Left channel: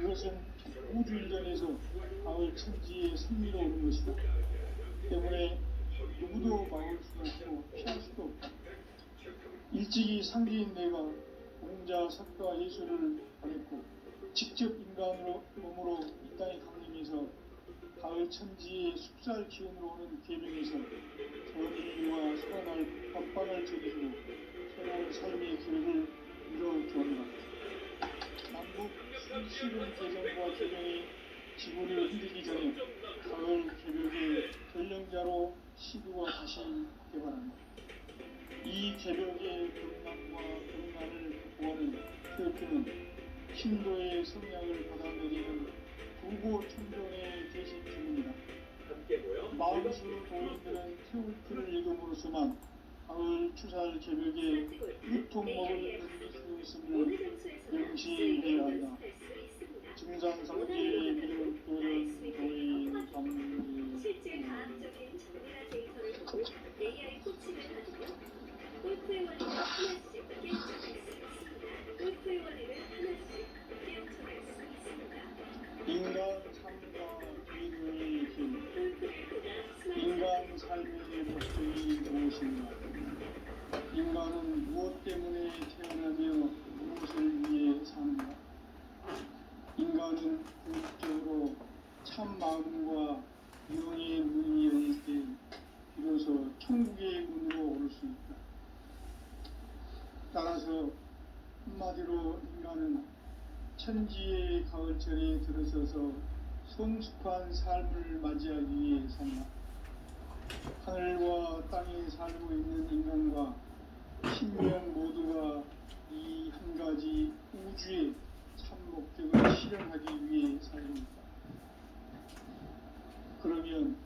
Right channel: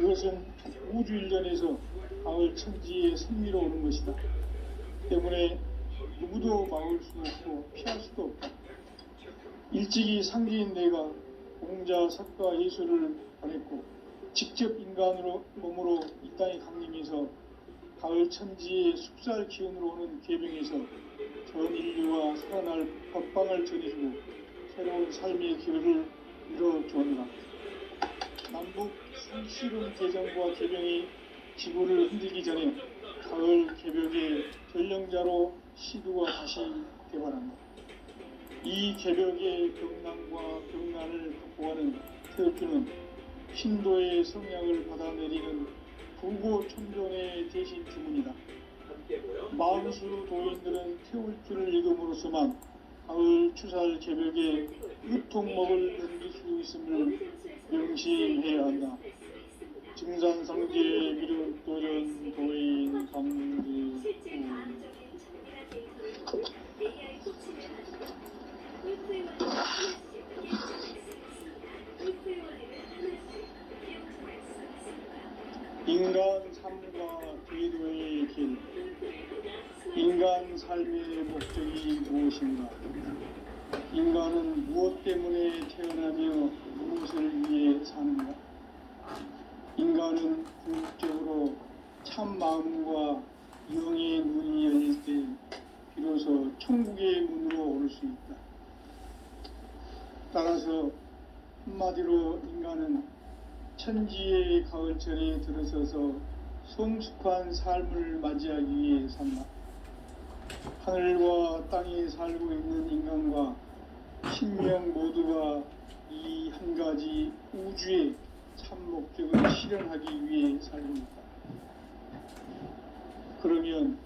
그것은 우주 일전에서 가을 천지의 승리로 오는 것이다. 때문에 누구도 막을 수 없고 피할 수도 없다. 일찍이 상기인 내가 공자, 석가, 예수를 보냈고 직접 인간으로 몸으로 이 땅에 강림해서 가을 천지의 숲살 기운으로 오는 계명에서 전 인류와 살아날 법방을 전해주고 새로운 삶의 기회를 이뤄주었다. 남북 수식은 개정과 개명이 지구를 흔들기 전에 가을 개벽의 전령자로 시두가 다시 개발한다. 이 개벽의 병난과 병난을 극복하는 태극기는 신도의 성향을 받아내리는 부고 천존의 대신 주문이다. 마음수 도인들은 태극기를 읽음으로써만 가을 추살 개벽의 유통목을 넘길 수 있음을 명시해야 한다. 증산상제 미륵 도인 도인 강지 실제 과학적인 정리가 데이터를 AI 코치를 가지고 골프의 원리를 하나씩 깨우쳐낼 수 있습니다. 골프의 원리를 하나씩 깨우쳐낼 수 있습니다. 인간 삶과 기도의 길. 인간 삶의 목적이 무엇인가? 인간은 무엇 때문에 태어나며 무엇을 위해 사는가? 인간은 궁극적으로 참 마음과 영의 문이 열릴 때 비로소 천국의 문으로 오를 수 있다. 따라서 한마디로 인간은 천지의 가을철에 들어서서 성숙한 삶을 맞이하기 위해 산다. 하늘과 땅에 살고 있는 인간과 신명 모두가 이 한 가지 우주의 참 목적을 실현하기 위해 살립니다. 그러면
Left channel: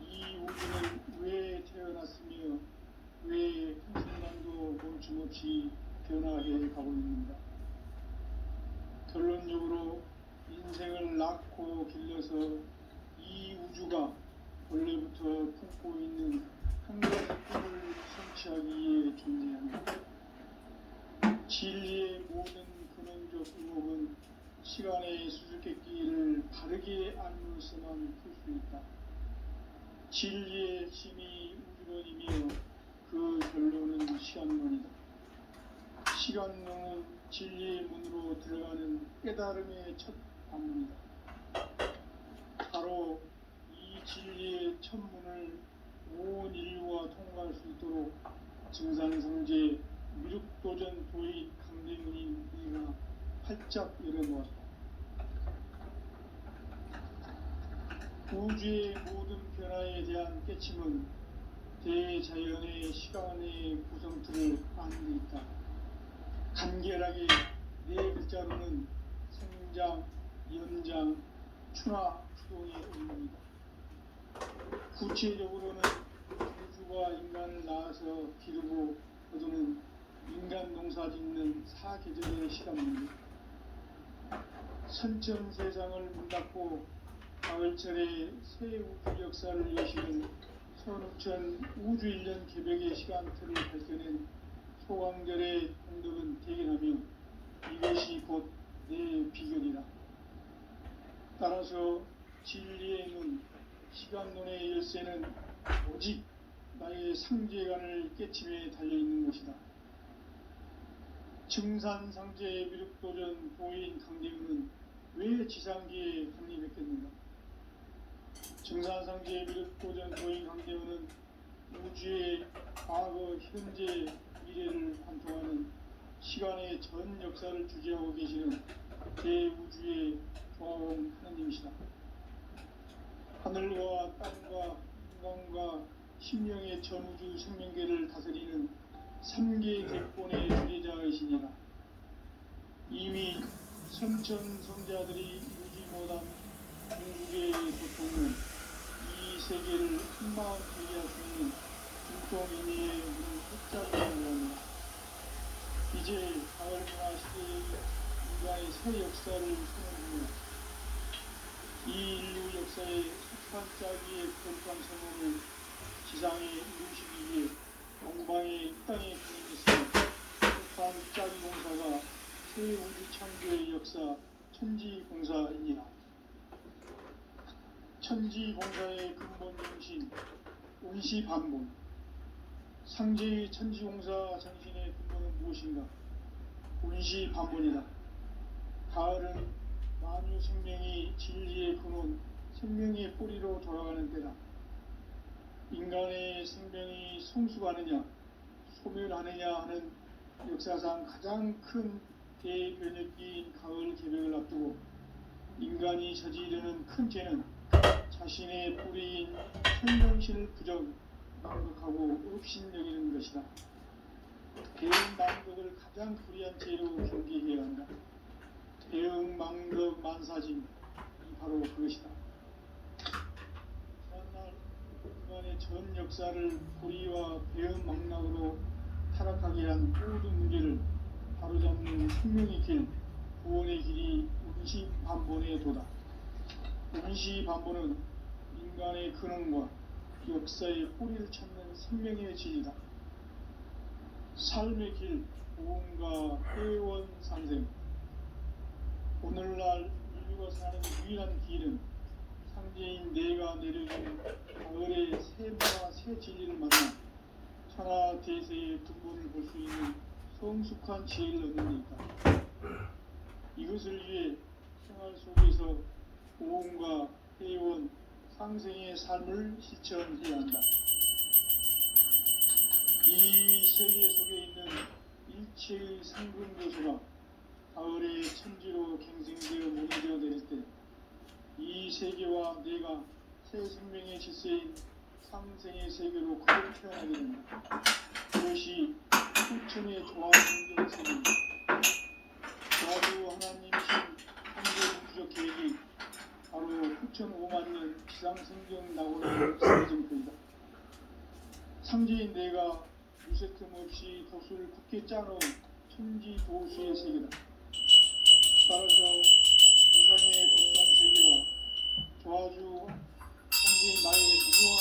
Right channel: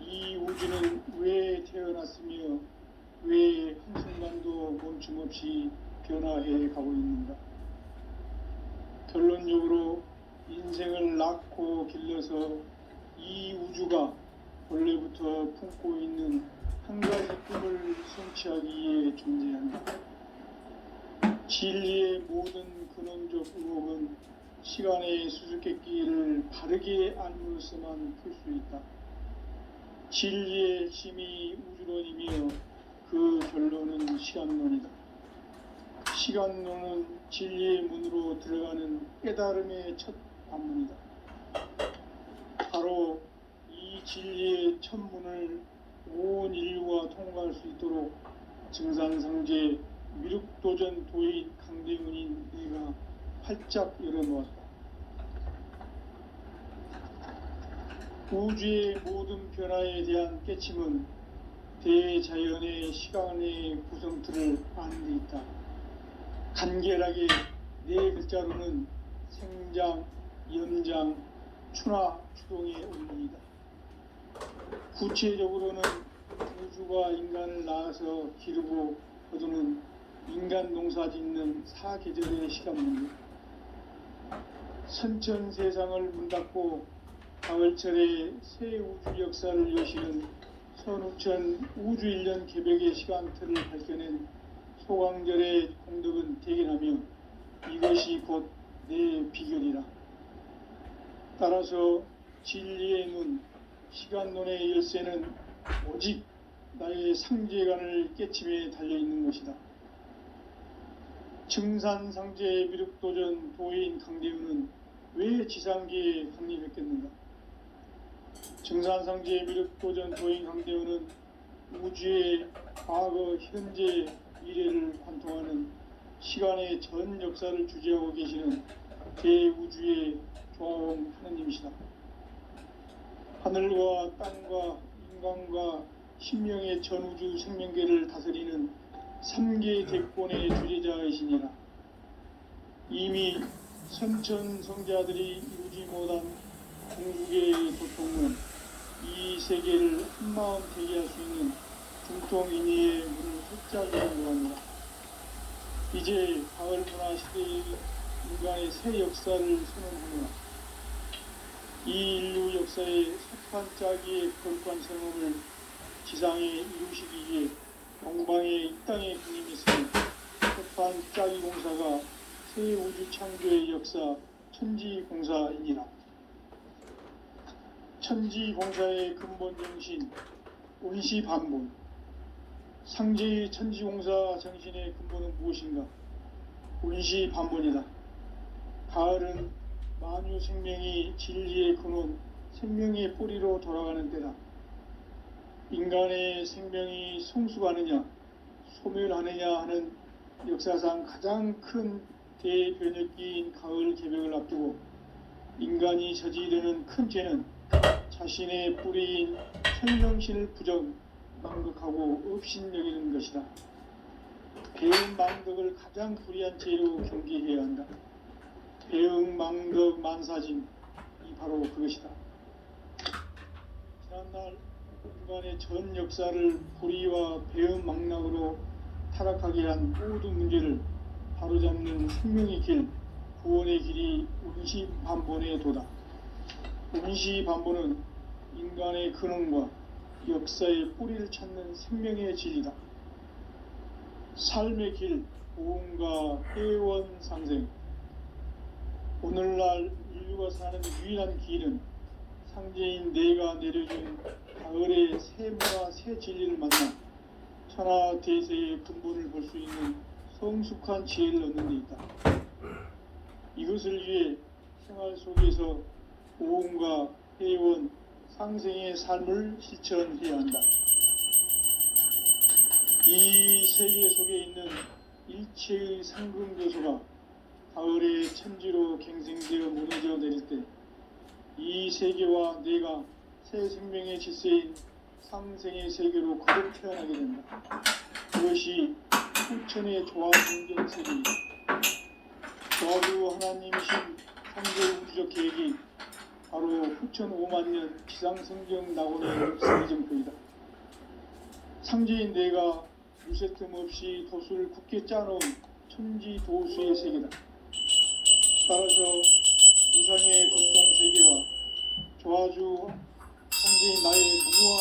이 우주는 왜 태어났으며 왜 한순간도 멈춤없이 변화해 가고 있는가? 결론적으로 인생을 낳고 길러서 이 우주가 원래부터 품고 있는 한 가지 꿈을 성취하기 위해 존재한다. 진리의 모든 근원적 의혹은 시간의 수수께끼를 바르게 알므로서만 풀 수 있다. 진리의 핵심이 우주론이며 그 결론은 시간론이다. 시간론은 진리의 문으로 들어가는 깨달음의 첫 관문이다. 바로 이 진리의 첫 문을 온 인류가 통과할 수 있도록 증산상제 미륵도전 도인 강대문인 내가 활짝 열어놓았다. 우주의 모든 변화에 대한 깨침은 대자연의 시간의 구성틀을 아는 데 있다. 간결하게 네 글자로는 생장, 연장, 추나 추동의 원리이다. 구체적으로는 우주가 인간을 낳아서 기르고 거두는 인간 농사 짓는 사계절의 시간 문제. 선천 세상을 문 닫고 가을철에 새 우주 역사를 여시는 선우천 우주 1년 개벽의 시간틀을 밝혀낸 소강절의 공덕은 대견하며 이것이 곧 내 비결이라. 따라서 진리의 문, 시간론의 열쇠는 오직 나의 상제관을 깨침에 달려있는 것이다. 증산상제 미륵도전 도인 강대우는 왜 지상계에 강림했겠는가? 증산상제 미륵도전 도인 강대우는 우주의 과거, 현재, 미래를 관통하는 시간의 전 역사를 주재하고 계시는 대우주의 조화원 하느님이시다. 하늘과 땅과 인간과 신명의 전우주 생명계를 다스리는 3개 대권의 주제자이시니라. 이미 선천성자들이 이루지 못한 궁극의 고통은 이 세계를 한마음 되게 할 수 있는 중통인의의 문을 활짝 열어놓았다. 이제 가을 문화 시대의 인간의 새 역사를 선언합니다. 이 인류 역사의 석한 짜기의 거룩한 선언을 지상에 이루시기 위해 영광의 이 땅에 군림했으며 석한 짜기 공사가 새 우주 창조의 역사 천지공사입니다. 천지공사의 근본 정신, 원시반본. 상제의 천지공사 정신의 근본은 무엇인가? 원시반본이다. 가을은 만유 생명이 진리의 근원, 생명의 뿌리로 돌아가는 때다. 인간의 생명이 성숙하느냐, 소멸하느냐 하는 역사상 가장 큰 대변혁기인 가을 개벽을 앞두고 인간이 저지르는 큰 죄는 자신의 뿌리인 생명신을 망극하고 업신여기는 것이다. 배은망덕을 가장 불의한 죄로 경계해야 한다. 배은망덕 만사진이 바로 그것이다. 지난날 인간의 전 역사를 불의와 배은망락으로 타락하게 한 모든 문제를 바로잡는 생명의 길, 구원의 길이 원시반본의 도다. 원시반본은 인간의 근원과 역사의 뿌리를 찾는 생명의 진리다. 삶의 길, 보험과 회원 상생. 오늘날 인류가 사는 유일한 길은 상제인 내가 내려준 가을의 새 문화, 새 진리를 만나 천하 대세의 근본을 볼 수 있는 성숙한 지혜를 얻는 데 있다. 이것을 위해 생활 속에서 보험과 회원, 상생의 삶을 실천해야 한다. 이 세계 속에 있는 일체의 상금 교수가 가을의 천지로 갱생되어 무너져 내릴 때 이 세계와 내가 새 생명의 질서인 상생의 세계로 거듭 태어나게 된다. 그것이 후천의 조화 성경 세계이다. 조화주 하나님이신 창조 우주적 계획이 바로 후천 5만 년 지상성경 낙원의 역사의 정토이다. 상제인 내가 무쇠 틈 없이 도수를 굳게 짜놓은 천지 도수의 세계다. 따라서 우상의 걱정세계와 조화주 상제인 나의 무모한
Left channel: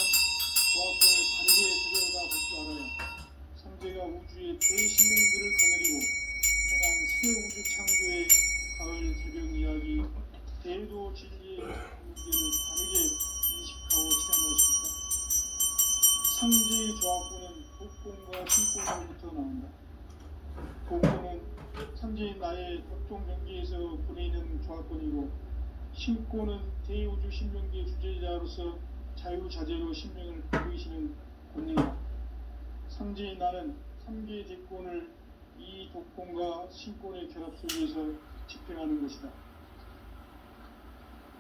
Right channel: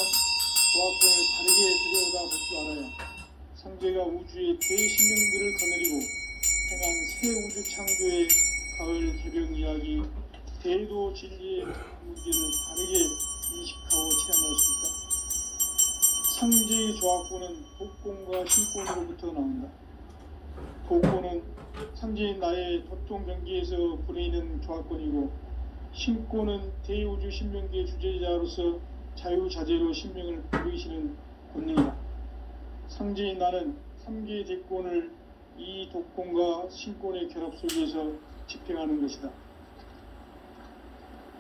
조화권을 바르게 들여다볼 줄 알아야 상제가 우주의 대신령들을 거느리고 행한 새 우주 창조의 가을 개벽 이야기, 대도 진리의 무게를 바르게 인식하고 체험할 수 있다. 상제의 조화권은 독권과 신권으로부터 나온다. 독권은 상제인 나의 독종 경계에서 부리는 조화권이고, 신권은 대우주 신명계 주제자로서 자유자재로 신명을 부리시는 권능이다. 상제인 나는 3개의 대권을 이 독권과 신권의 결합 속에서 집행하는 것이다.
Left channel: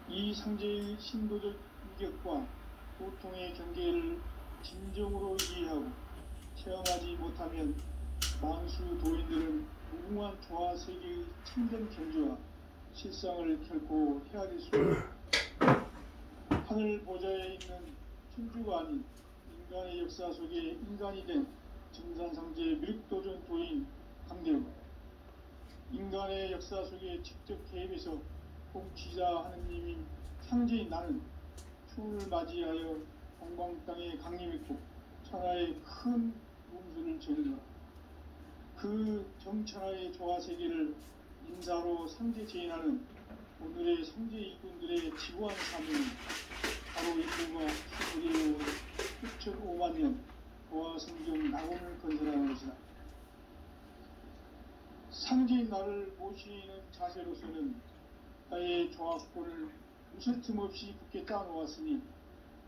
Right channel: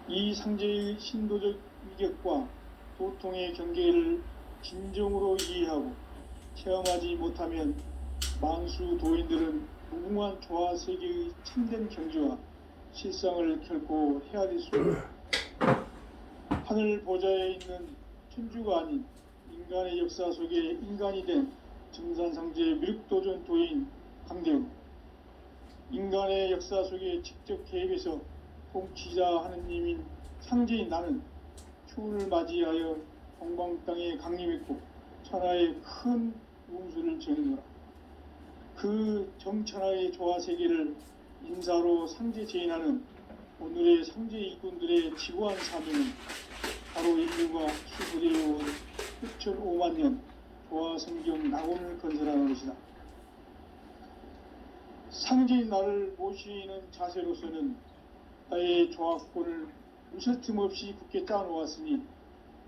이 상제의 신도적 위격과 도통의 경계를 진정으로 이해하고 체험하지 못하면 만수 도인들은 무궁한 조화 세계의 참된 경지와 실상을 결코 헤아릴 수 없다. 하늘 보좌에 있는 천주가 아닌 인간의 역사 속에 인간이 된 증산상제의 미륵도전 도인 강대웅, 인간의 역사 속에 직접 개입해서 통치자 하느님인 상제인 나는 추운을 맞이하여 동방 땅에 강림했고 천하의 큰 운수를 정의노라. 그 정천하의 조화 세계를 인사로 상제 제인하는 오늘의 상제 일꾼들의 지구한 사명은 바로 인류가 수부리해온 후천 5만 년 조화 성경 낙원을 건설하는 것이다. 상제인 나를 모시는 자세로서는 나의 조화권을 무쇠틈 없이 굳게 짜놓았으니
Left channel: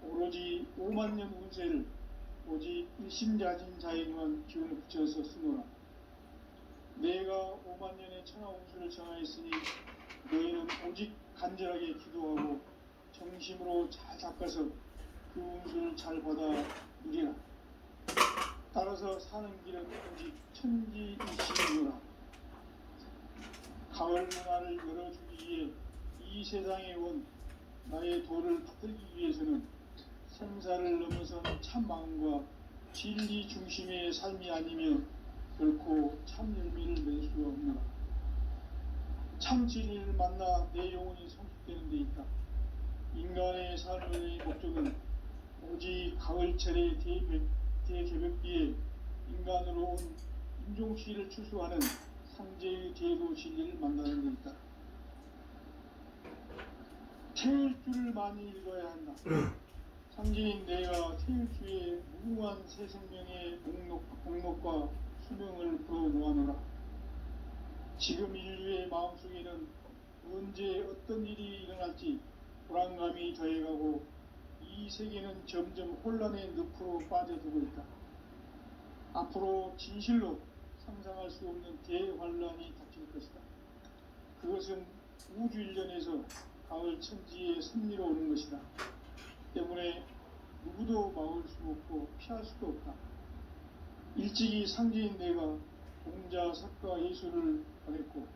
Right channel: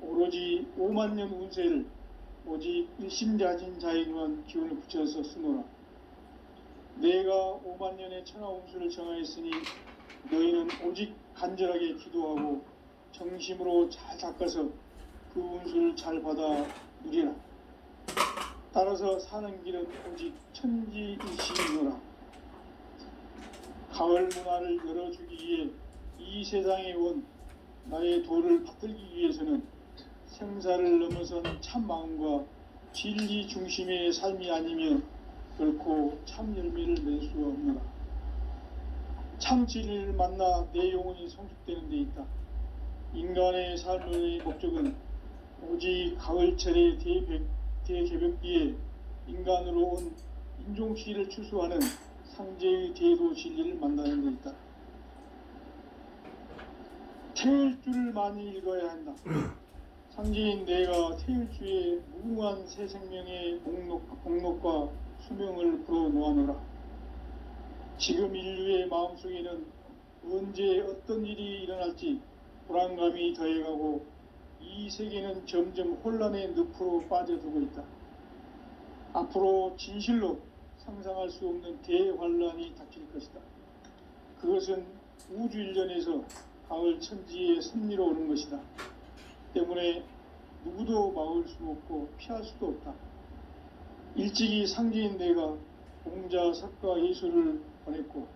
오로지 5만 년 운세를 오직 일심자진 자에게만 기운을 붙여서 쓰노라. 내가 5만 년의 천하 운수를 정하였으니 너희는 오직 간절하게 기도하고 정심으로 잘 닦아서 그 운수를 잘 받아 누리라. 따라서 사는 길은 오직 천지일심이노라. 가을 문화를 열어주기 위해 이 세상에 온 나의 도를 받들기 위해서는 생사를 넘어선 참 마음과 진리 중심의 삶이 아니면 결코 참 열매를 낼 수 없노라. 참 진리를 만나 내 영혼이 성숙되는 데 있다. 인간의 삶의 목적은 오직 가을철의 대개벽기에 인간으로 온 인종시를 추수하는 상제의 대도 진리를 만나는 데 있다. 태일주를 많이 읽어야 한다. 상제인 내가 태일주의 무궁한 새 생명의 목록과 수명을 풀어놓아노라. 지금 인류의 마음속에는 언제 어떤 일이 일어날지 불안감이 더해가고 이 세계는 점점 혼란의 늪으로 빠져들고 있다. 앞으로 진실로 상상할 수 없는 대환란이 닥칠 것이다. 그것은 우주 일련에서 가을 천지의 섭리로 오는 것이다. 때문에 누구도 막을 수 없고 피할 수도 없다. 일찍이 상제인 내가 공자, 석가, 예수를 보냈고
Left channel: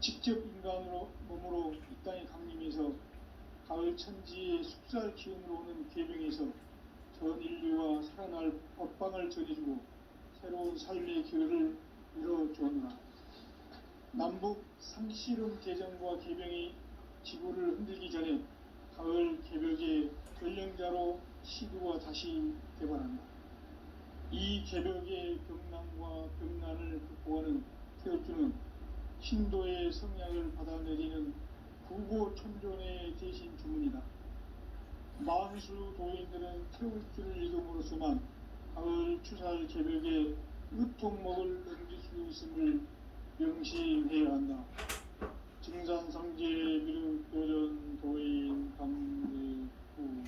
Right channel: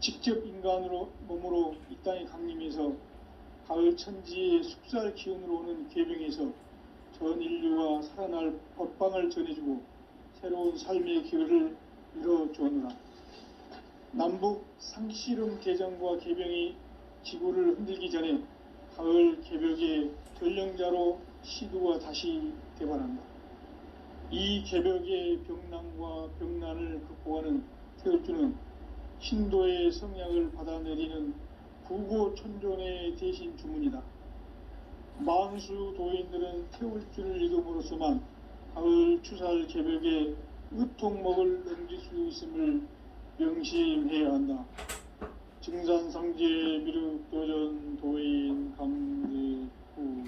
직접 인간으로 몸으로 이 땅에 강림해서 가을 천지의 숙살 기운으로 오는 계명에서 전 인류와 살아날 법방을 전해주고 새로운 삶의 기회를 이뤄주었노라. 남북 상씨름 대전과 계병이 지구를 흔들기 전에 가을 개벽의 전령자로 시두가 다시 대발한다. 이 개벽의 병난과 병난을 극복하는 태울주는 신도의 성약을 받아내리는 구고천존의 대신 주문이다. 망수 도인들은 태울주를 읽음으로써만 가을 추살 개벽의 의통목을 넘길 수 있음을 명심해야 한다. 증산상제 미륵도전 도인 강제구.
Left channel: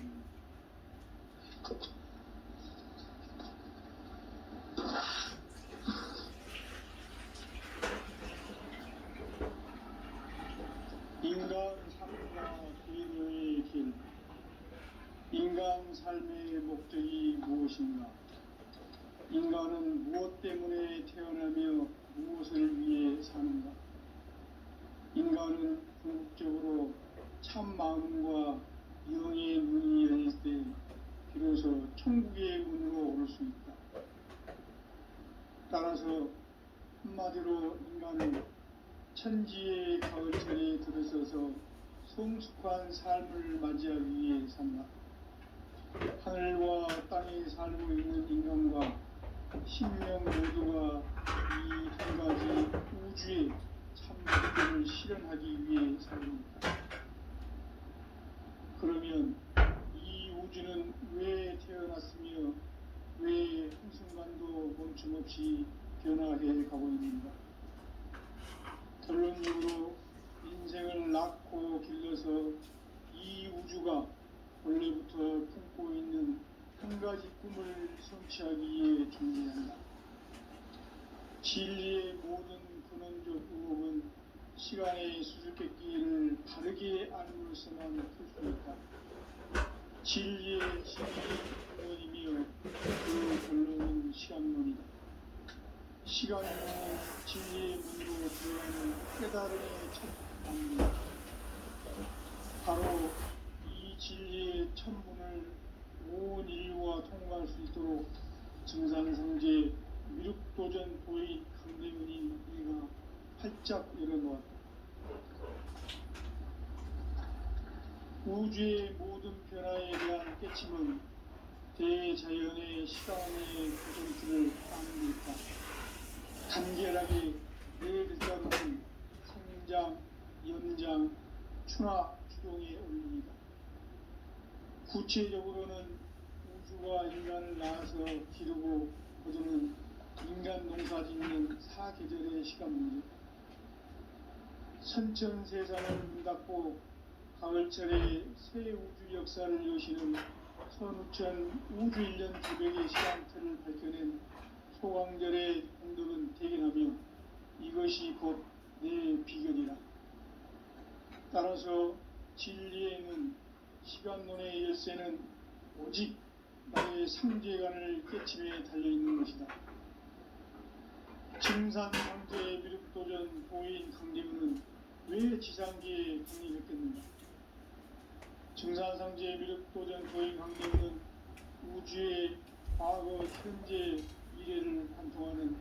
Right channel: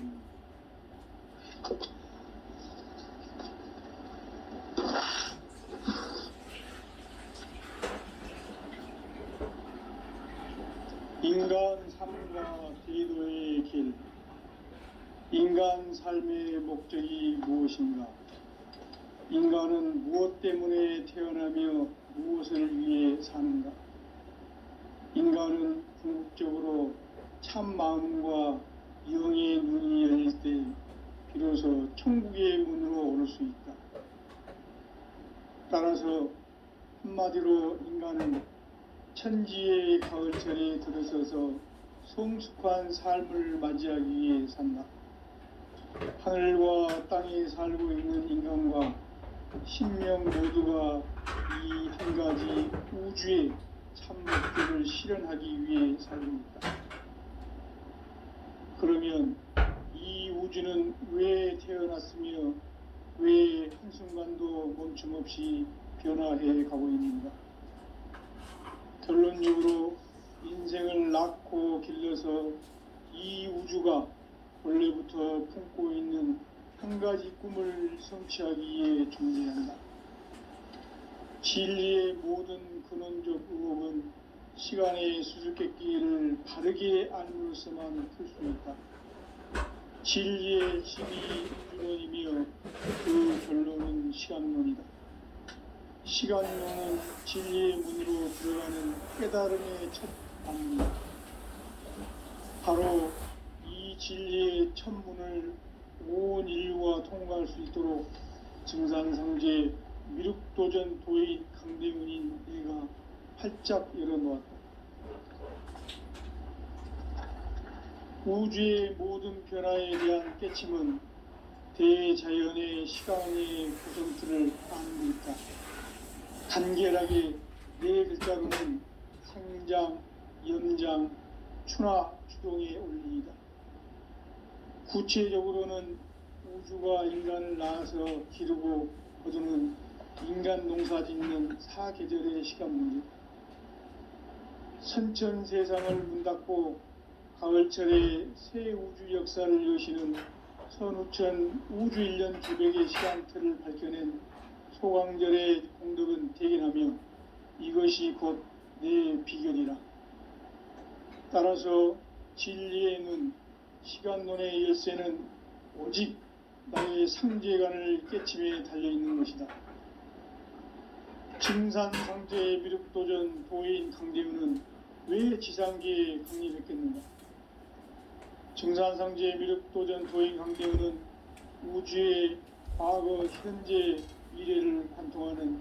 인간 삶과 기도의 길. 인간 삶의 목적이 무엇인가? 인간은 무엇 때문에 태어나며 무엇을 위해 사는가? 인간은 궁극적으로 참 마음과 영의 눈이 열릴 때 비로소 천국의 문으로 오를 수 있다. 따라서 한마디로 인간은 천지의 가을철에 들어서서 성숙한 삶을 맞이하기 위해 산다. 하늘과 땅에 살고 있는 인간과 신명 모두가 이 한 가지 우주의 참 목적을 실현하기 위해 살입니다. 그러면 이 우주는 왜 태어났으며 왜 한순간도 멈춤 없이 변화해 가고 있는가? 결론적으로 인생을 낳고 길러서 이 우주가 원래부터 품고 있는 한 가지 꿈을 성취하기 위해 존재한다. 진리의 모든 근원적 의혹은 시간의 수수께끼를 바르게 알므로서만 풀 수 있다. 진리의 진이 근원이며 그 결론은 시간론이다. 시간론은 진리의 문으로 들어가는 깨달음의 첫 방문이다. 바로 이 진리의 첫 문을 온 인류가 통과할 수 있도록 증산상제 미륵도전 도인 강대문인 내가 활짝 열어놓았다. 우주의 모든 변화에 대한 깨침은 대자연의 시간의 구성틀을 아는 데 있다. 간결하게 네 글자로는 상장, 연장, 추나, 추동의 원리이다. 구체적으로는 우주가 인간을 낳아서 기르고 거두는 인간 농사 짓는 사계절의 시간 문제다. 선천 세상을 문 닫고 가을철에 새 우주 역사를 여시는 선우천 우주 일년 기백의 시간틀을 밝혀낸 소강절의 공덕은 대견하며 이것이 곧 내 비결이라. 따라서 진리의 눈, 시간론의 열쇠는 오직 나의 상제관을 깨침에 달려있는 것이다. 증산상제 미륵도전 도인 강대문은 왜 지상계에 강림했겠는가? 증산상제 미륵도전 도인 강대문은 우주의 과거, 현재, 미래를 관통하는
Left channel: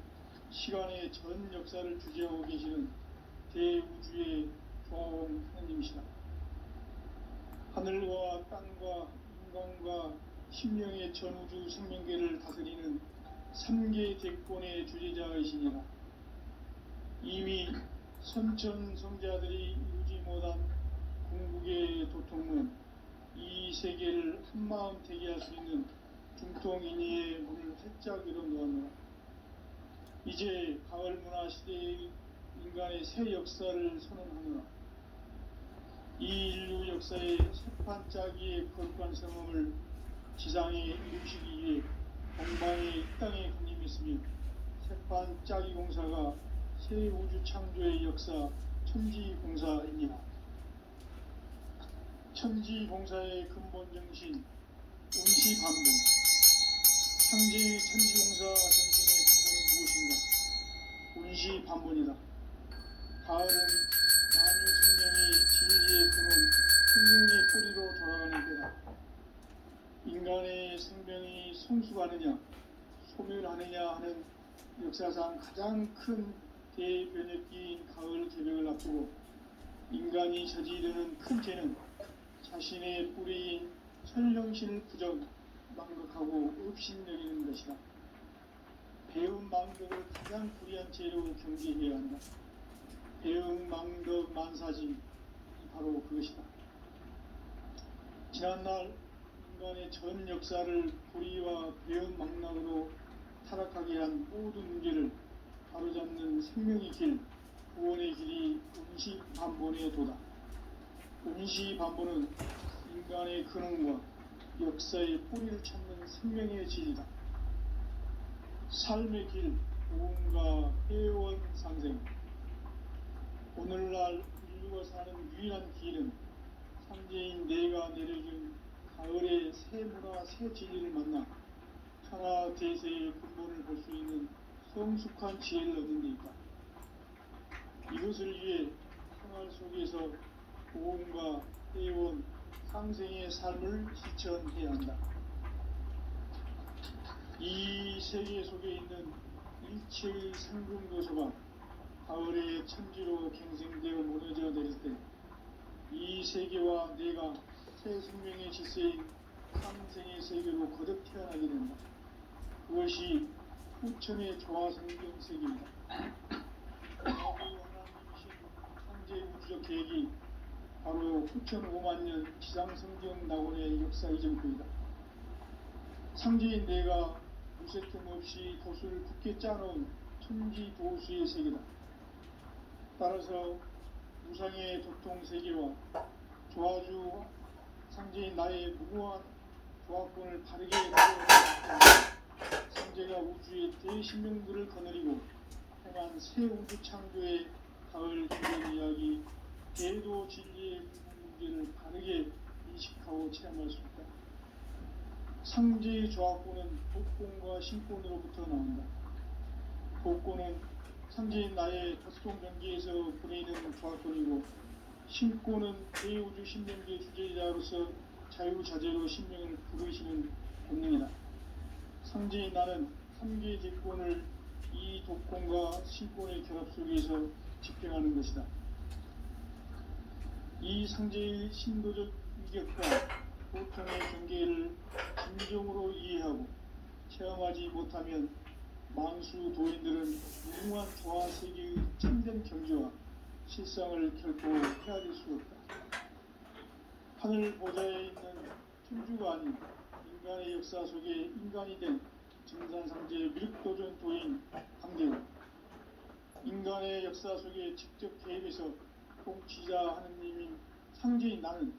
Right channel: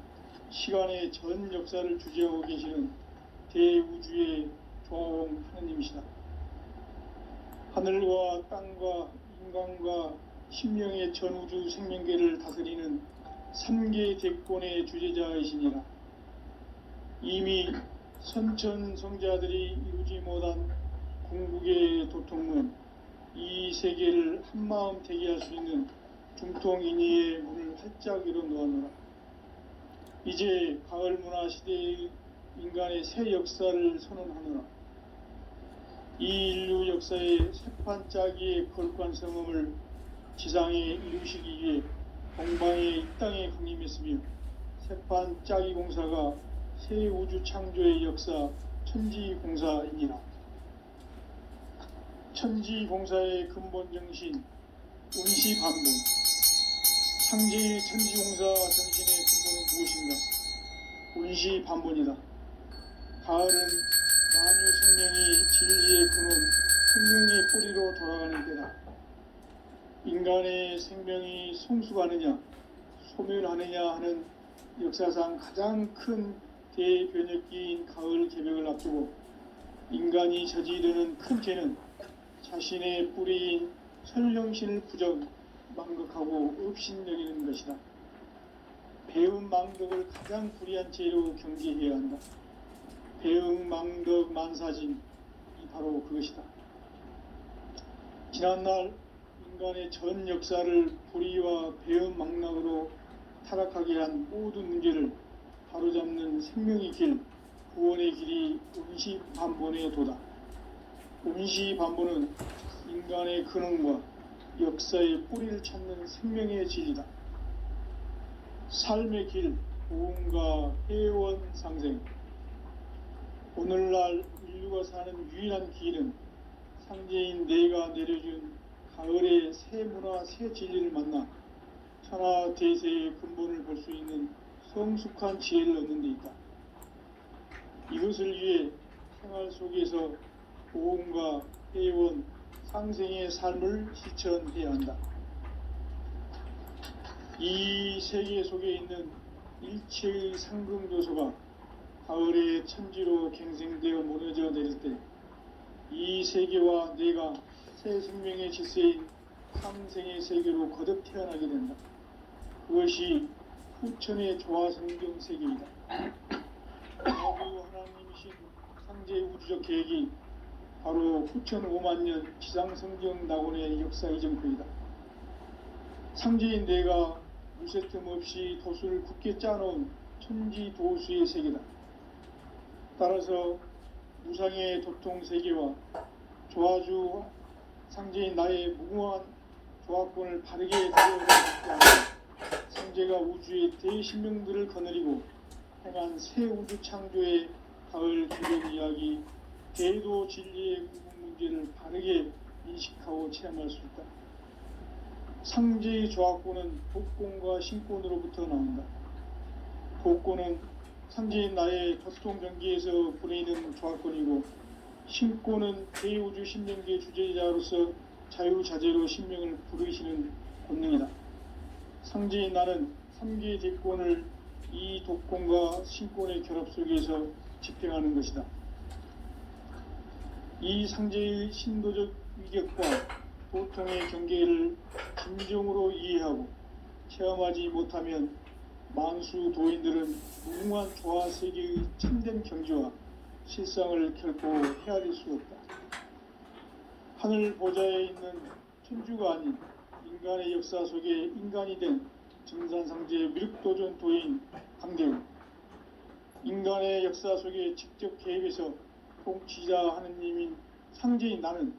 시간의 전 역사를 주재하고 계시는 대우주의 조화원 하나님이시다. 하늘과 땅과 인간과 신명의 전우주 생명계를 다스리는 3계 대권의 주재자이시니라. 이미 선천성자들이 이루지 못한 궁극에 도착 도통은 이 세계를 한마음 되게 할 수 있는 중통인의의 문을 활짝 열어 놓았노라. 이제 가을 문화 시대의 인간의 새 역사를 선언하노라. 이 인류 역사의 새판짜기의 거룩한 성음을 지상에 이루시기 위해 동방의 이 땅에 강림했으며 새판짜기 공사가 새 우주 창조의 역사 천지공사이니라. 천지공사의 근본 정신 운시반본. 상제의 천지공사 정신의 근본은 무엇인가? 운시반본이다. 가을은 만유 생명이 진리의 근원, 생명의 뿌리로 돌아가는 때다. 인간의 생명이 성숙하느냐, 소멸하느냐 하는 역사상 가장 큰 대변혁기인 가을 개벽을 앞두고 인간이 저지르는 큰 죄는 자신의 뿌리인 설령신을 부정, 망극하고 업신여기는 것이다. 배운 망덕을 가장 불의한 죄로 경계해야 한다. 배응, 망덕, 만사진이 바로 그것이다. 지난날 인간의 전 역사를 불의와 배응, 망락으로 타락하게 한 모든 문제를 바로잡는 생명의 길, 구원의 길이 운시반본의 도다. 운시반본은 인간의 근원과 역사의 뿌리를 찾는 생명의 진리다. 삶의 길, 고음과 회원 상생. 오늘날 인류가 사는 유일한 길은 상제인 내가 내려준 가을의 새 문화, 새 진리를 만나 천하 대세의 근본을 볼 수 있는 성숙한 지혜를 얻는 데 있다. 이것을 위해 생활 속에서 고음과 회원, 상생의 삶을 실천해야 한다. 이 세계 속에 있는 일체의 상금도서가 가을의 천지로 갱생되어 무너져 내릴 때 이 세계와 내가 새 생명의 질서인 상생의 세계로 거듭 태어나게 된다. 그것이 후천의 조화성경 세계이다. 하나님이신 상제의 우주적 계획이 바로 후천 5만년 지상성경 낙원의 역사 이정표이다. 상제인 내가 무쇠틈 없이 도수를 굳게 짜놓은 천지도수의 세계다. 따라서 무상의 도통세계와 조화주 상제인 나의 무궁한 조합권을 바르게 이루어내고 상제가 우주의 대신명들을 거느리고 행한 새 우주 창조의 가을 기본 이야기, 대도 진리의 궁극 문제를 바르게 인식하고 체험할 수 있다. 상제의 조합권은 복권과 신권으로부터 나온다. 복권은 상제인 나의 도통 경계에서 보내는 조합권이고, 신권은 대우주 신명계 주제자로서 자유자재로 신명을 부르시는 권능이다. 상제인 나는 3개의 대권을 이 독권과 신권의 결합 속에서 집행하는 것이다. 이 상제의 신도적 위격과 도통의 경계를 진정으로 이해하고 체험하지 못하면 만수 도인들은 무궁한 조화세계의 참된 경지와 실상을 결코 헤아릴 수 없다. 하늘 보좌에 있는 천주가 아닌 인간의 역사 속에 인간이 된 증산상제의 미륵도전 도인 강대우, 인간의 역사 속에 직접 개입해서 통치자 하느님인 상제인 나는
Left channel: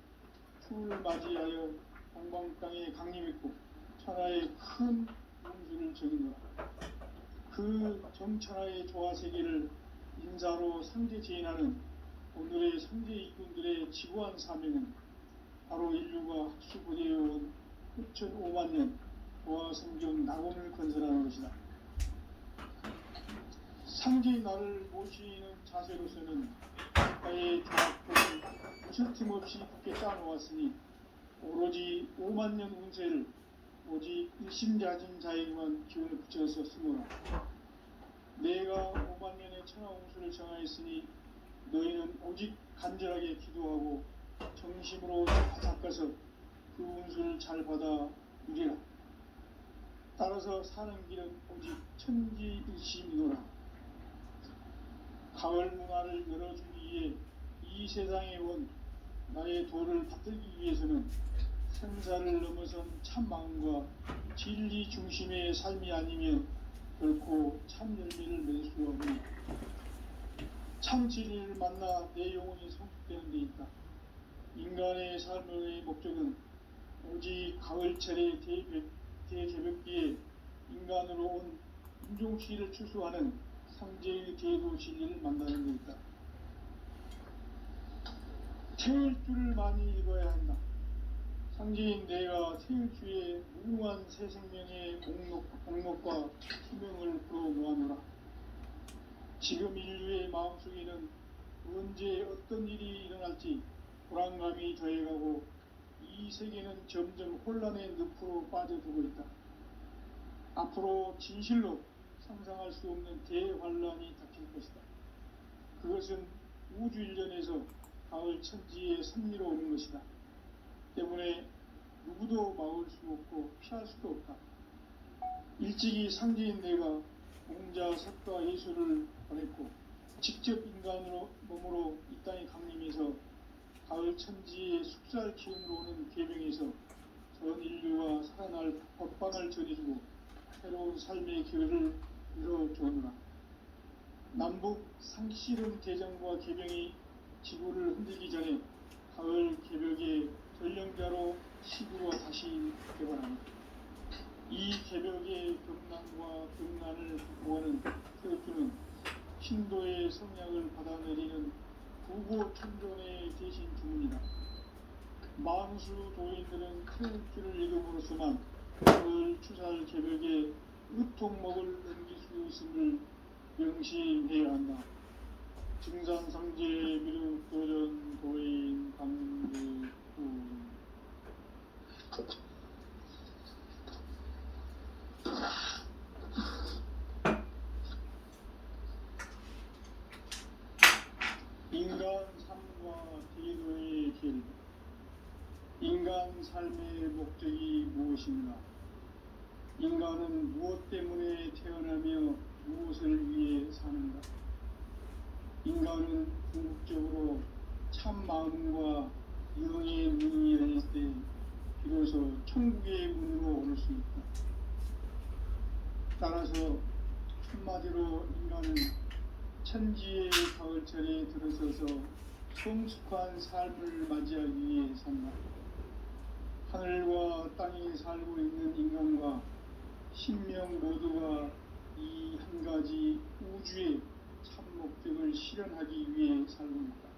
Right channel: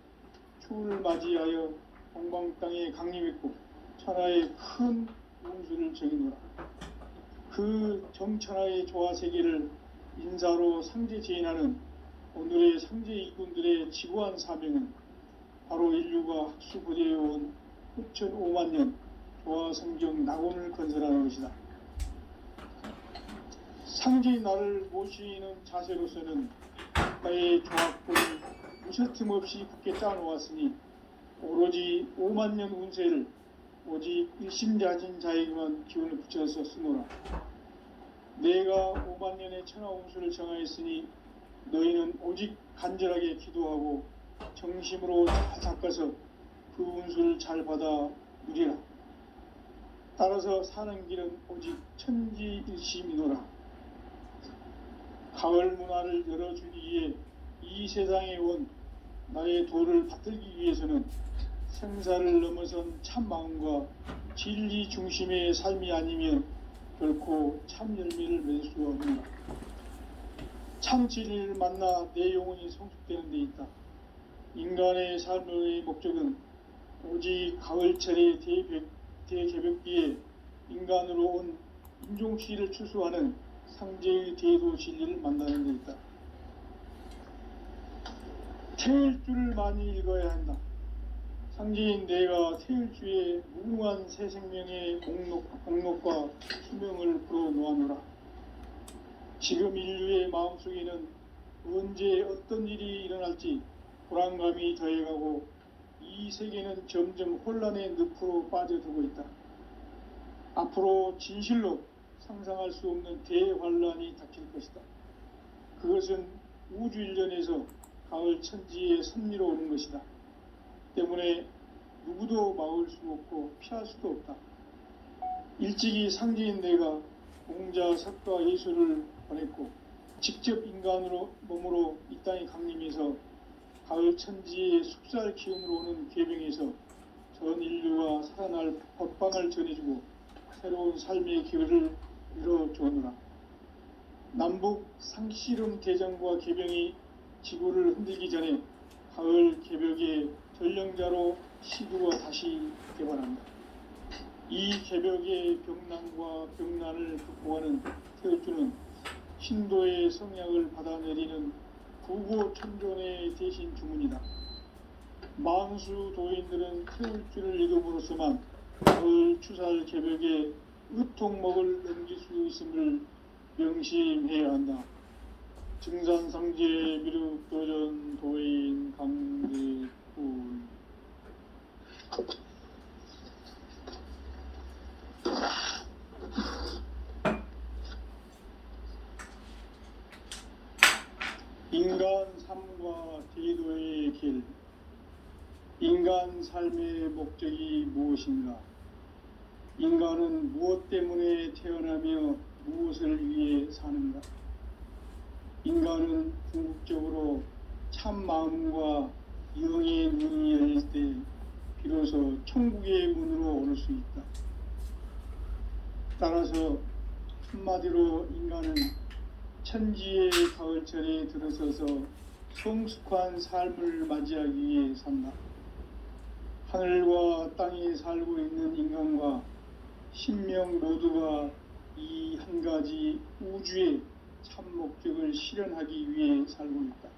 추후를 맞이하여 동방 땅에 강림했고 천하의 큰 운수를 정의노라. 그 정천하의 조화세계를 인사로 상제 제인하는 오늘의 상제 일꾼들의 지구한 사명은 바로 인류가 학수부대해온 후천 5만년 조화성경 낙원을 건설하는 것이다. 상제인 나를 모시는 자세로서는 나의 조합권을 무쇠틈 없이 굳게 짜놓았으니 오로지 5만년 운세를 오직 일심자진 자에게만 기운을 붙여서 쓰노라. 내가 5만년의 천하 운수를 정하였으니 너희는 오직 간절하게 기도하고 정심으로 닦아서 그 운수를 잘 받아 누리라. 따라서 사는 길은 오직 천지일심이노라. 가을 문화를 열어주기 위해 이 세상에 온 나의 도를 받들기 위해서는 생사를 넘어선 참 마음과 진리 중심의 삶이 아니면 결코 참 열매를 맺을 수 없는 참 진리를 만나 내 영혼이 성숙되는 데 있다. 인간의 삶의 목적은 오직 가을철의 대개벽기에 인간으로 온 인종시를 추수하는 상제의 대도 진리를 만나는 데 있다. 태일주를 많이 읽어야 한다. 상제인 내가 태일주의 무궁한 새 생명의 공록과 수명을 불어놓아노라. 지금 인류의 마음속에는 언제 어떤 일이 일어날지 불안감이 더해가고 이 세계는 점점 혼란의 늪으로 빠져들고 있다. 앞으로 진실로 상상할 수 없는 대환란이 닥칠 것이다. 그것은 우주일련에서 가을 천지의 섭리로 오는 것이다. 때문에 누구도 막을 수 없고 피할 수도 없다. 일찍이 상제인 내가 공자, 석가, 예수를 보냈고 직접 인간으로 몸으로 이 땅에 강림해서 가을 천지의 숙살 기운으로 오는 계명에서 전 인류가 살아날 법방을 전해주고 새로운 삶의 기회를 이뤄주오노라. 남북 상씨름 대전과 계병이 지구를 흔들기 전에 가을 개벽의 전령자로 시구가 다시 개발한다. 이 개벽의 병난과 병난을 극복하는 태극주는 신도의 성향을 받아내리는 부고천존의 대신 주문이다. 망수 도인들은 태극주를 읽음으로써만 가을 추살 개벽의 으통목을 넘길 수 있음을 명심해야 한다. 증산상제 미륵 도전 도인 강대군. 인간 삶과 대도의 길. 인간 삶의 목적이 무엇인가? 인간은 무엇 때문에 태어나며 무엇을 위해 사는가? 인간은 궁극적으로 참 마음과 영의 문이 열릴 때 비로소 천국의 문으로 오를 수 있다. 따라서 한마디로 인간은 천지의 가을철에 들어서서 성숙한 삶을 맞이하기 위해 산다. 하늘과 땅에 살고 있는 인간과 신명 모두가 이 한 가지 우주의 참 목적을 실현하기 위해 살고 있다.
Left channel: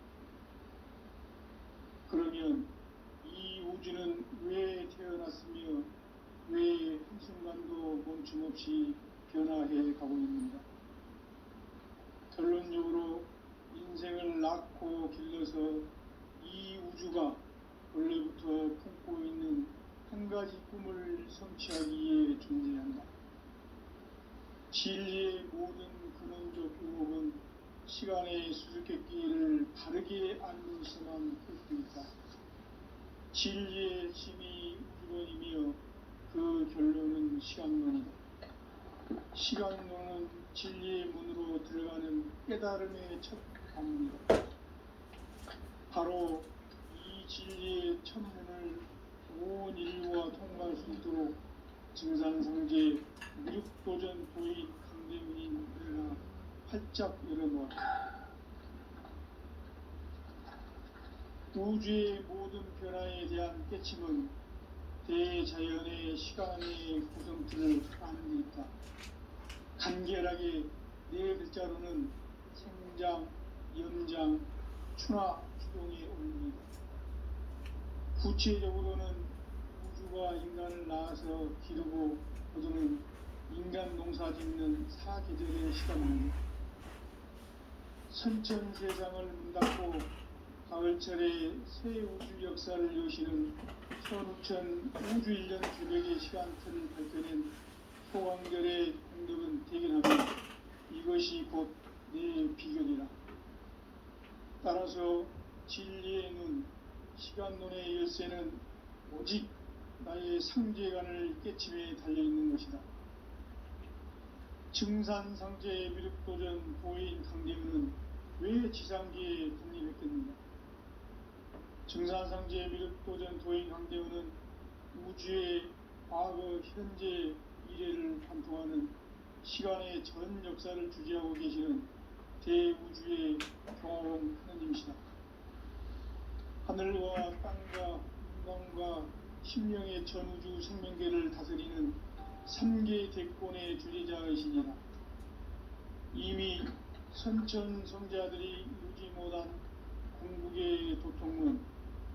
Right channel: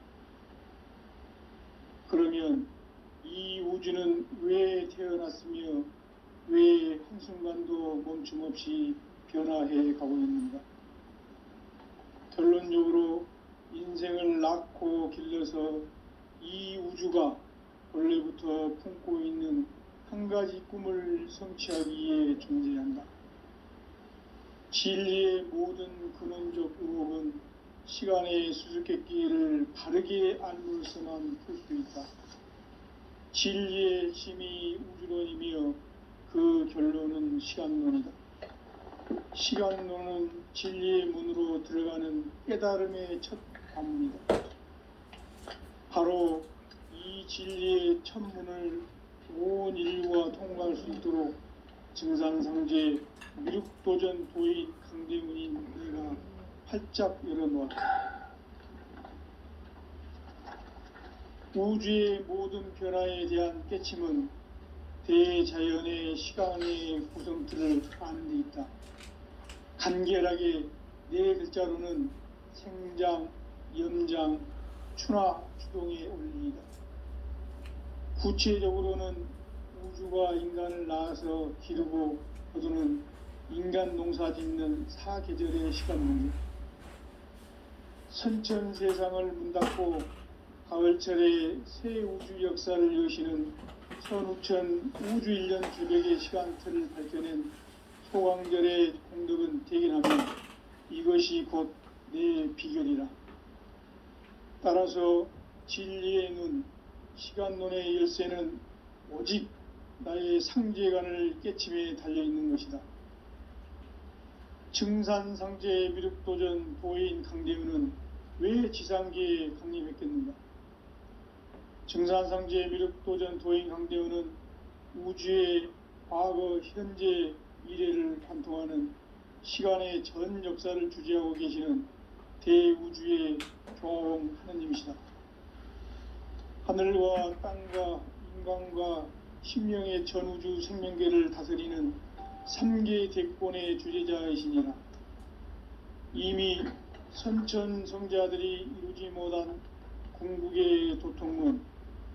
그러면 이 우주는 왜 태어났으며 왜 한순간도 멈춤 없이 변화해 가고 있는가? 결론적으로 인생을 낳고 길러서 이 우주가 원래부터 품고 있는 한 가지 꿈을 성취하기 위해 존재한다. 진리의 모든 근원적 의혹은 시간의 수수께끼를 바르게 알므로서만 풀 수 있다. 진리의 힘이 우주론이며 그 결론은 시간론이다. 시간론은 진리의 문으로 들어가는 깨달음의 첫 관문이다. 바로 이 진리의 첫 문을 온 인류가 통과할 수 있도록 증산상제 미륵도전 도인 강대문인 내가 활짝 열어놓았다. 우주의 모든 변화에 대한 깨침은 대자연의 시간의 구성틀을 아는 데 있다. 간결하게 네 글자로는 생장, 염장, 추나 추동의 원리이다. 구체적으로는 우주가 인간을 낳아서 기르고 거두는 인간 농사 짓는 사계절의 시간입니다. 선천 세상을 문 닫고 가을철에 새 우주 역사를 여시는 선우천 우주일년 개벽의 시간틀을 밝혀낸 소강절의 공덕은 대견하며 이것이 곧 내 비결이라. 따라서 진리의 눈, 시간론의 열쇠는 오직 나의 상제관을 깨침에 달려있는 것이다. 증산상제 미륵도전 도인 강대문은 왜 지상계에 강림했겠는가? 증산상제 미륵도전 도인 강대우는 우주의 과거, 현재, 미래를 관통하는 시간의 전 역사를 주재하고 계시는 대우주의 종합원 하느님이시다. 하늘과 땅과 인간과 신명의 전우주 생명계를 다스리는 3계 대권의 주재자이시니라. 이미 선천성자들이 이루지 못한 궁극의 도통문,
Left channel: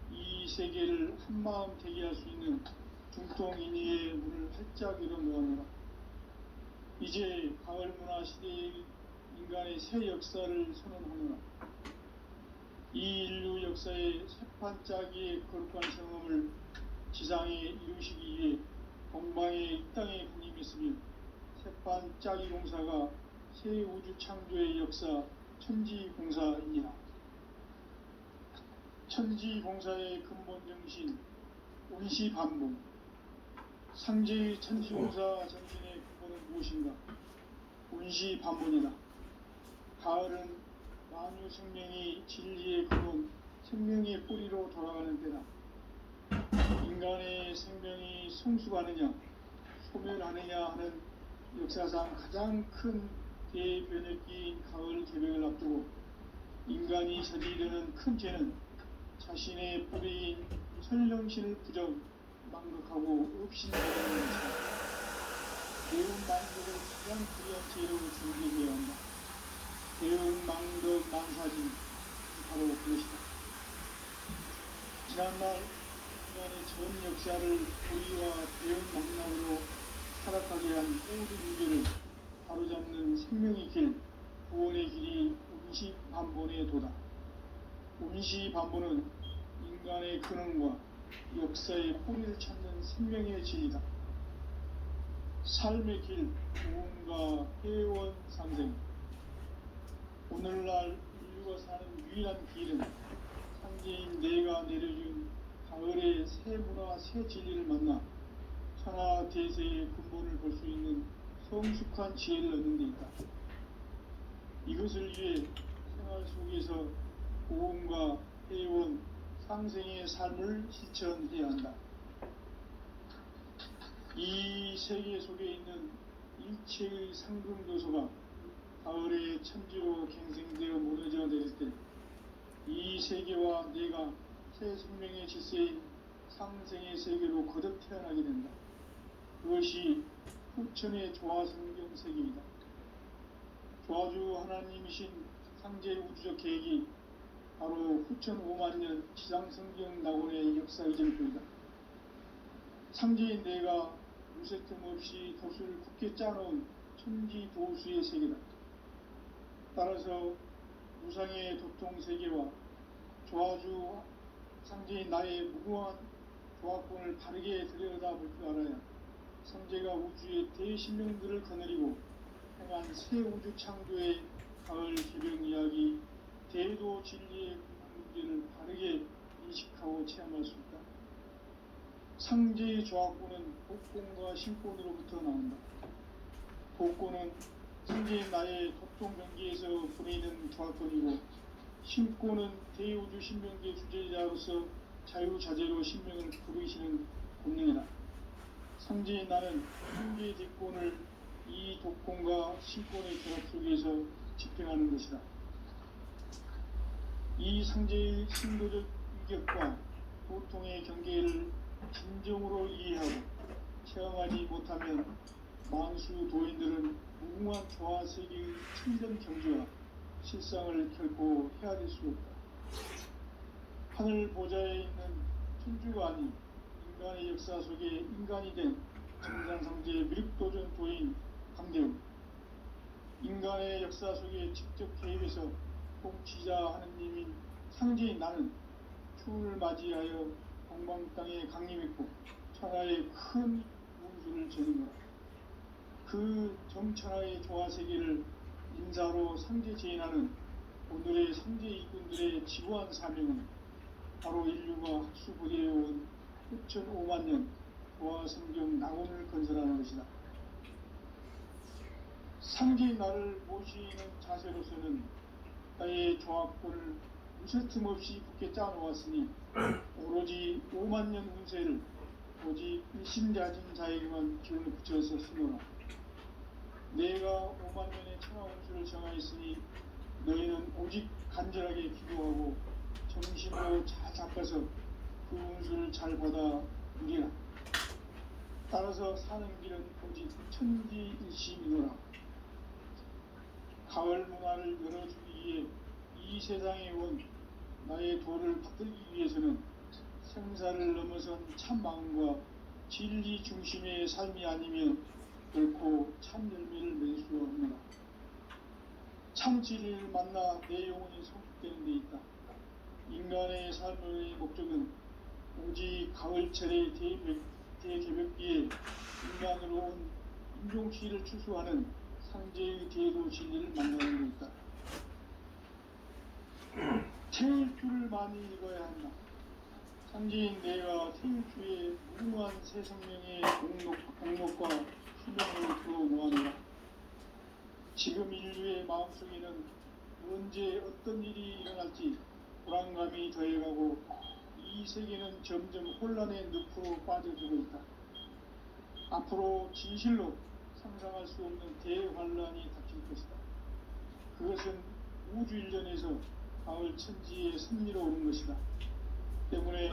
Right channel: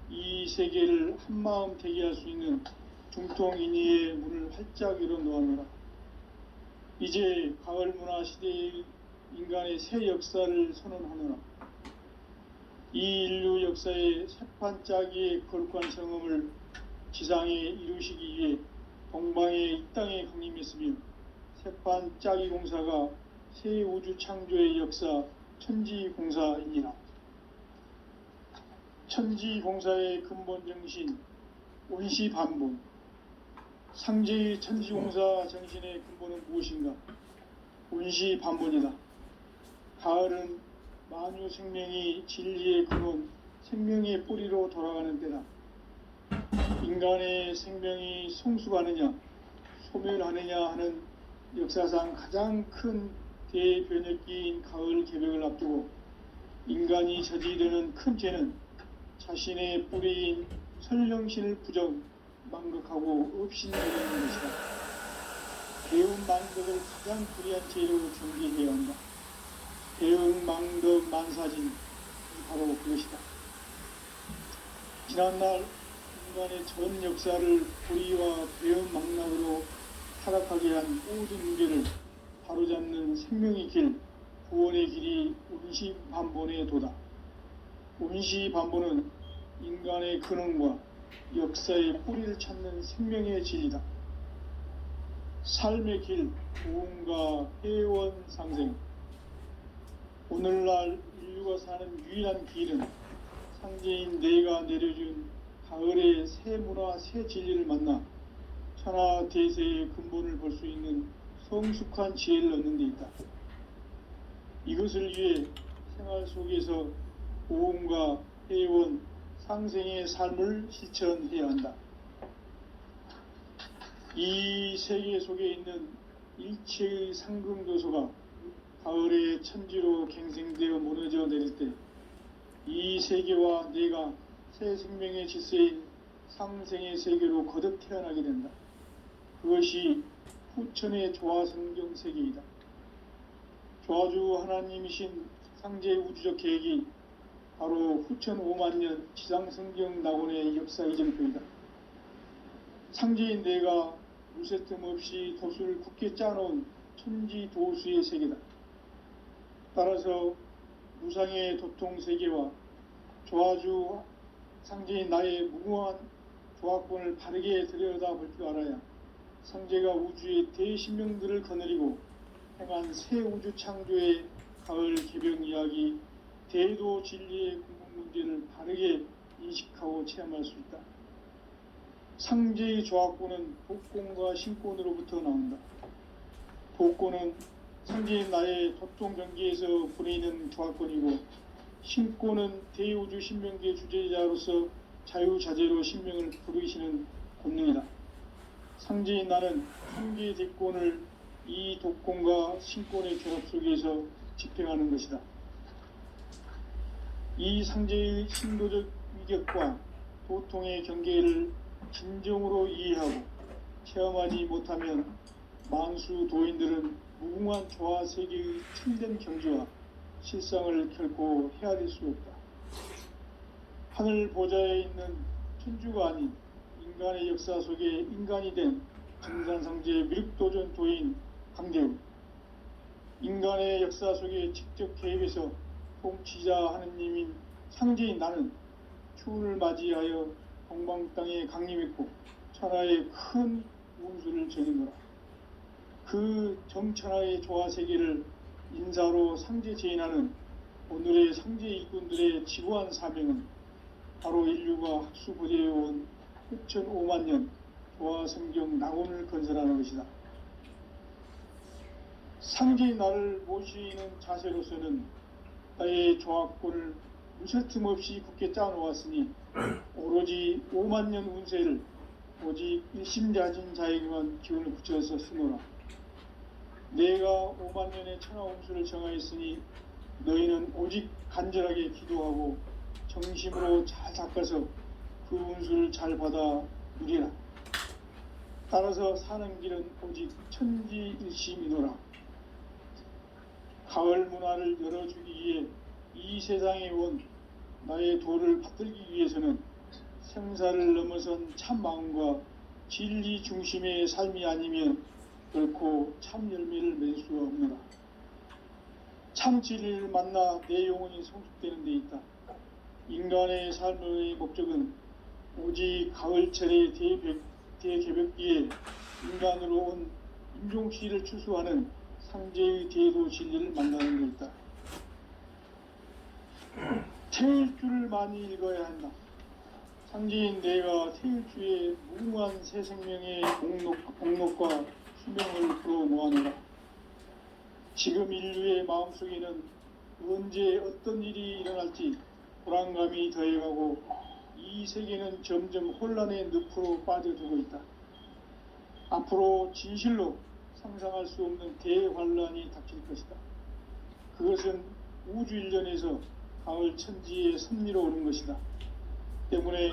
이 세계를 한마음 대기할 수 있는 중통인의의 문을 활짝 열어놓았노라. 이제 가을 문화 시대의 인간의 새 역사를 선언하노라. 이 인류 역사의 새판짜기의 거룩한 성음을 지상에 이루시기 위해 동방의 이 땅에 강림했으며 새판짜기 공사가 새 우주 창조의 역사 천지공사이니라. 천지공사의 근본 정신 온시반본. 상제의 천지공사 정신의 근본은 무엇인가? 온시반본이다. 가을은 만유 생명이 진리의 근원, 생명의 뿌리로 돌아가는 때다. 인간의 생명이 성숙하느냐, 소멸하느냐 하는 역사상 가장 큰 대변혁기인 가을 개벽을 앞두고 인간이 저지르는 큰 죄는 자신의 뿌리인 설령신을 부정, 망극하고 업신여기는 것이다. 배운 망덕을 가장 불의한 죄로 정죄해야 한다. 배운 망덕 만사진, 바로 그것이다. 지난날 인간의 전 역사를 불의와 배운 망락으로 타락하게 한 모든 문제를 바로잡는 생명의 길, 구원의 길이 온시반본의 도다. 온시반본은 인간의 근원과 역사의 뿌리를 찾는 생명의 진리다. 삶의 길, 구원과 회원 상생. 오늘날 인류가 사는 유일한 길은 상제인 내가 내려준 가을의 새 문화, 새 진리를 만나 천하 대세의 근본을 볼 수 있는 성숙한 지혜를 얻는 데 있다. 이것을 위해 생활 속에서 고음과 회원, 상생의 삶을 실천해야 한다. 이 세계 속에 있는 일체의 상금교소가 가을의 천지로 갱생되어 무너져 내릴 때 이 세계와 내가 새 생명의 질서인 상생의 세계로 거듭 태어나게 된다. 그것이 후천의 조화성경 세계이다. 조화주 하나님이신 상제의 우주적 계획이 바로 후천 5만년 지상성경 낙원의 역사 이전표이다. 상제인 내가 무쇠틈 없이 도수를 굳게 짜놓은 천지도수의 세계다. 따라서 무상의 도통 세계와 조화주 상제인 나의 무궁한 조화권을 바르게 들여다볼 줄 알아야 상제가 우주의 대신명들을 거느리고 행한 새 우주 창조의 가을 개벽 이야기, 대도 진리의 근본 문제를 바르게 인식하고 체험할 수 있다. 상제의 조화권은 복권과 신권으로부터 나온다. 복권은 상제인 나의 도통 경계에서 보내는 조화권이고, 신권은 대우주 신명계 주제자로서 자유자재로 신명을 부르시는 권능이다. 상제인 나는 상계 대권을 이 독권과 신권의 결합 속에서 집행하는 것이다. 이 상제의 신도적 위격과 도통의 경계를 진정으로 이해하고 체험하지 못하면 만수 도인들은 무궁한 조화 세계의 참된 경지와 실상을 결코 헤아릴 수 없다. 하늘 보좌에 있는 천주가 아닌 인간의 역사 속에 인간이 된 증산상제 미륵도전 도인 강대우. 인간의 역사 속에 직접 개입해서 통치자 하느님인 상제인 나는 추운을 맞이하여 동방 땅에 강림했고 천하의 큰 운수를 정인노라. 그 정천하의 조화 세계를 인사로 상제 제인하는 오늘의 상제 일꾼들의 지구한 사명은 바로 인류가 학수부대해온 후천 5만년 조화성경 낙원을 건설하는 것이다. 상제인 나를 모시는 자세로서는 나의 조화권을 무쇠틈 없이 굳게 짜놓았으니 오로지 5만 년 운세를 오직 일심자진 자에게만 기운을 붙여서 쓰노라. 내가 5만 년의 천하 운수를 정하였으니 너희는 오직 간절하게 기도하고 정심으로 잘 닦아서 그 운수를 잘 받아 누리라. 따라서 사는 길은 오직 천지일심이노라. 가을 문화를 열어주기 위해 이 세상에 온 나의 도를 받들기 위해서는 생사를 넘어선 참 마음과 진리 중심의 삶이 아니면 결코 참 열매를 맺을 수 없노라. 참 진리를 만나 내 영혼이 성숙되는 데 있다. 인간의 삶의 목적은 오직 가을철의 대개벽기에 인간으로 온 인종시를 추수하는 상제의 제도 진리를 만나는 데 있다. 태일주를 많이 읽어야 한다. 상제인 내가 태일주의 무궁한 새 생명의 공록과 수명을 풀어놓아노라. 지금 인류의 마음속에는 언제 어떤 일이 일어날지 불안감이 더해가고 이 세계는 점점 혼란의 늪으로 빠져들고 있다. 앞으로 진실로 상상할 수 없는 대환란이 닥칠 것이다. 그것은 우주 일련에서 가을 천지의 섭리로 오는 것이다. 때문에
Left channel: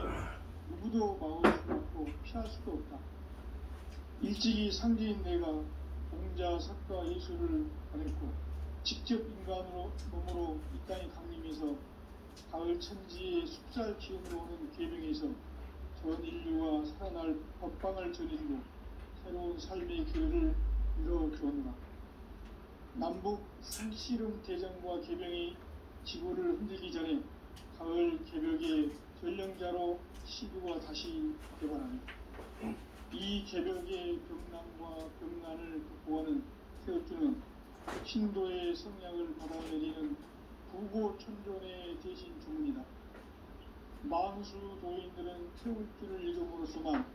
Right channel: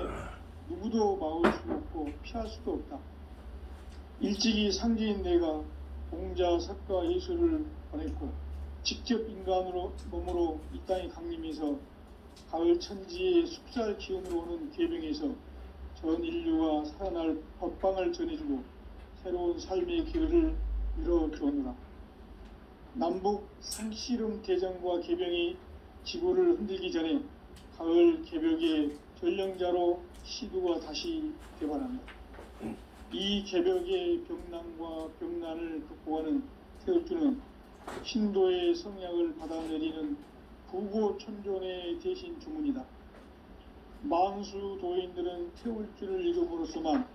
누구도 막을 수 없고 피할 수도 없다. 일찍이 상제인 내가 공자, 석가, 예수를 보냈고 직접 인간으로 몸으로 이 땅에 강림해서 가을 천지의 숲살 기운으로 오는 계명에서 전 인류가 살아날 법방을 전해주고 새로운 삶의 기회를 열어주었노라. 남북 상씨름 대전과 계병이 지구를 흔들기 전에 가을 개벽의 전령자로 시두가 다시 개발합니다. 이 개벽의 병난과 병난을 극복하는 태울주는 신도의 성약을 받아내리는 구고천존의 대신 주문이다. 만수 도인들은 태울주를 읽음으로써만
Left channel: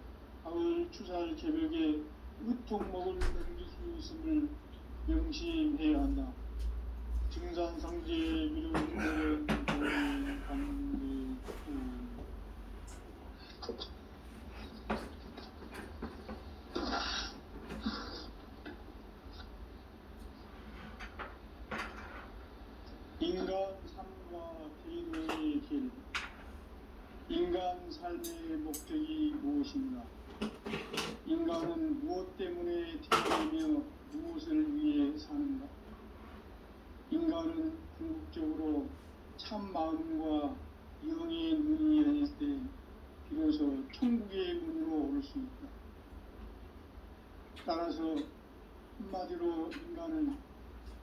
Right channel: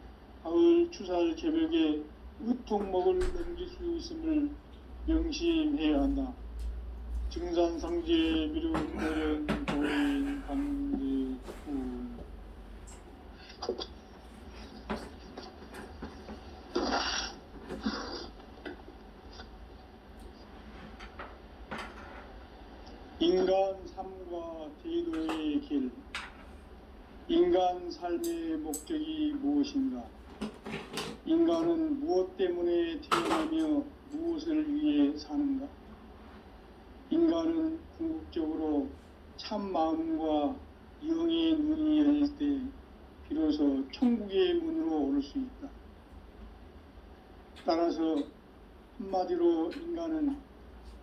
가을 추살 개벽에 으통먹을 넘길 수 있음을 명심해야 한다. 증산상제 미륵오련 도인 강대구. 인간 삶과 대도의 길. 인간 삶의 목적이 무엇인가? 인간은 무엇 때문에 태어나며 무엇을 위해 사는가? 인간은 궁극적으로 참 마음과 영의 눈이 열릴 때 비로소 천국의 문으로 오를 수 있다. 따라서 한마디로 인간은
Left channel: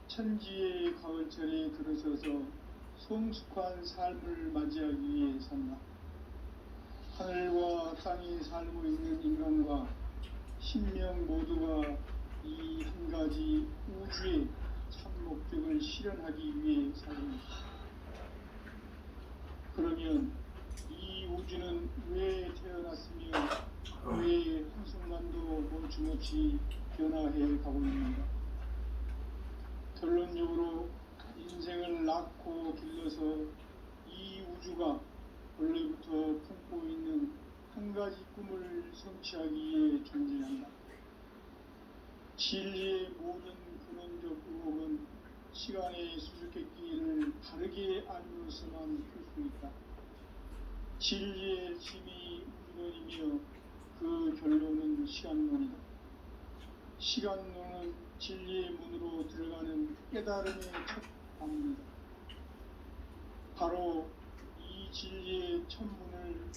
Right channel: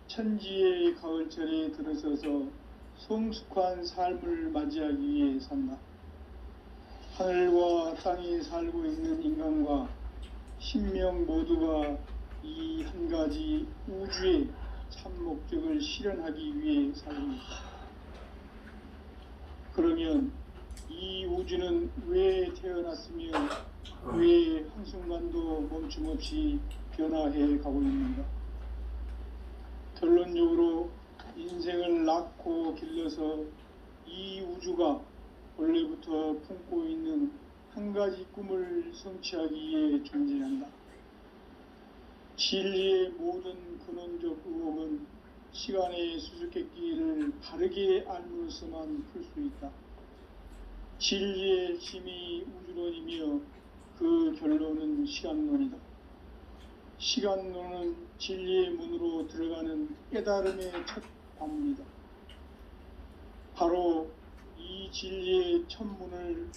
천지의 가을철에 들어서서 성숙한 삶을 맞이하기 위해 산다. 하늘과 땅에 살고 있는 인간과 신명 모두가 이 한 가지 우주의 참 목적을 실현하기 위해 살고 있다. 그러면 이 우주는 왜 태어났으며 왜 한순간도 멈춤없이 변화해 가고 있는가? 결론적으로 인생을 낳고 길러서 이 우주가 원래부터 품고 있는 한 가지 꿈을 성취하기 위해 존재한다. 진리의 모든 근원적 의혹은 시간의 수수께끼를 바르게 알므로서만 풀 수 있다. 진리의 힘이 우주론이며 그 결론은 시간론이다. 시간론은 진리의 문으로 들어가는 깨달음의 첫 관문이다. 바로 이 진리의 첫 문을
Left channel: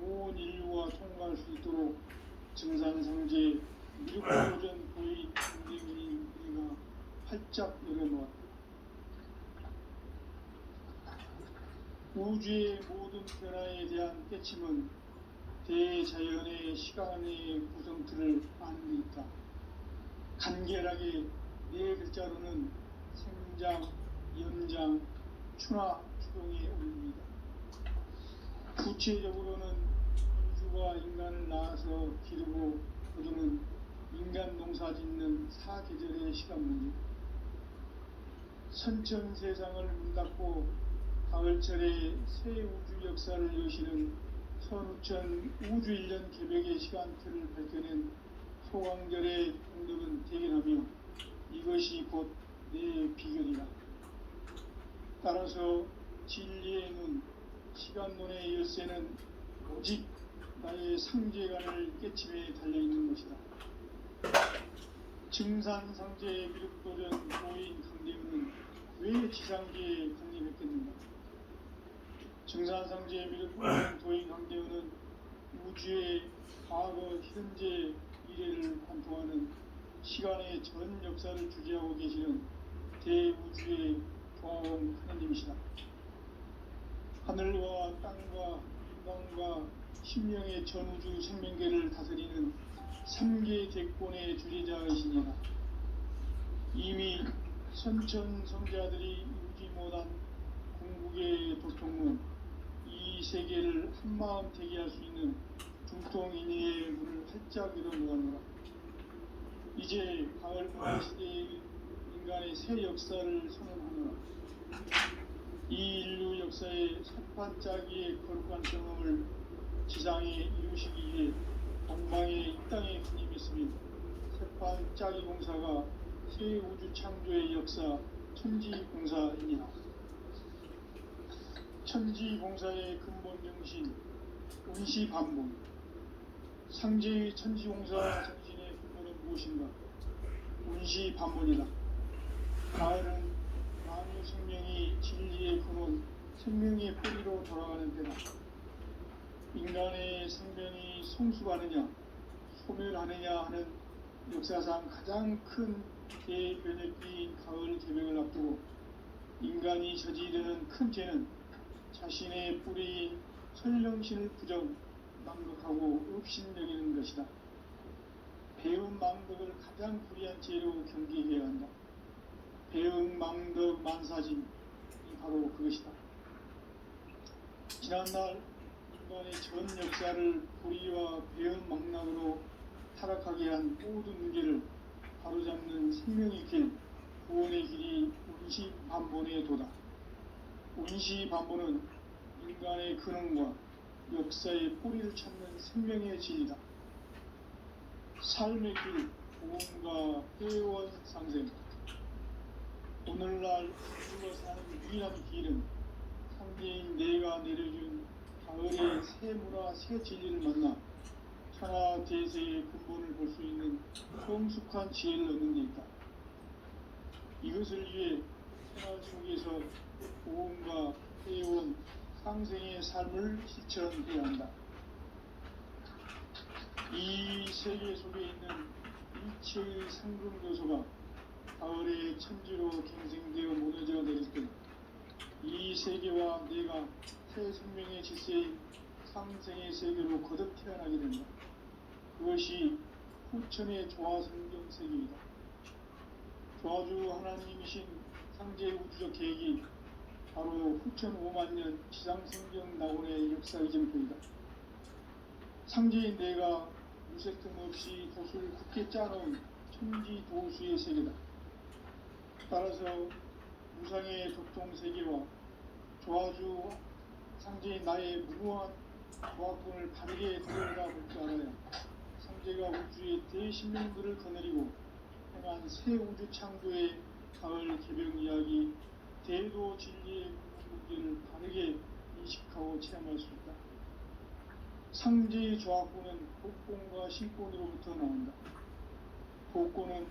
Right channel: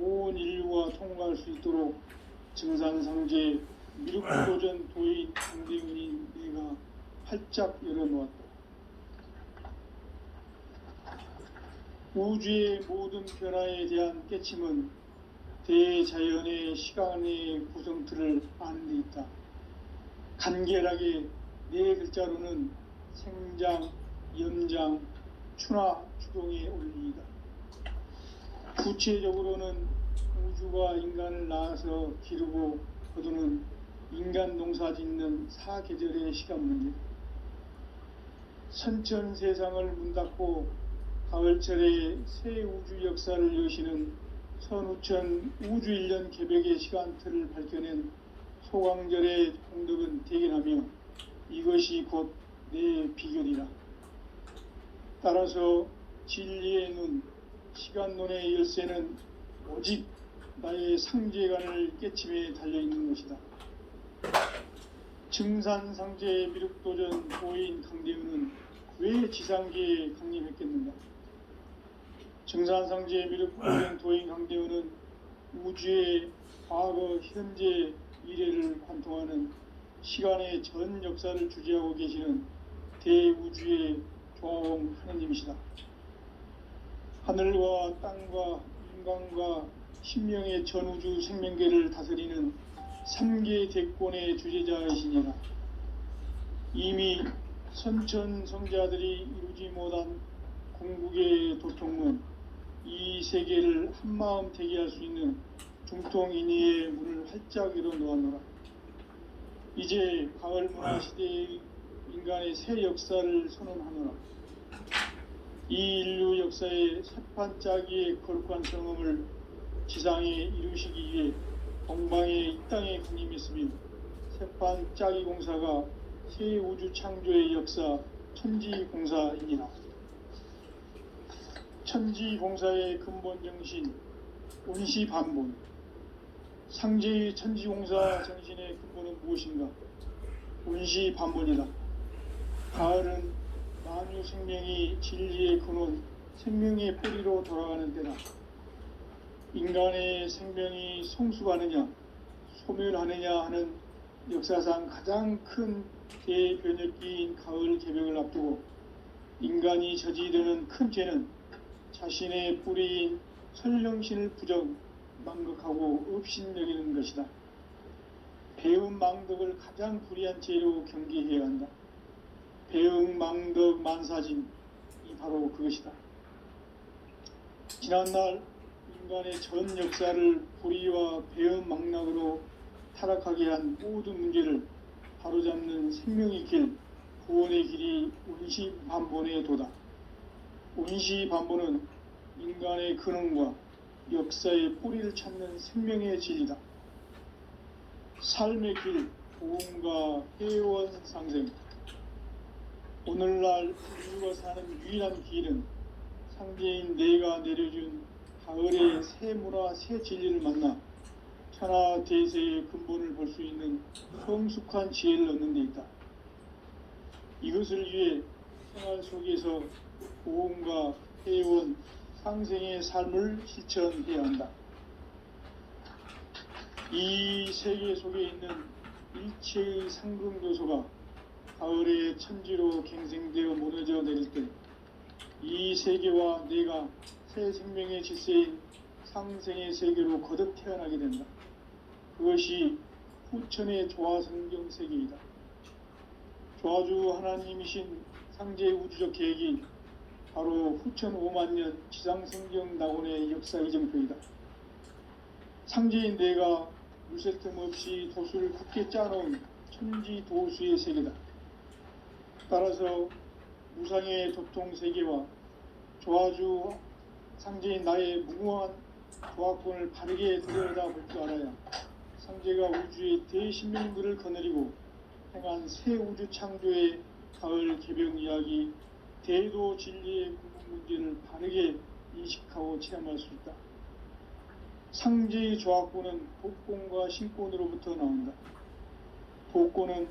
온 인류가 통과할 수 있도록 증산상제 미륵도전 도인 강대훈인 내가 활짝 열어놓았다. 우주의 모든 변화에 대한 깨침은 대자연의 시간의 구성틀을 아는 데 있다. 간결하게 네 글자로는 생장, 연장, 추나 추동의 원리이다. 구체적으로는 우주가 인간을 낳아서 기르고 거두는 인간 농사 짓는 사계절의 시간 문제. 선천 세상을 문 닫고 가을철에 새 우주 역사를 여시는 선우천 우주일년 개벽의 시간틀을 밝혀낸 소강절의 공덕은 대견하며 이것이 곧 내 비결이라. 따라서 진리의 눈, 시간론의 열쇠는 오직 나의 상제관을 깨침에 달려있는 것이다. 증산상제의 미륵도전 도인 강대우는 왜 지상계에 강림했겠는가? 증산상제의 미륵도전 도인 강대우는 우주의 과거, 현재, 미래를 관통하는 시간의 전 역사를 주재하고 계시는 대우주의 조화홍 하느님이시다. 하늘과 땅과 인간과 신명의 전우주 생명계를 다스리는 3계 대권의 주제자이시니라. 이미 선천성자들이 이루지 못한 궁극의 도통문, 이 세계를 한마음 대기할 수 있는 중통인의의 문을 활짝 열어놓았노라. 이제 가을 문화 시대의 인간의 새 역사를 선언하노라. 이 인류 역사의 새판짜기의 거룩한 경험을 지상에 이루시기 위해 동방의 이 땅에 군림했으며 새판짜기 공사가 새 우주 창조의 역사 천지공사이니라. 천지공사의 근본 정신 운시반본. 상제의 천지공사 정신의 근본은 무엇인가? 운시반본이다. 가을은 만유 생명이 진리의 근원, 생명의 뿌리로 돌아가는 때다. 인간의 생명이 성숙하느냐, 소멸하느냐 하는 역사상 가장 큰 대변혁기인 가을 개벽을 앞두고 인간이 저지르는 큰 죄는 자신의 뿌리인 설령신을 부정, 망극하고 업신여기는 것이다. 배움 망덕을 가장 불의한 죄로 경계해야 한다. 배움 망덕 만사진이 바로 그것이다. 지난날 인간의 전 역사를 불의와 배움 망락으로 타락하게 한 모든 문제를 바로잡는 생명의 길, 구원의 길이 운시반본의 도다. 운시반본은 인간의 근원과 역사의 뿌리를 찾는 생명의 진리다. 삶의 길, 보험과 회원 상생. 오늘날 인류가 사는 유일한 길은 상제인 내가 내려준 가을의 새 문화, 새 진리를 만나 천하 대세의 근본을 볼 수 있는 성숙한 지혜를 얻는 데 있다. 이것을 위해 생활 속에서 보험과 회원, 상생의 삶을 실천해야 한다. 이 세계 속에 있는 일체의 상금 요소가 가을의 천지로 갱생되어 무너져 내릴 때 이 세계와 내가 새 생명의 질서인 상생의 세계로 거듭 태어나게 된다. 그것이 후천의 조화성경 세계이다. 조화주 하나님이신 상제의 우주적 계획이 바로 후천 5만년 지상성경 낙원의 역사 이정표이다. 상제인 내가 무쇠 틈 없이 도수를 굳게 짜놓은 천지 도수의 세계다. 따라서 무상의 도통 세계와 조화주 상제인 나의 무궁한 조화권을 바르게 들여다볼 줄 알아야 상제가 우주의 대신명들을 거느리고 행한 새 우주 창조의 가을 개벽 이야기 대도 진리의 문제를 바르게 인식하고 체험할 수 있다. 상제의 조화권은 독권과 신권으로부터 나온다. 독권은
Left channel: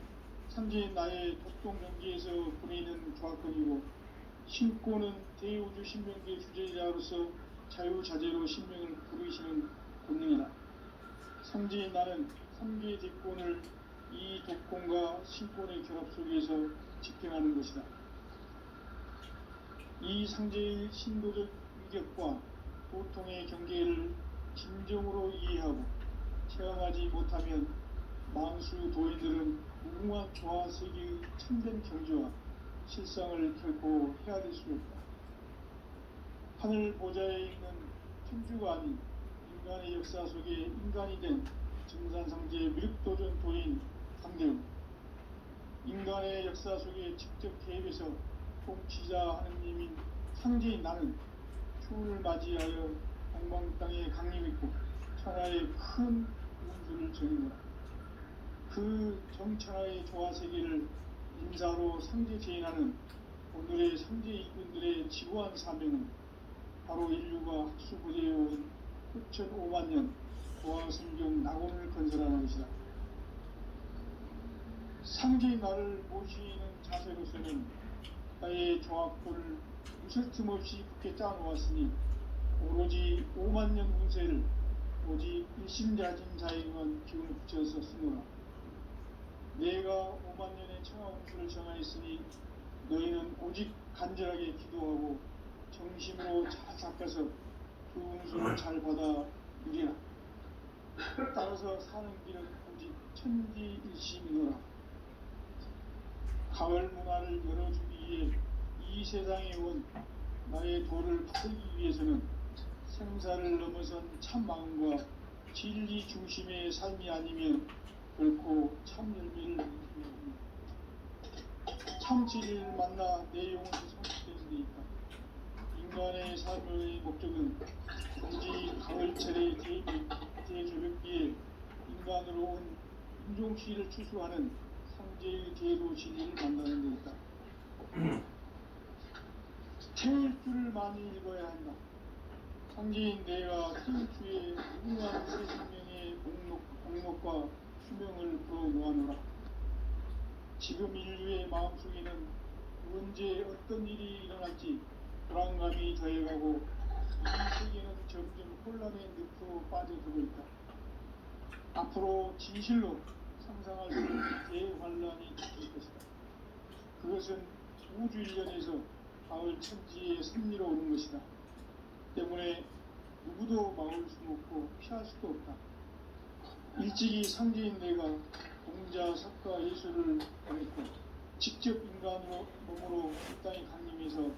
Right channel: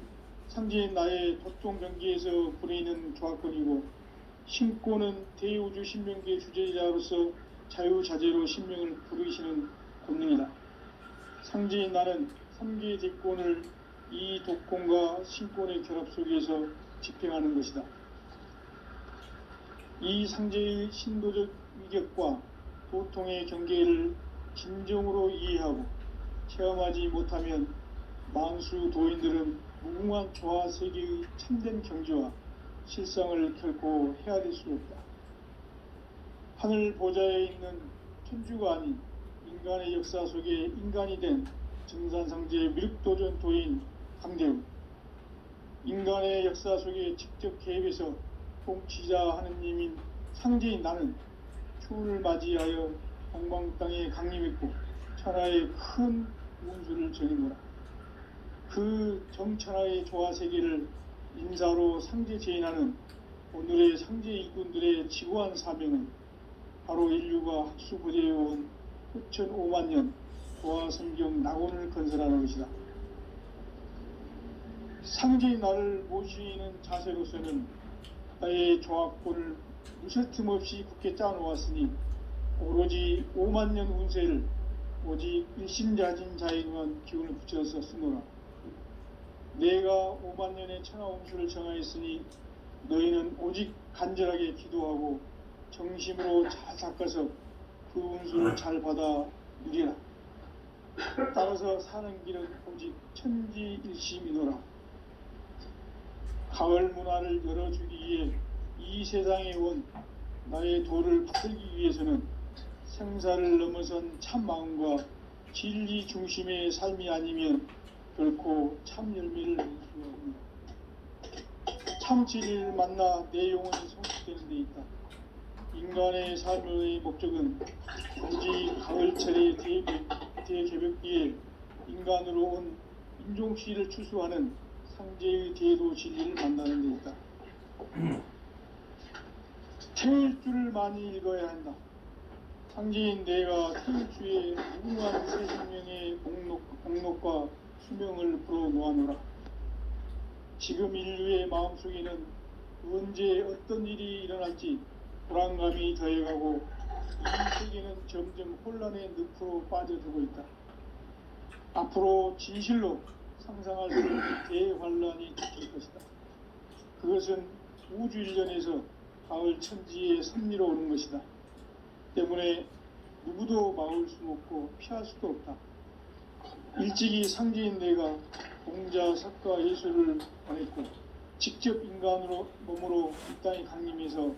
상제인 나의 도통 경계에서 부리는 조화권이고, 신권은 대우주 신명계 주제자로서 자유자재로 신명을 부르시는 권능이다. 상제인 나는 3계 대권을 이 독권과 신권의 결합 속에서 집행하는 것이다. 이 상제의 신도적 위격과 도통의 경계를 진정으로 이해하고 체험하지 못하면 만수 도인들은 무궁한 조화 세계의 참된 경지와 실상을 결코 헤아릴 수 없다. 하늘 보좌에 있는 천주가 아닌 인간의 역사 속에 인간이 된 증산상제의 미륵도전 도인 강대우. 인간의 역사 속에 직접 개입해서 통치자 하느님인 상제인 나는 추운을 맞이하여 동방 땅에 강림했고 천하의 큰 운수를 정해노라. 그 정천하의 조화세계를 인사로 상제 제인하는 오늘의 상제 일꾼들의 지고한 사명은 바로 인류가 학수부대해온 흑천 5만 년 조화성경 낙원을 건설하는 것이다. 상제의 나를 모시는 자세로서는 나의 조합고를 무쇠틈 없이 굳게 짜놓았으니 오로지 5만 년 운세를 오직 일심자진 자에게만 기운을 붙여서 쓰노라. 내가 5만 년의 천하 운수를 정하였으니 너희는 오직 간절하게 기도하고 정심으로 잘 닦아서 그 운수를 잘 받아 누리라. 따라서 사는 길은 오직 천지일심이노라. 가을 문화를 열어주기 위해 이 세상에 온 나의 도를 붙들기 위해서는 생사를 넘어선 참 마음과 진리 중심의 삶이 아니면 결코 참 열매를 낼 수가 없다. 참 진리를 만나 내 영혼이 성숙되는 데 있다. 인간의 삶의 목적은 오직 가을철의 대개벽기에 인간으로 온 인종시를 추수하는 상제의 제도 진리를 만나는 데 있다. 태일주를 많이 읽어야 한다. 상제인 내가 태일주의 무궁한 새 생명의 목록과 수명을 풀어놓아노라. 지금 인류의 마음속에는 언제 어떤 일이 일어날지 불안감이 더해가고 이 세계는 점점 혼란의 늪으로 빠져들고 있다. 앞으로 진실로 상상할 수 없는 대환란이 닥칠 것이다. 그것은 우주 일련에서 가을 천지의 섭리로 오는 것이다. 때문에 누구도 막을 수 없고 피할 수도 없다. 일찍이 상제인 내가 공자, 석가, 예술을 보냈고 직접 인간으로 몸으로 이 땅에 강림해서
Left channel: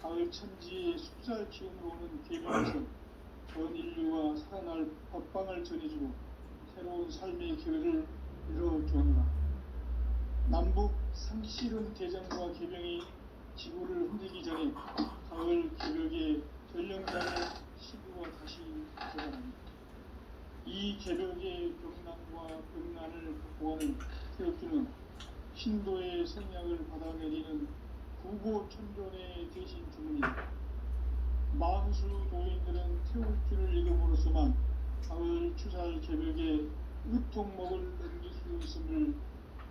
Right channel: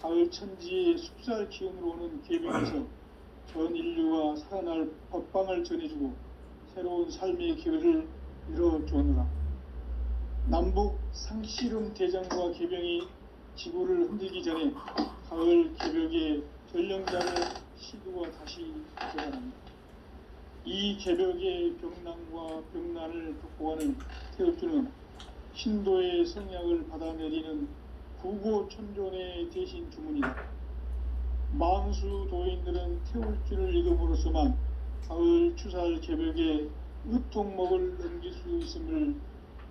가을 천지의 숲살 기운으로 오는 계명에서 전 인류가 살아날 법방을 전해주고 새로운 삶의 기회를 이뤄주느라. 남북 상씨름 대장과 계병이 지구를 흔들기 전에 가을 개벽의 전령장의 시도가 다시 되어갑니다. 이 개벽의 병난과 병난을 극복하는 태엽주는 신도의 성약을 받아내리는 구고천존의 대신 주문이다. 망수 도인들은 태울주를 읽음으로써만 가을 추살 개벽의 으통목을 넘길 수 있음을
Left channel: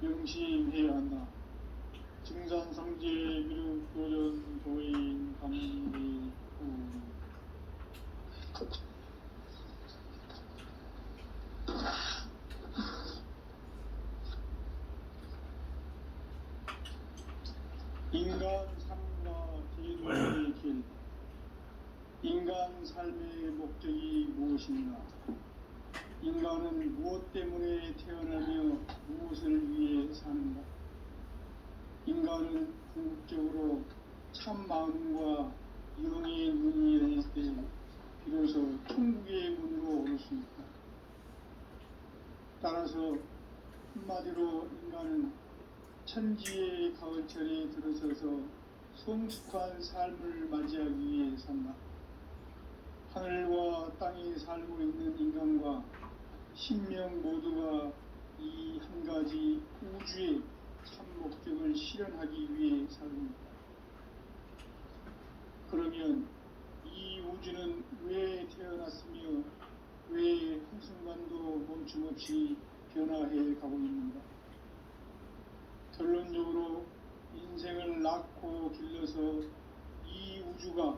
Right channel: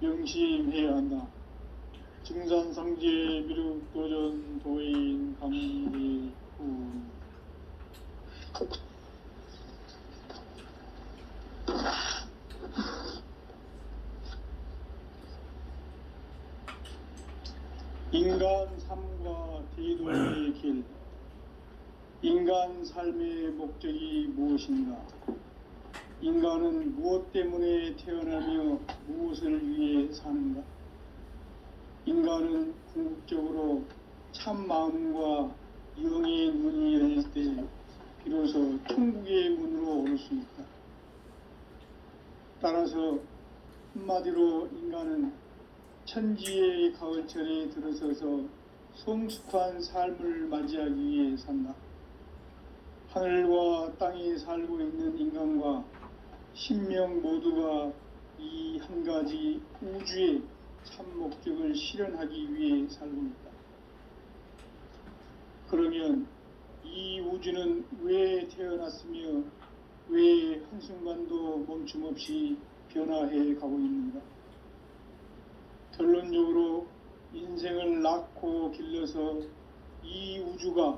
명심해야 한다. 증산상제 미륵도전 도인 감리군. 인간 삶과 대도의 길. 인간 삶의 목적이 무엇인가? 인간은 무엇 때문에 태어나며 무엇을 위해 사는가? 인간은 궁극적으로 참 마음과 영의 문이 열릴 때 비로소 천국의 문으로 올 수 있다. 따라서 한마디로 인간은 천지의 가을철에 들어서서 성숙한 삶을 맞이하기 위해 산다. 하늘과 땅에 살고 있는 인간과 신명 모두가 이 한 가지 우주의 참 목적을 실현하기 위해 살고 있다. 그러면 이 우주는 왜 태어났으며 왜 한순간도 멈춤 없이 변화해 가고 있는가? 결론적으로 인생을 낳고 길러서 이 우주가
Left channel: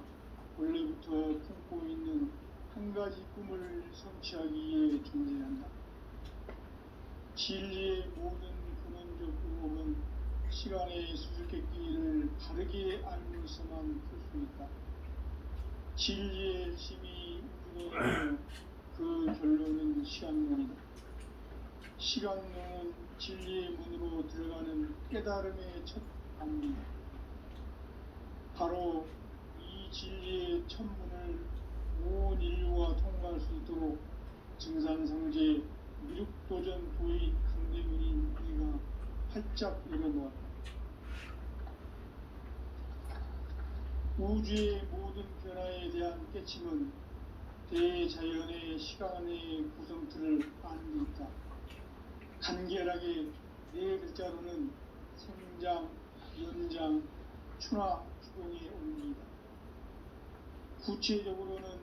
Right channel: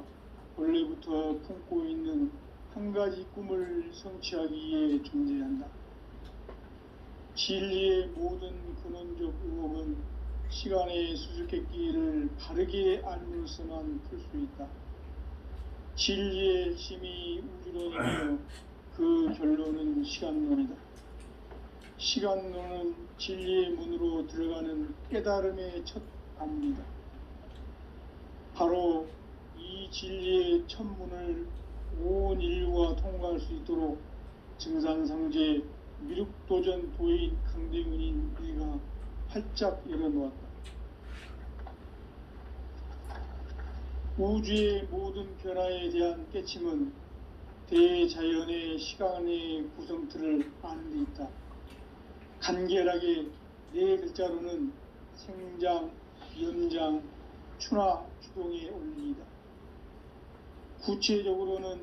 원래부터 품고 있는 한 가지 꿈을 성취하기 위해 존재한다. 진리의 모든 근원적 의혹은 시간의 수수께끼를 바르게 알면서만 풀 수 있다. 진리의 힘이 우주론이며 그 결론은 시간론이다. 시간론은 진리의 문으로 들어가는 깨달음의 첫 단문이다. 바로 이 진리의 첫 문을 온 인류가 통과할 수 있도록 증산상제 미륵도전 도인 강대문인 우리가 활짝 열어놓았다. 우주의 모든 변화에 대한 깨침은 대자연의 시간의 구성틀을 아는 데 있다. 간결하게 네 글자로는 생장, 연장, 추나 추동에 올립니다. 구체적으로는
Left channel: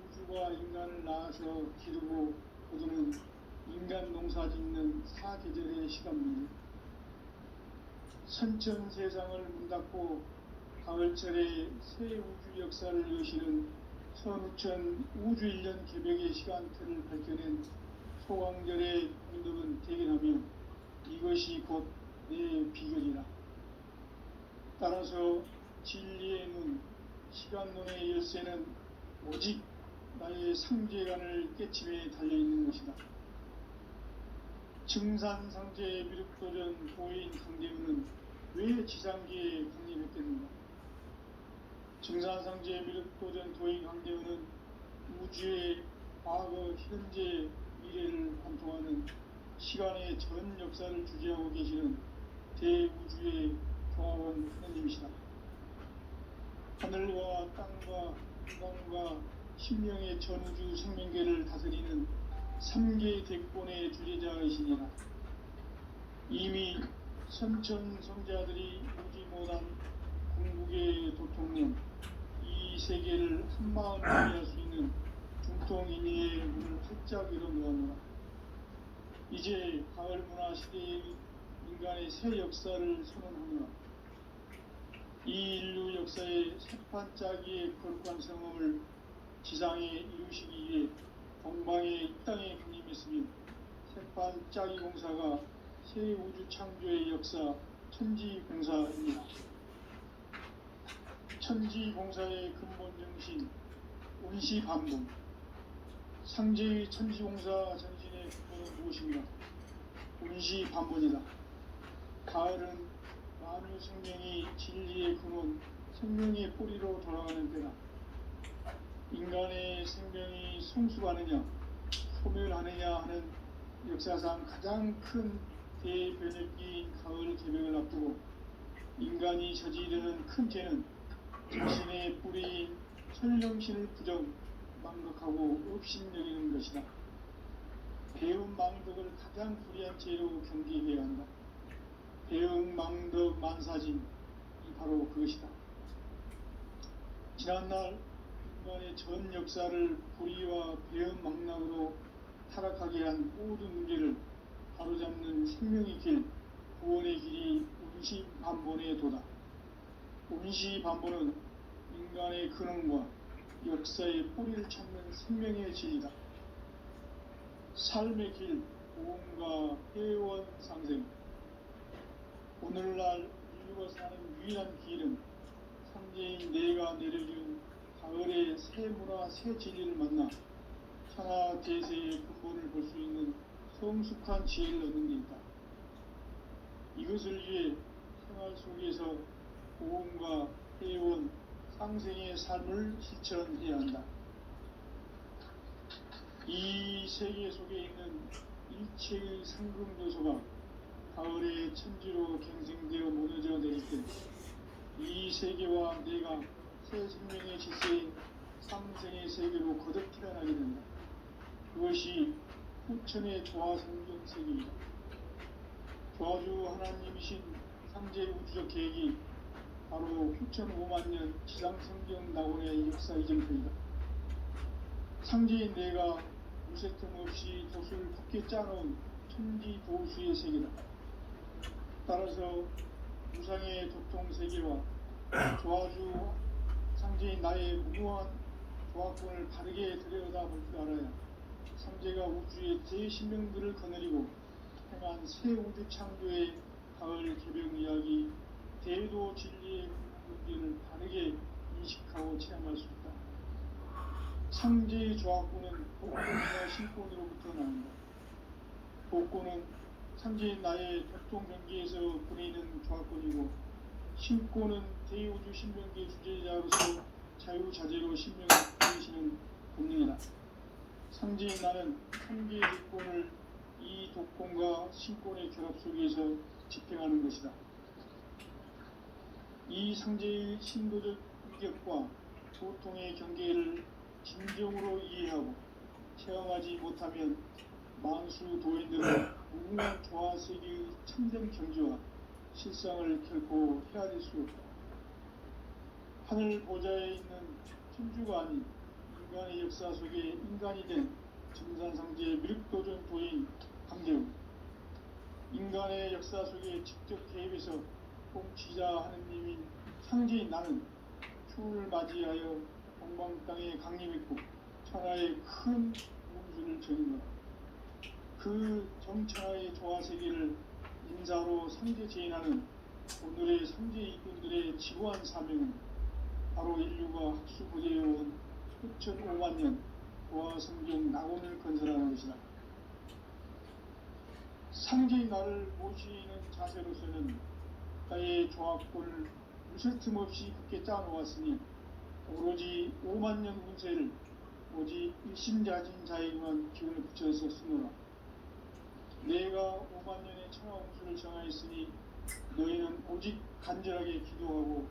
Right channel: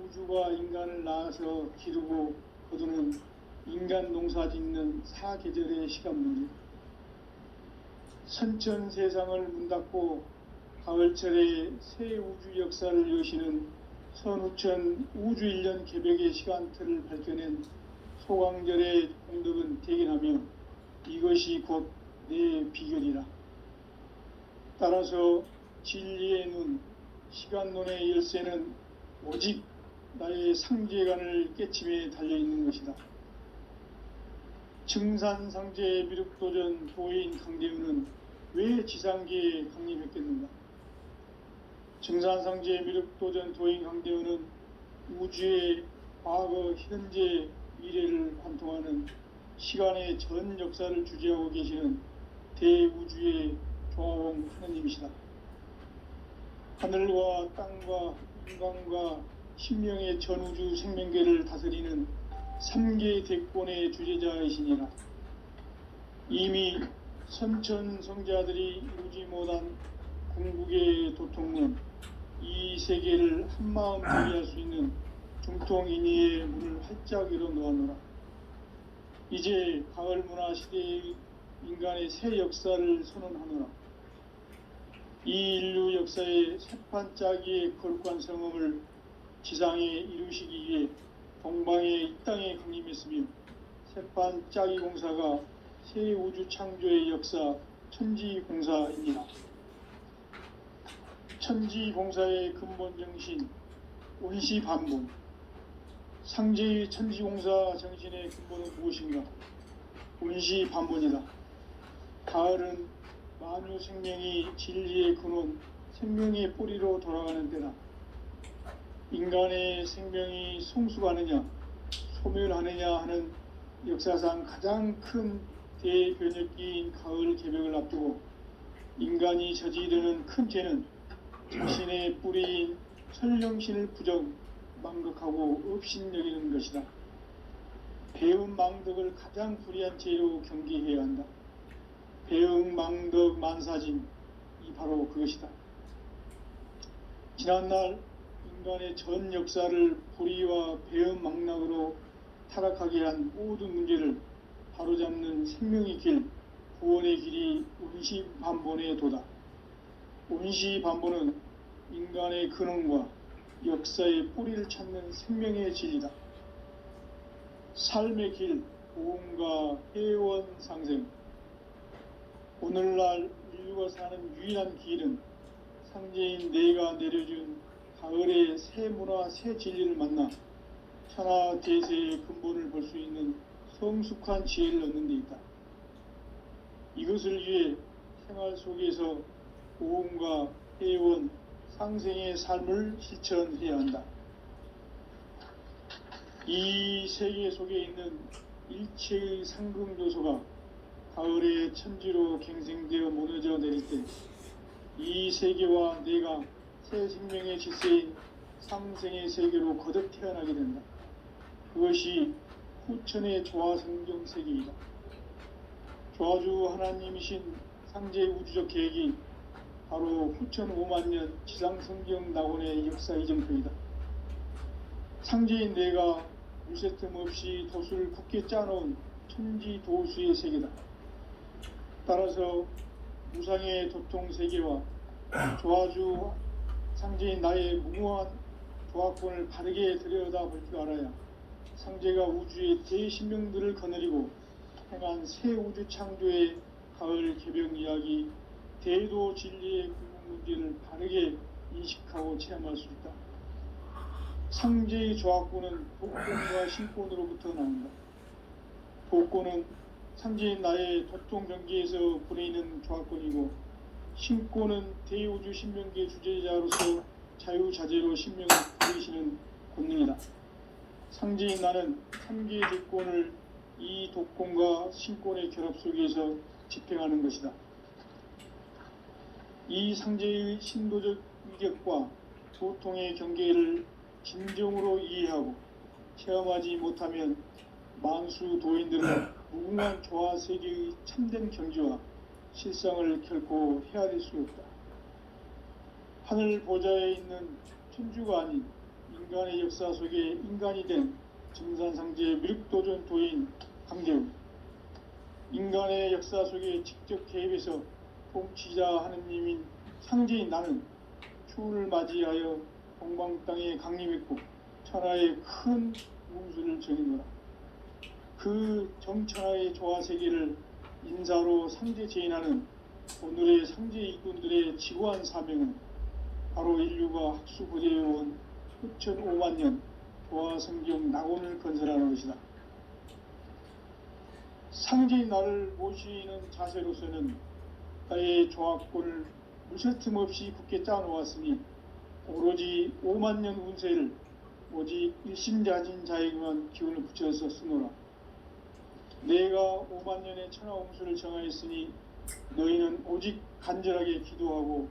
우주가 인간을 낳아서 기르고 거두는 인간 농사 짓는 사계절의 시간 문제, 선천 세상을 문 닫고 가을철에 새 우주 역사를 여시는 선우천 우주 1년 개벽의 시간틀을 밝혀낸 소강절의 공덕은 대견하며 이것이 곧 내 비결이라. 따라서 진리의 눈, 시간론의 열쇠는 오직 나의 상제관을 깨침에 달려있는 것이다. 증산상제 미륵도전 도인 강대우는 왜 지상계에 강림했겠는가? 증산상제 미륵도전 도인 강대우는 우주의 과거, 현재, 미래를 관통하는 시간의 전 역사를 주재하고 계시는 대우주의 조화원 하느님이시다. 하늘과 땅과 인간과 신명의 전우주 생명계를 다스리는 3개 대권의 주제자이시니라. 이미 선천성자들이 이루지 못한 궁극의 도통론, 이 세계를 한마음 정리할 수 있는 중통인의의 문을 활짝 열어 놓았노라. 이제 가을 문화 시대의 인간의 새 역사를 선언하노라. 이 인류 역사의 새판짜기의 거룩한 성음을 지상에 이루시기 위해 동방의 이 땅에 강림했으며 새판짜기 공사가 새 우주 창조의 역사 천지공사입니다. 천지공사의 근본 정신 운시반복, 상제의 천지공사 정신의 근본은 무엇인가? 운시반복이다. 가을은 만유 생명이 진리의 근원, 생명의 뿌리로 돌아가는 때다. 인간의 생명이 성숙하느냐, 소멸하느냐 하는 역사상 가장 큰 대변혁기인 가을 개명을 앞두고 인간이 저지르는 큰 죄는 자신의 뿌리인 천령신을 부정, 망극하고 업신여기는 것이다. 배움 망덕을 가장 불의한 죄로 경계해야 한다. 배움 망덕 만사진, 이 바로 그것이다. 지난날 인간의 전 역사를 불의와 배움 망락으로 타락하게 한 모든 문제를 바로잡는 생명의 길, 구원의 길이 운시반본의 도다. 운시반본은 인간의 근원과 역사의 뿌리를 찾는 생명의 진리다. 삶의 길, 고음과 회원 상생. 오늘날 인류가 사는 유일한 길은 상제인 내가 내려준 가을의 새 문화, 새 진리를 만나 천하 대세의 근본을 볼 수 있는 성숙한 지혜를 얻는 데 있다. 이것을 위해 생활 속에서 고음과 회원, 상생의 삶을 실천해야 한다. 이 세계 속에 있는 일체의 상금도소가 가을의 천지로 갱생되어 무너져 내릴 때 이 세계와 내가 새 생명의 질서인 상생의 세계로 거듭 태어나게 된다. 그것이 후천의 조화성경 세계이다. 조화주 하나님이신 상제 우주적 계획이 바로 후천 5만년 지상성경 낙원의 역사 이정표이다. 상제인 내가 물새 틈 없이 도수를 굳게 짜놓은 천지도수의 세계다. 따라서 무상의 도통세계와 조화주 상제인 나의 무모한 조화권을 바르게 들여다볼 줄 알아야 상제가 우주의 대신명들을 거느리고 행한 새 우주 창조의 가을 개벽 이야기, 대도 진리의 문제를 바르게 인식하고 체험할 수 있다. 상제의 조화권은 복권과 신권으로부터 나온다. 복권은 상제인 나의 도통 경계에서 보내있는 조화권이고, 신권은 대우주 신명계 주제자로서 자유자재로 신명을 보이시는 권능이다. 상제인 나는 3개의 조건을 이 독권과 신권의 결합 속에서 집행하는 것이다. 이 상제의 신도적 위격과 도통의 경계를 진정으로 이해하고 체험하지 못하면 만수 도인들은 무궁한 조화 세계의 참된 경지와 실상을 결코 헤아릴 수 없다. 하늘 보좌에 있는 천주가 아닌 인간의 역사 속에 인간이 된 증산상제 미륵도전 도인 강대우, 인간의 역사 속에 직접 개입해서 통치자 하느님인 상제인 나는 추운을 맞이하여 동방 땅에 강림했고 천하의 큰 운수를 정했노라. 그 정천하의 조화세계를 인사로 상제 제인하는 오늘의 상제 이군들의 지고한 사명은 바로 인류가 학수부대해온 흑천 5만 년 조화성경 낙원을 건설하는 것이다. 상제인 나를 모시는 자세로서는 나의 조화권을 무쇠틈 없이 굳게 짜놓았으니 오로지 5만 년 운세를 오직 일심자진 자에게만 기운을 붙여서 쓰노라. 내가 5만 년의 천하홍수를 정하였으니 너희는 오직 간절하게 기도하고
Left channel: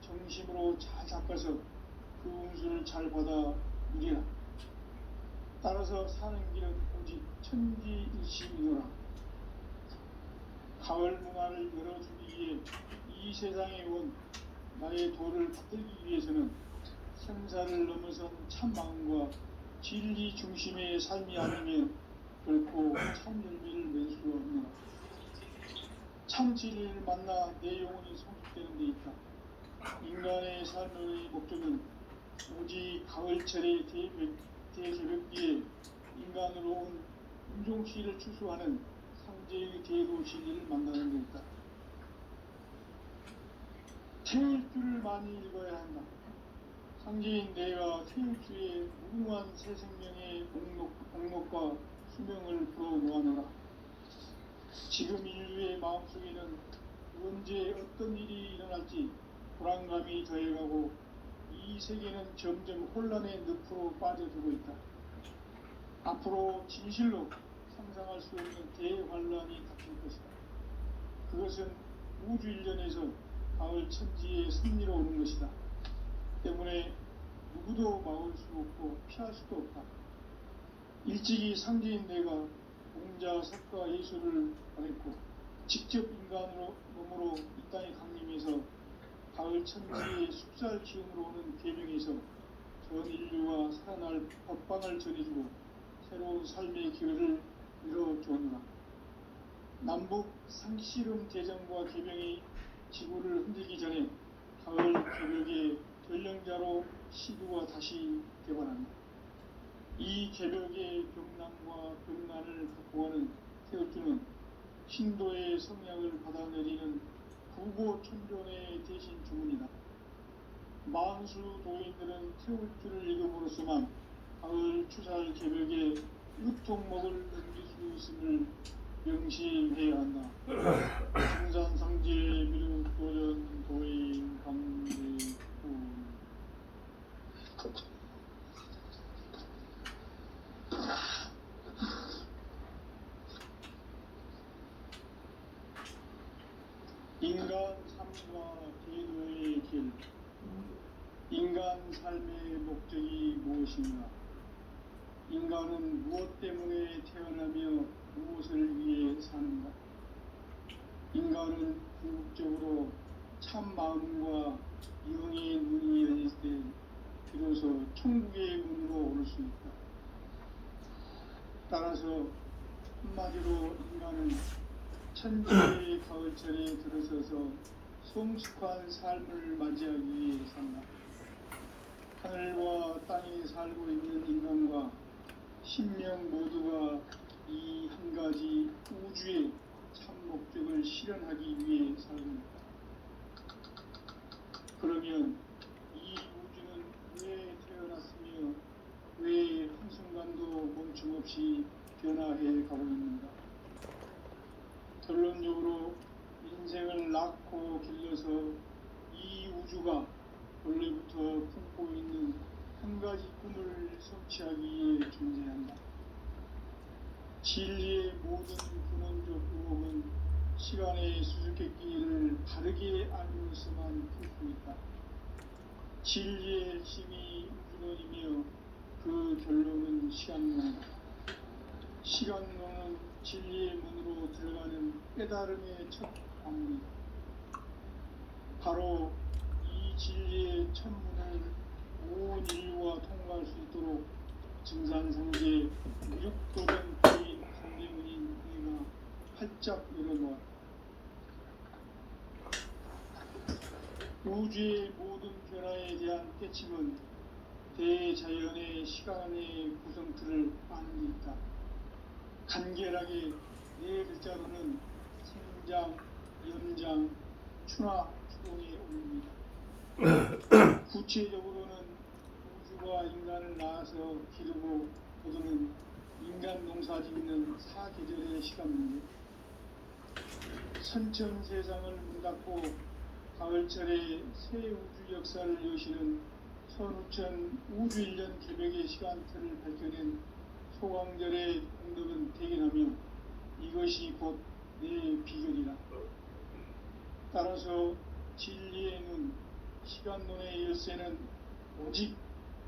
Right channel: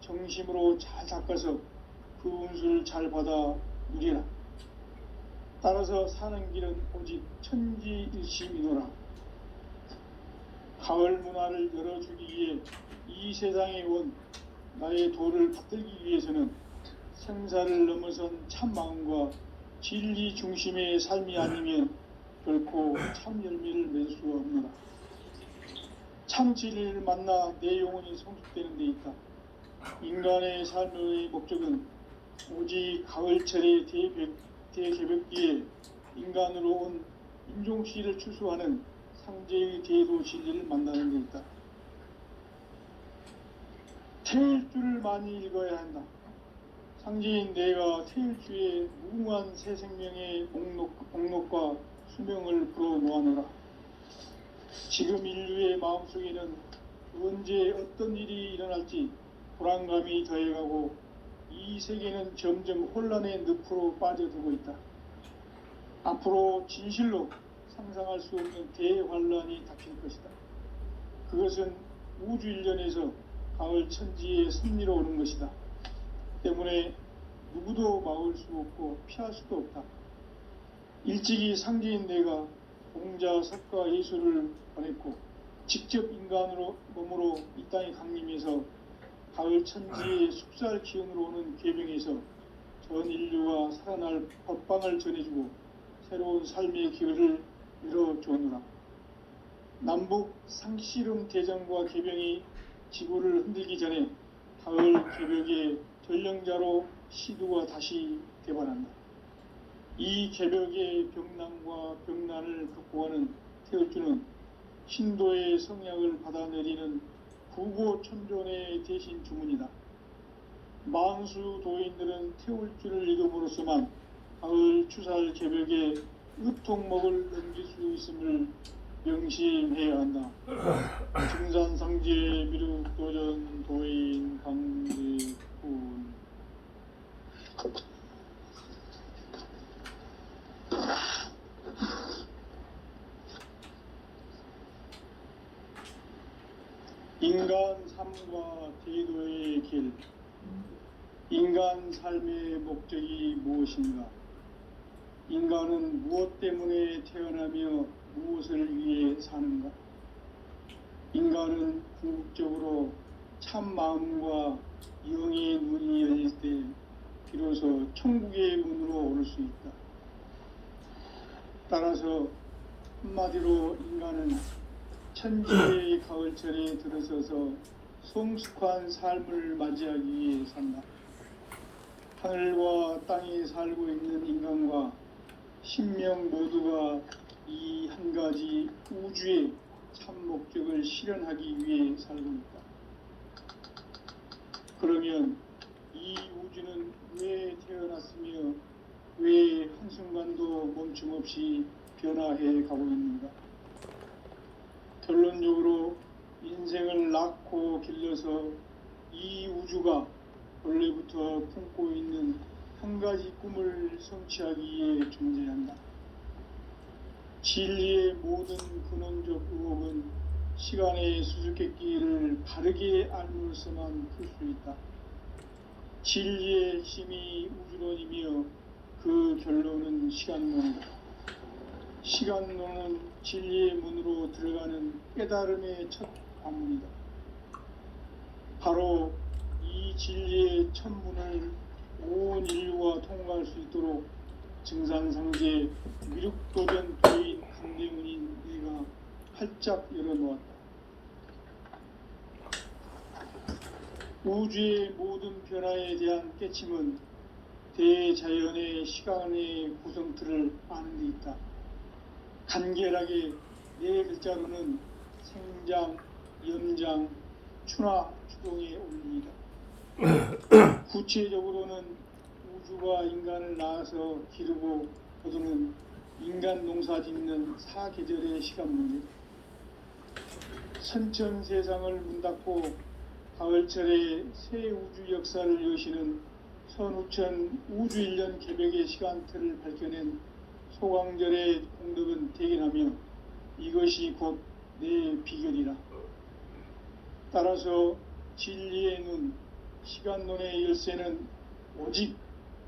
정심으로 잘 닦아서 그 운수를 잘 받아 누리라. 따라서 사는 길은 오직 천지일심이노라. 가을 문화를 열어주기 위해 이 세상에 온 나의 도를 받들기 위해서는 생사를 넘어선 참 마음과 진리 중심의 삶이 아니면 결코 참 열매를 낼 수 없노라. 참 진리를 만나 내 영혼이 성숙되는 데 있다. 인간의 삶의 목적은 오직 가을철의 대개벽기에 인간으로 온 인종시를 추수하는 상제의 대도 진리를 만나는 데 있다. 태일주를 많이 읽어야 한다. 상제인 내가 태일주의 무궁한 새 생명의 목록과 수명을 불어 모아노라. 지금 인류의 마음속에는 언제 어떤 일이 일어날지 불안감이 더해가고 이 세계는 점점 혼란의 늪으로 빠져들고 있다. 앞으로 진실로 상상할 수 없는 대환란이 닥칠 것이다. 그것은 우주 일련에서 가을 천지의 섭리로 오는 것이다. 때문에 누구도 막을 수 없고 피할 수도 없다. 일찍이 상제인 내가 공자, 석가, 예수를 보냈고 직접 인간으로 몸으로 이 땅에 강림해서 가을 천지의 숙살 기운으로 오는 계명에서 전 인류가 살아날 법방을 전해주고 새로운 삶의 기회를 열어주노라. 남북 상씨름 대전과 개병이 지구를 흔들기 전에 가을 개벽의 전령자로 시두가 다시 개발한다. 이 개벽의 병난과 병난을 극복하는 태울주는 신도의 성향을 받아내리는 구고천존의 대신 주문이다. 만수 도인들은 태울주를 읽음으로써만 가을 추살 개벽에 으통목을 넘길 수 있음을 명심해야 한다. 중산상제 미륵도전 도인 강대훈. 인간 삶과 제도의 길. 인간 삶의 목적이 무엇인가? 인간은 무엇 때문에 태어나며 무엇을 위해 사는가? 인간은 궁극적으로 참 마음과 영의 눈이 열릴 때 비로소 천국의 문으로 오를 수 있다. 따라서 한마디로 인간은 천지의 가을철에 들어서서 성숙한 삶을 맞이하기 위해 산다. 하늘과 땅에 살고 있는 인간과 신명 모두가 이 한 가지 우주의 참 목적을 실현하기 위해 살고 있다. 그러면 이 우주는 왜 태어났으며 왜 한순간도 멈춤없이 변화해 가고 있는가? 결론적으로 인생을 낳고 길러서 이 우주가 원래부터 품고 있는 한 가지 꿈을 성취하기 위해 존재한다. 진리의 모든 근원적 의혹은 시간의 수수께끼를 바르게 알면서만 풀 수 있다. 진리의 힘이 우주론이며 그 결론은 시간론이다. 시간론은 진리의 문으로 들어가는 깨달음의 첫 관문이다. 바로 이 진리의 첫 문을 온 인류가 통과할 수 있도록 증산상제 미륵도전 도인 강대문인 내가 활짝 열어놓았다. 우주의 모든 변화에 대한 깨침은 대자연의 시간의 구성틀을 아는 데 있다. 간결하게 네 글자로는 생장, 연장, 추나 추동의 원리이다. 구체적으로는 우주가 인간을 낳아서 기르고 거두는 인간 농사 짓는 사계절의 시간 문제, 선천 세상을 문 닫고 가을철에 새 우주 역사를 여시는 선우천 우주 1년 개벽의 시간틀을 밝혀낸 소강절의 공덕은 대견하며 이것이 곧 내 비결이라. 따라서 진리의 눈, 시간론의 열쇠는 오직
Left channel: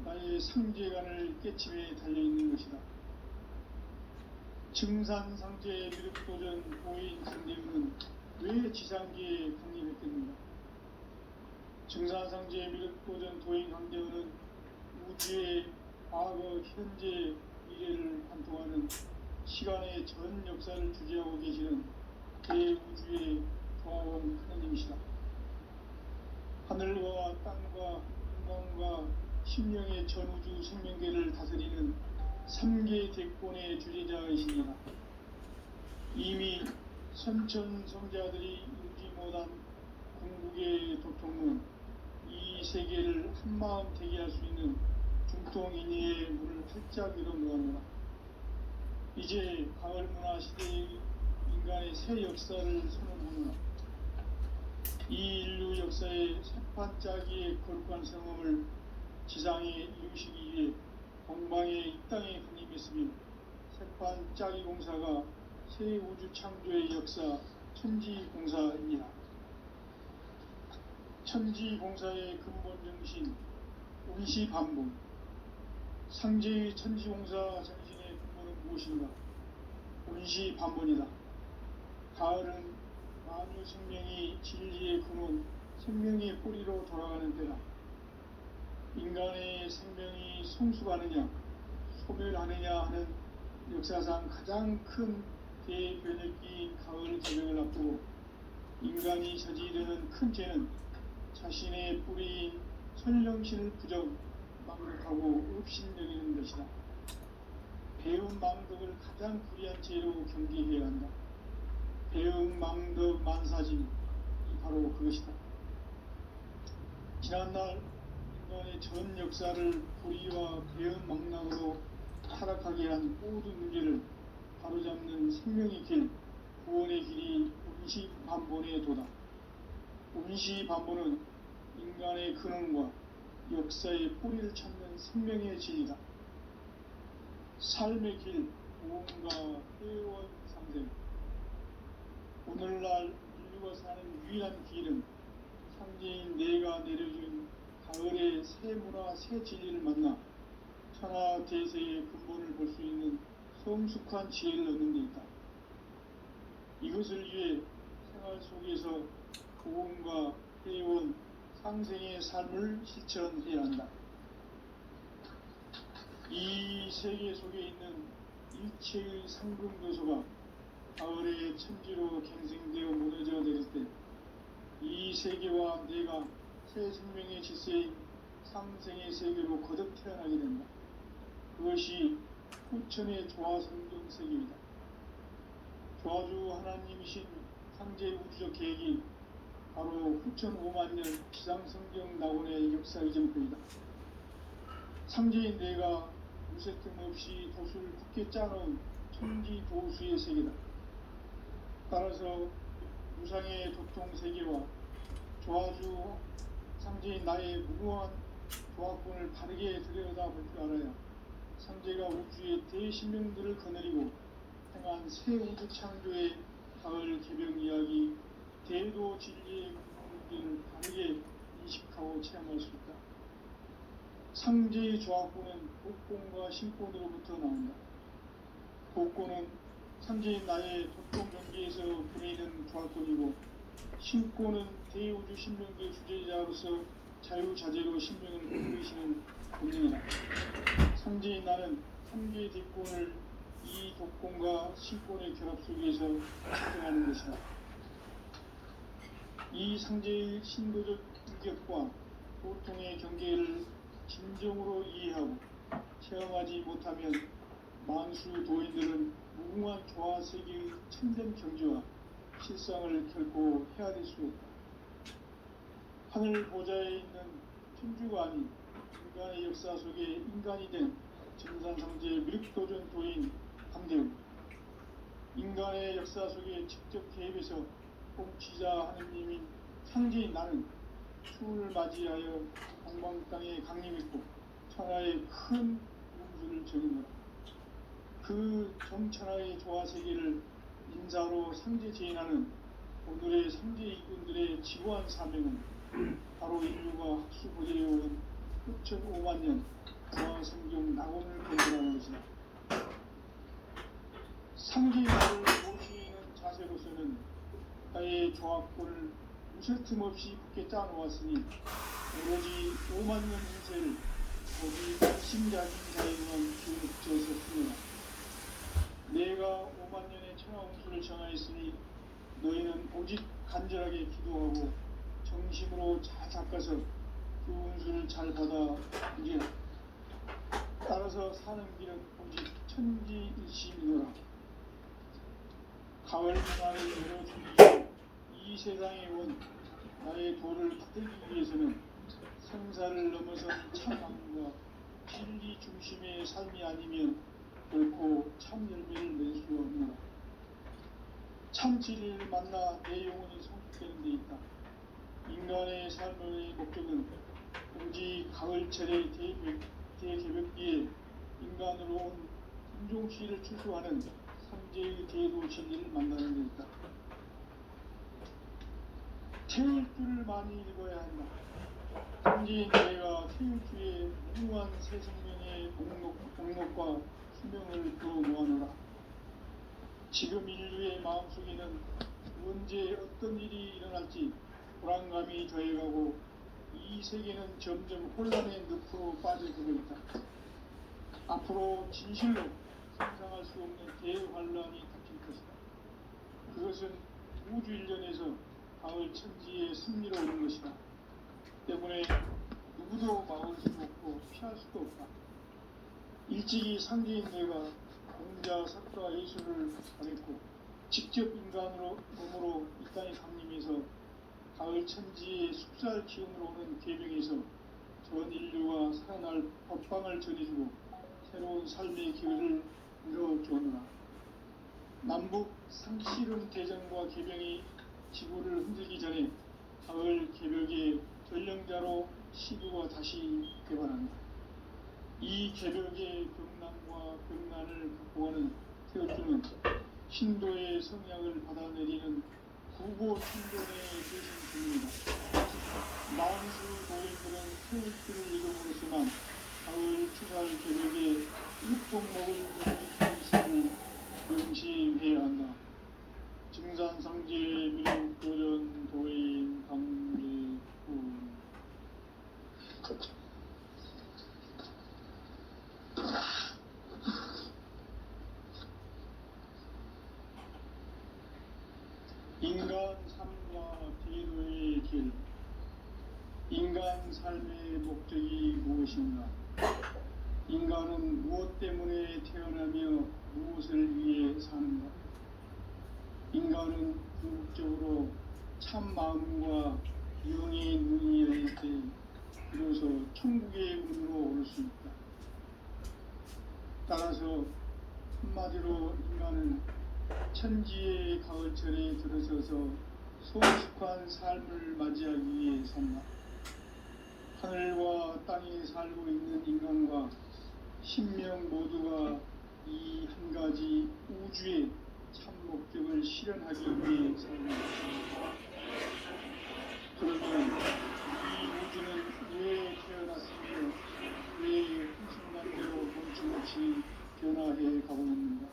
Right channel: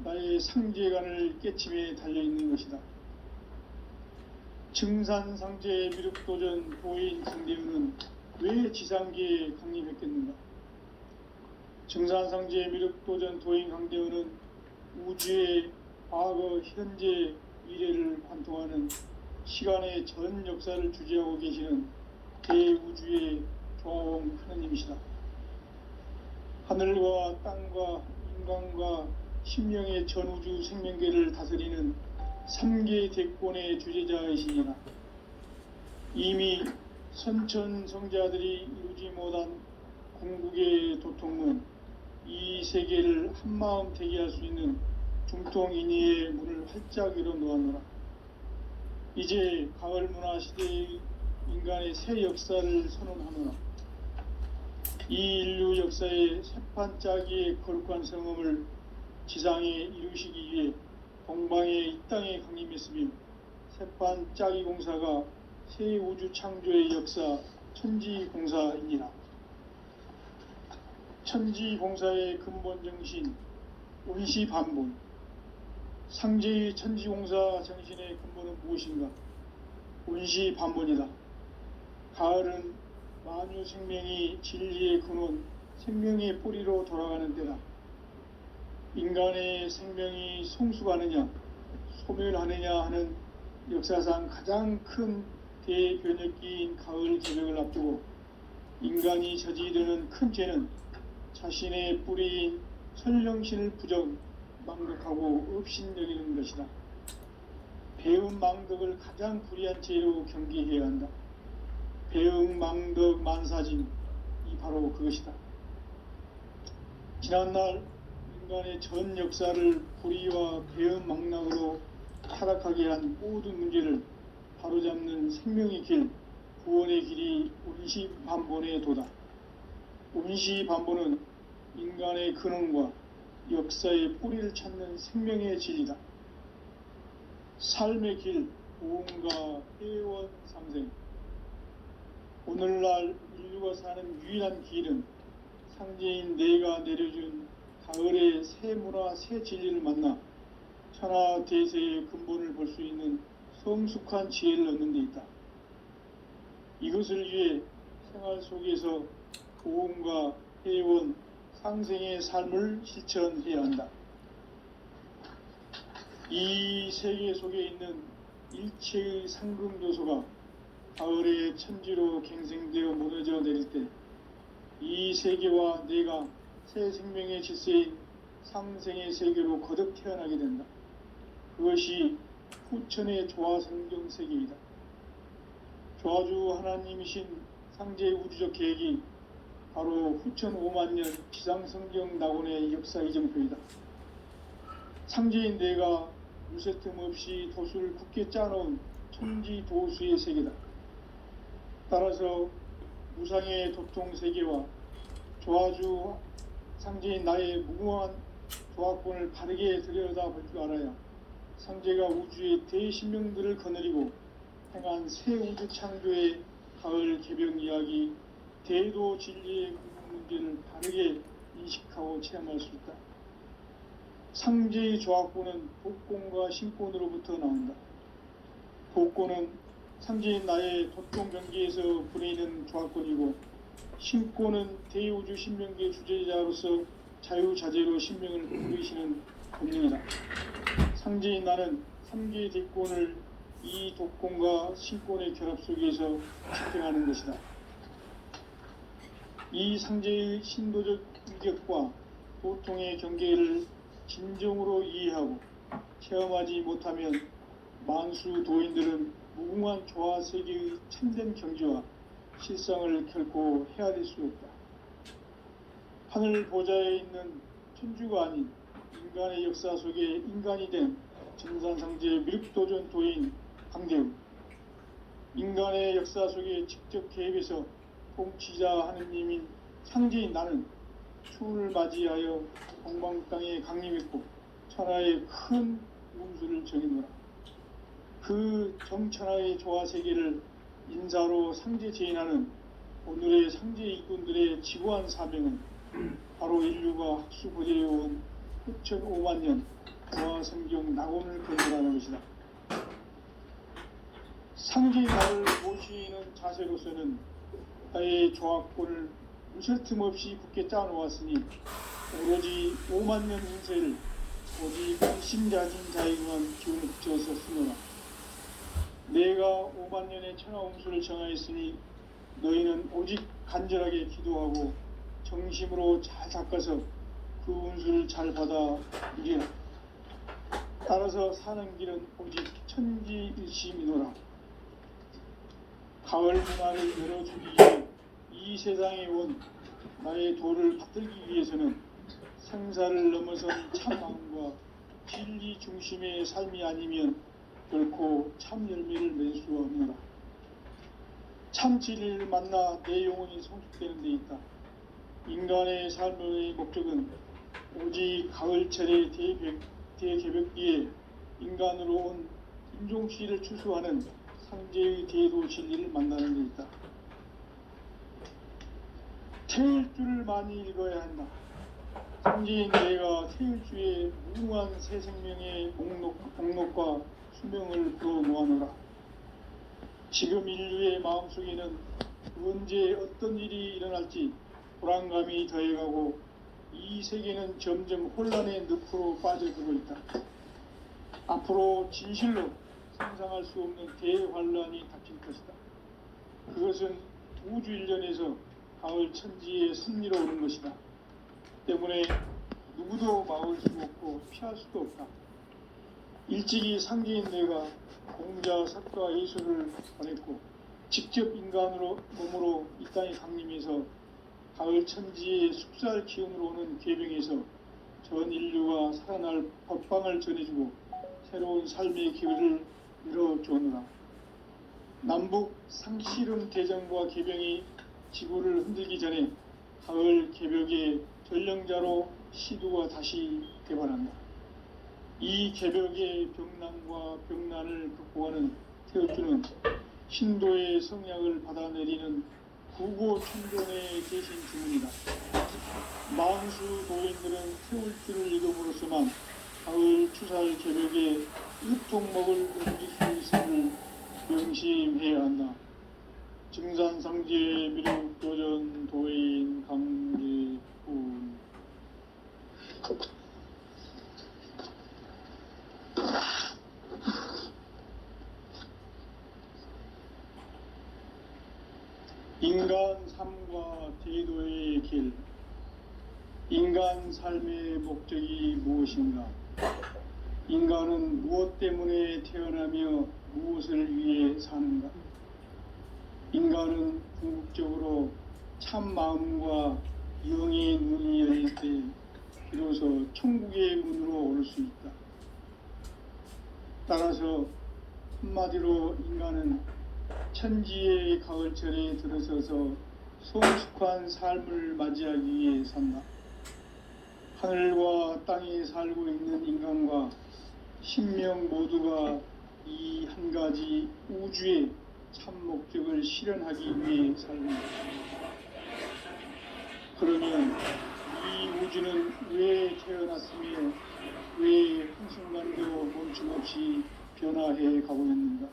나의 상제관을 깨침에 달려있는 것이다. 증산상제 미륵도전 도인 강대훈은 왜 지상계에 강림했겠는가? 증산상제 미륵도전 도인 강대훈은 우주의 과거, 현재, 미래를 관통하는 시간의 전 역사를 주재하고 계시는 대우주의 조화원 하나님이시다. 하늘과 땅과 인간과 심령의 전우주 생명계를 다스리는 3계 대권의 주재자이시니라. 이미 선천성자들이 이루지 못한 궁극의 도통문, 이 세계를 한마음 되게 할 수 있는 중통인의의 문을 활짝 열어놓았노라. 이제 가을문화 시대의 인간의 새 역사를 선언하노라. 이 인류 역사의 새판짜기의 거룩한 성음을 지상에 이루시기 위해 동방의 이 땅에 강림했으며 새판짜기 공사가 새 우주 창조의 역사 천지공사이니라. 천지공사의 근본 정신 운시반본, 상제의 천지공사 정신의 근본은 무엇인가? 운시반본이다. 가을은 만유 생명이 진리의 근원, 생명의 뿌리로 돌아가는 때다. 인간의 생명이 성숙하느냐, 소멸하느냐 하는 역사상 가장 큰 대변혁기인 가을 개벽을 앞두고 인간이 저지르는 큰 죄는 자신의 뿌리인 선령신을 부정, 망덕하고 업신여기는 것이다. 배움 망덕을 가장 불의한 죄로 경계해야 한다. 배움 망덕 만사진이 바로 그것이다. 지난날 인간의 전 역사를 불의와 배움 망락으로 타락하게 한 모든 문제를 바로잡는 생명의 길, 구원의 길이 운시반본의 도다. 운시반본은 인간의 근원과 역사의 뿌리를 찾는 생명의 진리다. 삶의 길, 보험과 회원 상생. 오늘날 인류가 사는 유일한 길은 상제인 내가 내려준 가을의 새 문화, 새 진리를 만나 천하 대세의 근본을 볼 수 있는 성숙한 지혜를 얻는 데 있다. 이것을 위해 생활 속에서 보험과 회원, 상생의 삶을 실천해야 한다. 이 세계 속에 있는 일체의 상금교소가 가을의 천지로 갱생되어 무너져 내릴 때 이 세계와 내가 새 생명의 질서인 상생의 세계로 거듭 태어나게 된다. 그것이 후천의 조화성경 세계이다. 조화주 하나님이신 상제의 우주적 계획이 바로 후천 5만년 지상성경 낙원의 역사 이정표이다. 상제인 내가 무쇠틈 없이 도수를 굳게 짜놓은 천지도수의 세계다. 따라서 무상의 도통 세계와 조화주 상제인 나의 무궁한 조화권을 바르게 들여다볼 줄 알아야 상제가 우주의 대신명들을 거느리고 행한 새 우주 창조의 가을 개벽 이야기, 대도 진리의 문제를 바르게 인식하고 체험할 수 있다. 상제의 조합구는 복권과 신권으로부터 나온다. 복권은 상제인 나의 도통 경계에서 부리는 조합권이고, 신권은 대우주 신명기의 주제자로서 자유자재로 신명을 부리시는 본능이다. 상제인 나는 3개의 대권을 이 독권과 신권의 결합 속에서 집행하는 것이다. 이 상제의 신도적 인격과 도통의 경계를 진정으로 이해하고 체험하지 못하면 만수 도인들은 무궁한 조화 세계의 참된 경지와 실상을 결코 헤아릴 수 없다. 하늘 보좌에 있는 천주가 아닌 인간의 역사 속에 인간이 된 정산상제 미륵도전 도인 강대우, 인간의 역사 속에 직접 개입해서 통치자 하느님인 상제인 나는 추운을 맞이하여 동방 땅에 강림했고 천하의 큰 운수를 정했노라. 그 정천하의 조화세계를 인사로 상제 제인하는 오늘의 상제 일꾼들의 지구한 사명은 바로 인류가 학수고대해온 흑천 5만 년 조화성경 낙원을 건설하는 것이다. 상제의 나를 모시는 자세로서는 나의 조합권을 무술 틈 없이 굳게 짜놓았으니 오로지 5만 년 운세를 오직 관심자진 자에게만 기운을 붙여서 쓰노라. 내가 5만 년의 천하 운수를 정하였으니 너희는 오직 간절하게 기도하고 정심으로 잘 닦아서 그 운수를 잘 받아 누리라. 따라서 사는 길은 오직 천지일심이노라. 가을 문화를 열어주기 위해 이 세상에 온 나의 도를 받들기 위해서는 생사를 넘어선 참마음과 진리 중심의 삶이 아니면 결코 참 열매를 낼 수 없노라. 참 진리를 만나 내 영혼이 성숙되는 데 있다. 인간의 삶의 목적은 오직 가을철의 대개벽기에 인간으로 온 인종시를 추수하는 상제의 대도 진리를 만나는 데 있다. 태울 줄을 많이 읽어야 한다. 상제인 내가 태울 주의 무궁한 새 생명의 목록과 수명을 풀어 놓아노라. 지금 인류의 마음속에는 언제 어떤 일이 일어날지 불안감이 더해가고 이 세계는 점점 혼란의 늪으로 빠져들고 있다. 앞으로 진실로 상상할 수 없는 대환란이 닥칠 것이다. 그것은 우주 일련에서 가을 천지의 승리로 오는 것이다. 때문에 누구도 막을 수 없고 피할 수도 없다. 일찍이 상제인 내가 공자, 석가, 예수를 보냈고 직접 인간으로 몸으로 이 땅에 강림해서 가을 천지의 숲살 기운으로 오는 계병에서 전 인류가 살아날 법방을 전해주고 새로운 삶의 기회를 열어주느라. 남북 상실은 대전과 계병이 지구를 흔들기 전에 가을 개벽의 전령자로 시두가 다시 개발한다. 이 개벽의 병난과 병난을 극복하는 태울주는 신도의 성향을 받아내리는 구고 천존의 대신 주문이다. 만수 도인들은 태울주를 읽음으로써만 가을 추살 개벽의 육통목을 옮길 수 있음을 명심해야 한다. 증산상제 미륵도전 도인 강제군. 인간 삶과 제도의 길. 인간 삶의 목적이 무엇인가? 인간은 무엇 때문에 태어나며 무엇을 위해 사는가? 인간은 궁극적으로 참 마음과 영의 눈이 열릴 때 비로소 천국의 문으로 올 수 있다. 따라서 한마디로 인간은 천지의 가을철에 들어서서 성숙한 삶을 맞이하기 위해 산다. 하늘과 땅에 살고 있는 인간과 신명 모두가 이 한 가지 우주의 참 목적을 실현하기 위해 살고 있다. 그러면 이 이 우주는 왜 태어났으며 왜 한순간도 멈춤없이 변화해 가고 있는가?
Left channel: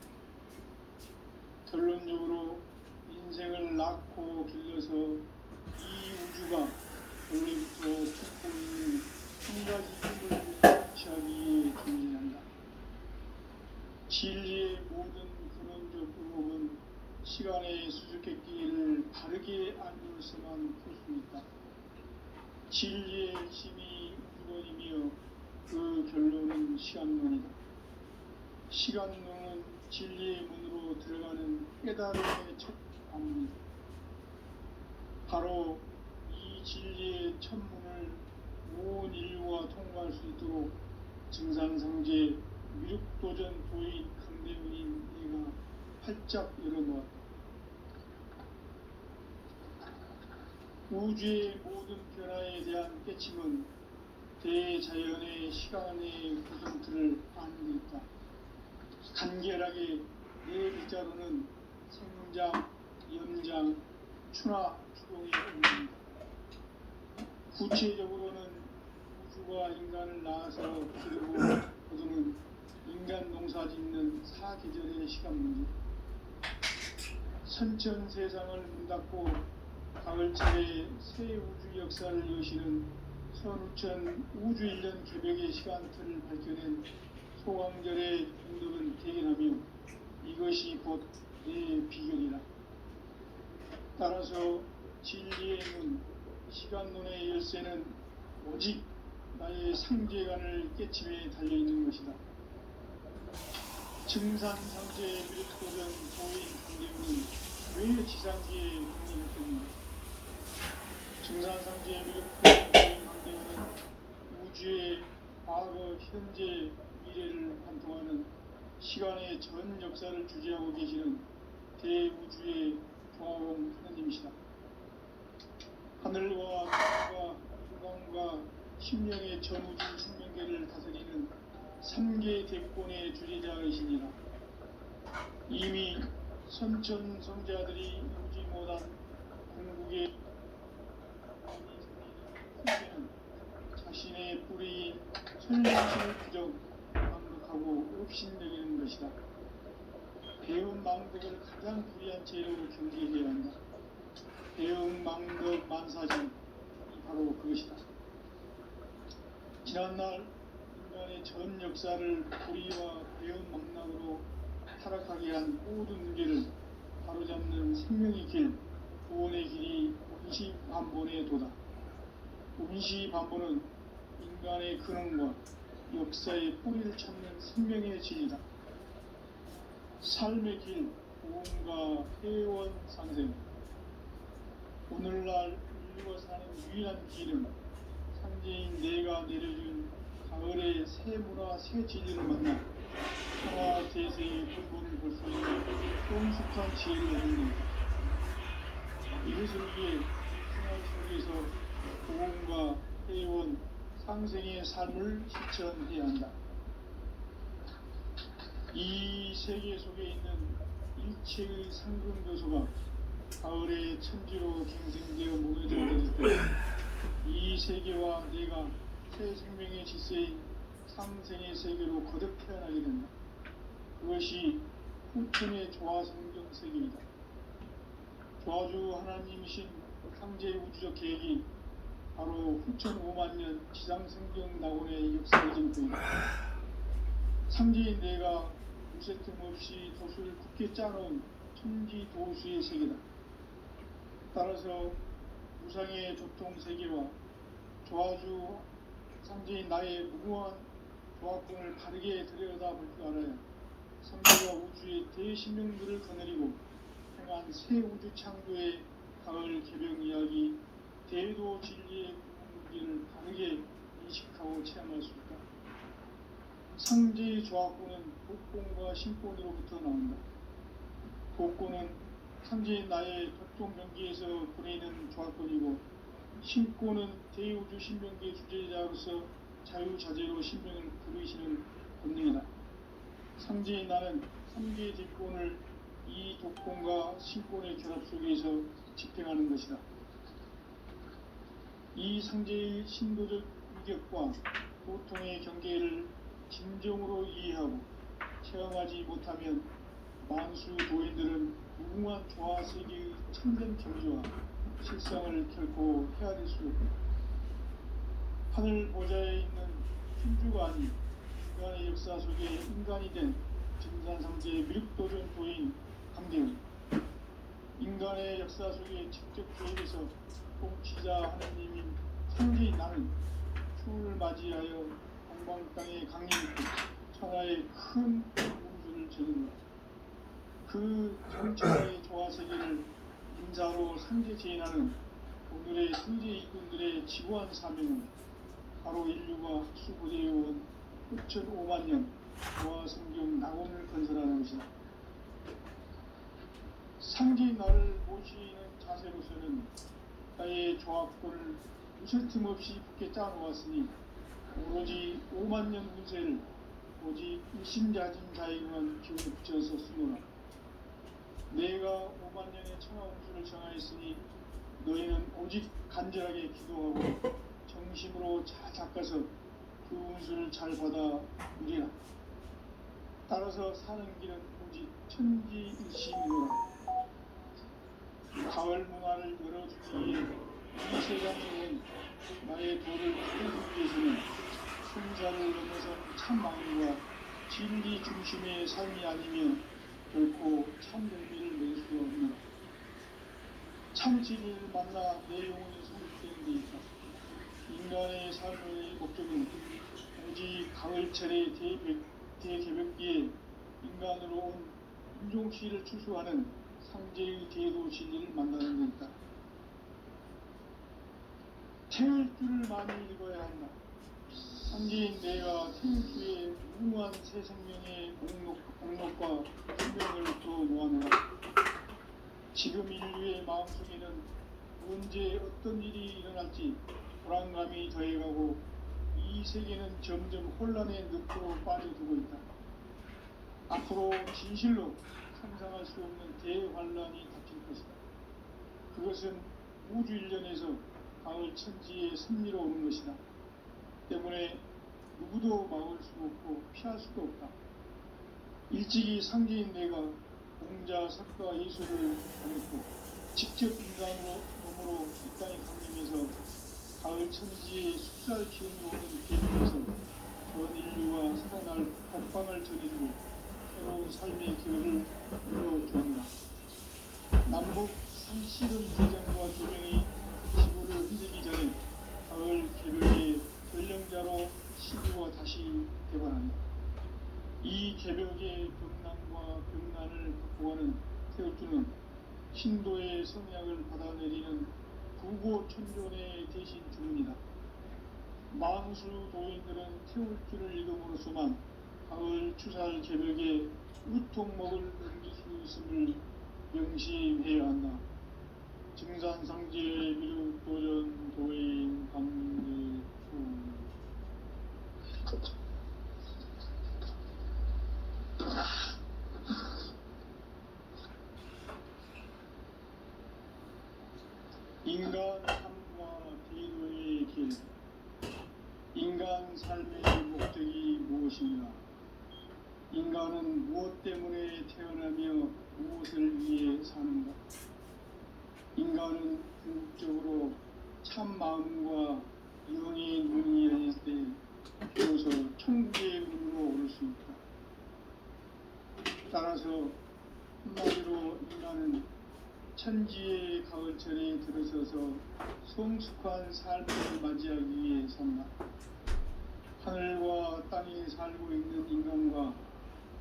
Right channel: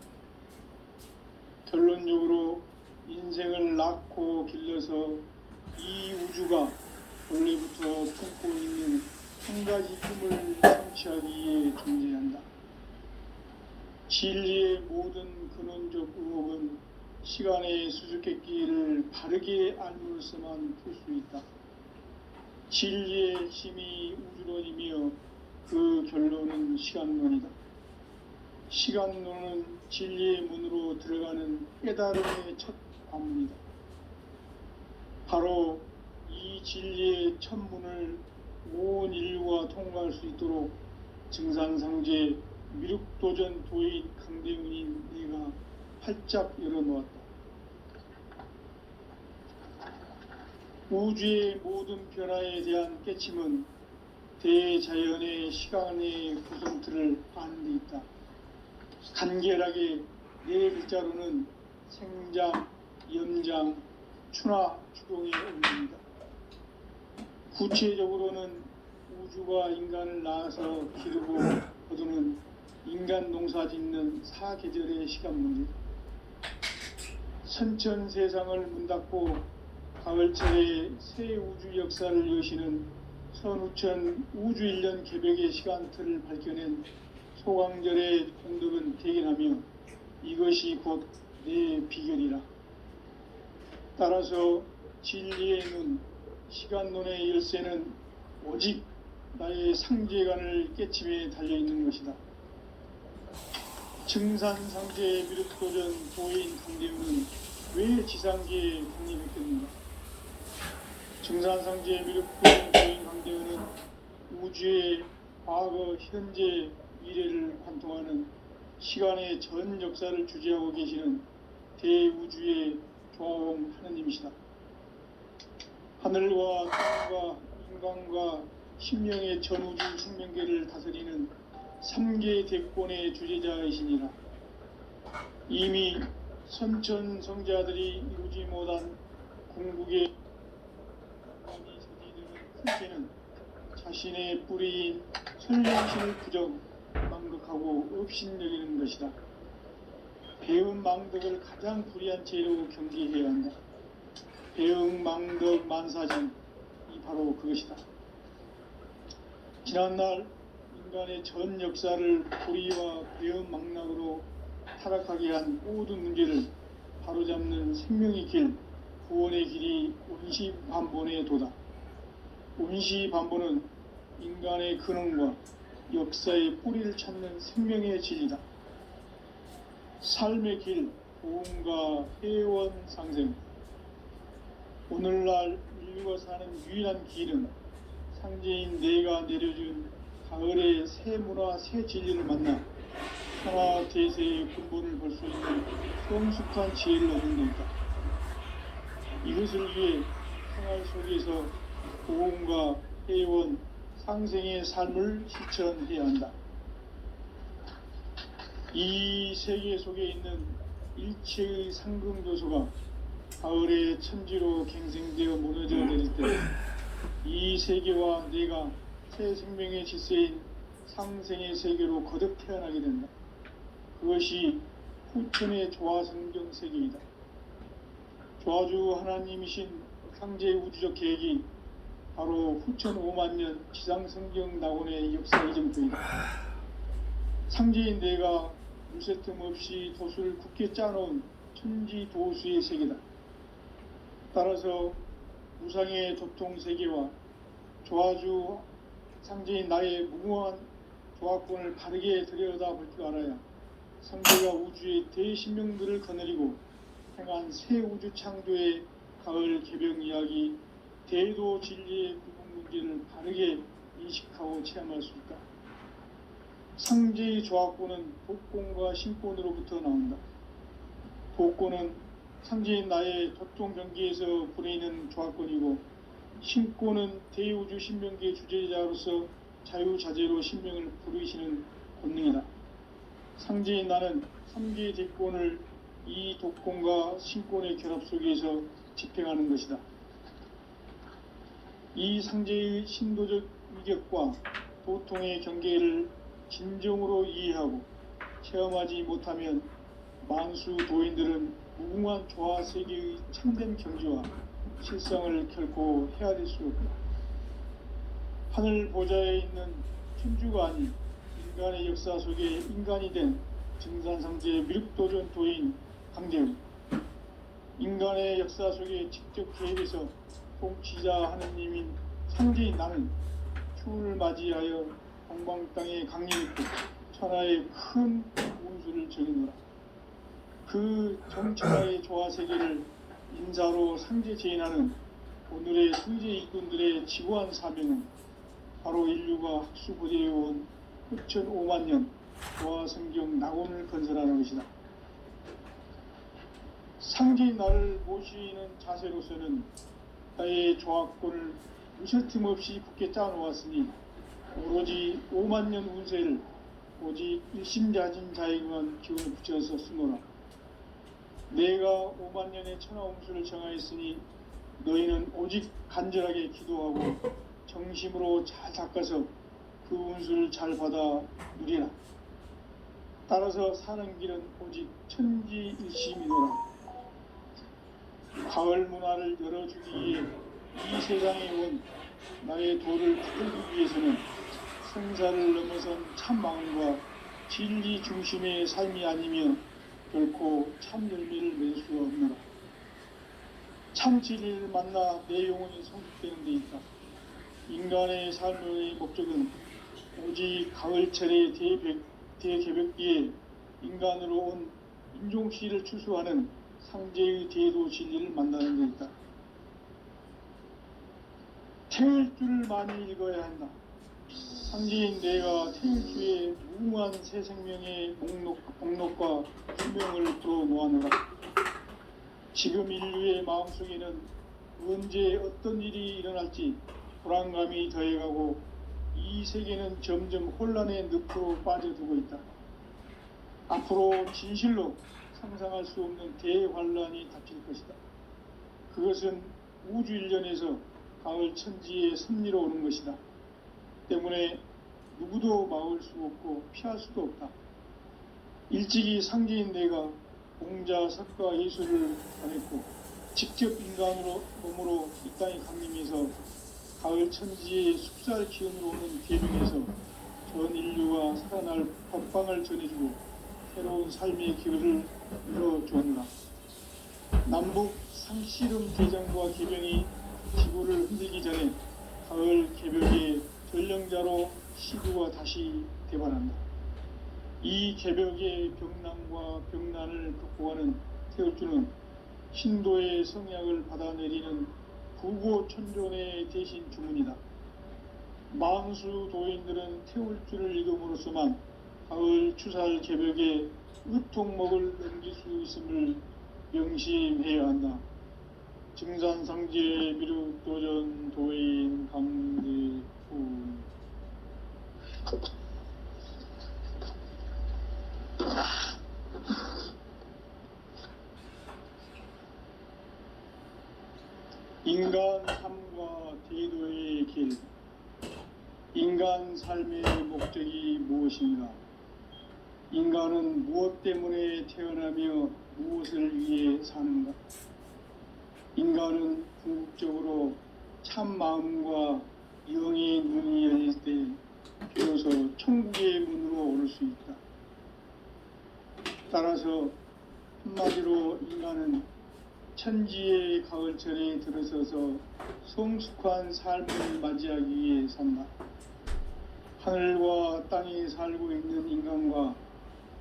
결론적으로 인생을 낳고 길러서 이 우주가 원래부터 품고 있는 한 가지 꿈을 성취하기 위해 존재한다. 진리의 모든 근원적 의혹은 시간의 수수께끼를 바르게 알므로서만 풀 수 있다. 진리의 핵심이 우주론이며 그 결론은 시간론이다. 시간론은 진리의 문으로 들어가는 깨달음의 첫 관문이다. 바로 이 진리의 첫 문을 온 인류가 통과할 수 있도록 증산상제 미륵도전 도인 강대훈인 네가 활짝 열어놓았다. 우주의 모든 변화에 대한 깨침은 대자연의 시간의 구성틀을 아는 데 있다. 간결하게 네 글자로는 생장, 염장, 추나 추동의 의미입니다. 구체적으로는 우주가 인간을 낳아서 기르고 거두는 인간 농사 짓는 사계절의 시간 문제, 선천 세상을 문 닫고 가을철에 새 우주 역사를 여시는 선우천 우주 1년 개벽의 시간틀을 밝혀낸 소강절의 공덕은 대견하며 이것이 곧 내 비결이라. 따라서 진리의 문, 시간론의 열쇠는 오직 나의 상제관을 깨침에 달려있는 것이다. 증산상제의 미륵도전 도인 강대훈은 왜 지상계에 국립했겠는가? 증산상제의 미륵도전 도인 강대훈은 우주의 과거, 현재, 미래를 관통하는 시간의 전 역사를 주재하고 계시는 대우주의 조화원 하느님이시다. 하늘과 땅과 인간과 신명의 전우주 생명계를 다스리는 3개 대권의 주제자이시니라. 이미 선천성자들이 이루지 못한 궁극의 훈계는 자신의 뿌리인 선량심을 부정 망덕하고 업신여기는 것이다. 배운 망덕을 가장 불의한 죄로 경계해야 한다. 배응 망덕 만사전이 바로 그것이다. 지난날 인간의 전 역사를 불의와 배응 망락으로 타락하게 한 모든 문제를 바로잡는 생명의 길, 구원의 길이 온시반본의 도다. 온시반본은 인간의 근원과 역사의 뿌리를 찾는 생명의 진리다. 삶의 길, 고음과 회원 상생. 오늘날 인류가 사는 유일한 길은 상제인 내가 내려준 가을의 새 문화, 새 진리를 만나 천하 대세의 근본을 볼 수 있는 성숙한 지혜를 얻는 것이다. 이것을 위해 생활 속에서 고음과 회원, 상생의 삶을 실천해야 한다. 이 세계 속에 있는 일체의 상금교수가 가을의 천지로 갱생되어 무너져 내릴 때 이 세계와 내가 새 생명의 질서인 상생의 세계로 거듭 태어나게 된다. 그것이 후천의 조화성경 세계이다. 조화주 하나님이신 상제 우주적 계획이 바로 후천 5만년 지상성경 낙원의 역사의 전부이다. 상제인 내가 무쇠틈 없이 도수를 굳게 짜놓은 천지도수의 세계다. 따라서 무상의 접통세계와 조화주 상제인 나의 무궁한 조화권을 바르게 들여다볼 줄 알아야 상제가 우주의 대신명들을 거느리고 행한 새 우주 창조의 가을 개벽 이야기, 대도 진리의 구분 문제를 바르게 인식하고 체험할 수 있다. 상제의 조화권은 독권과 신권으로부터 나온다. 독권은 상제인 나의 접종 경계에서 보내는 조화권이고, 신권은 대우주 신명계 주제자로서 자유자재로 신명을 부르시는 본능이다. 상제인 나는 3개의 대권을 이 독권과 신권의 결합 속에서 집행하는 것이다. 이 상제의 신도적 위격과 도통의 경계를 진정으로 이해하고 체험하지 못하면 만수 도인들은 무궁한 조화세계의 참된 경지와 실상을 결코 헤아릴 수 없다. 하늘 보좌에 있는 천주가 아닌 인간의 역사 속에 인간이 된 증산상제 미륵도전 도인 강대훈, 인간의 역사 속에 직접 개입해서 통치자 하느님인 상제인 나는 추운을 맞이하여 동방 땅에 강림했고 천하의 큰 운수를 정의노라. 그 정천하의 조화세계를 인사로 상제 제인하는 오늘의 승제 일꾼들의 지고한 사명은 바로 인류가 학수고대해온 9,500만 년 조화성경 낙원을 건설하는 것이다. 상제인 나를 모시는 자세로서는 나의 조화권을 무설틈 없이 굳게 짜놓았으니 오로지 5만 년 운세를 오직 일심자진 자에게만 기운을 붙여서 쓰노라. 내가 5만 년의 천하 운수를 정하였으니 너희는 오직 간절하게 기도하고 정심으로 잘 닦아서 그 운수를 잘 받아 누리라. 따라서 사는 길은 오직 천지일심이노라. 가을 문화를 열어주기 위해 이 세상에 온 나의 도를 붙들기 위해서는 생사를 넘어선 참 마음과 진리 중심의 삶이 아니면 결코 참 열매를 맺을 수 없노라. 참 진리를 만나 내 영혼이 성숙되는 데 있다. 인간의 삶의 목적은 오직 가을철의 대개벽기에 인간으로 온 인종씨를 추수하는 상제의 대도 진리를 만나는 데 있다. 태울 줄을 많이 읽어야 한다. 상제인 내가 태울 주의 무궁한 새 생명의 목록과 수명을 풀어놓아노라. 지금 인류의 마음속에는 언제 어떤 일이 일어날지 불안감이 더해가고 이 세계는 점점 혼란의 늪으로 빠져들고 있다. 앞으로 진실로 상상할 수 없는 대환란이 닥칠 것이다. 그것은 우주 일련에서 가을 천지의 섭리로 오는 것이다. 때문에 누구도 막을 수 없고 피할 수도 없다. 일찍이 상제인 내가 공자, 석가, 예수를 전했고 직접 인간으로 몸으로 이 땅에 강림해서 가을 천지의 숲살 기운으로 오는 계명에서 전 인류가 살아날 법방을 전해주고 새로운 삶의 기회를 열어주었노라. 남북 상씨름 개정과 개병이 지구를 흔들기 전에 가을 개벽의 전령자로 시구가 다시 개발한다. 이 개벽의 병난과 병난을 극복하는 태울주는 신도의 성약을 받아내리는 부고천존의 대신 주문이다. 만수 도인들은 태울주를 읽음으로써만 가을 추살 개벽에 의통목을 넘길 수 있음을 명심해야 한다. 증산상제 미륵도전 도인 강대훈. 인간 삶과 대도의 길. 인간 삶의 목적이 무엇인가? 인간은 무엇 때문에 태어나며 무엇을 위해 사는가? 인간은 궁극적으로 참 마음과 영의 눈이 열릴 때 비로소 천국의 문으로 오를 수 있다. 따라서 한마디로 인간은 천지의 가을철에 들어서서 성숙한 삶을 맞이하기 위해 산다. 하늘과 땅에 살고 있는 인간과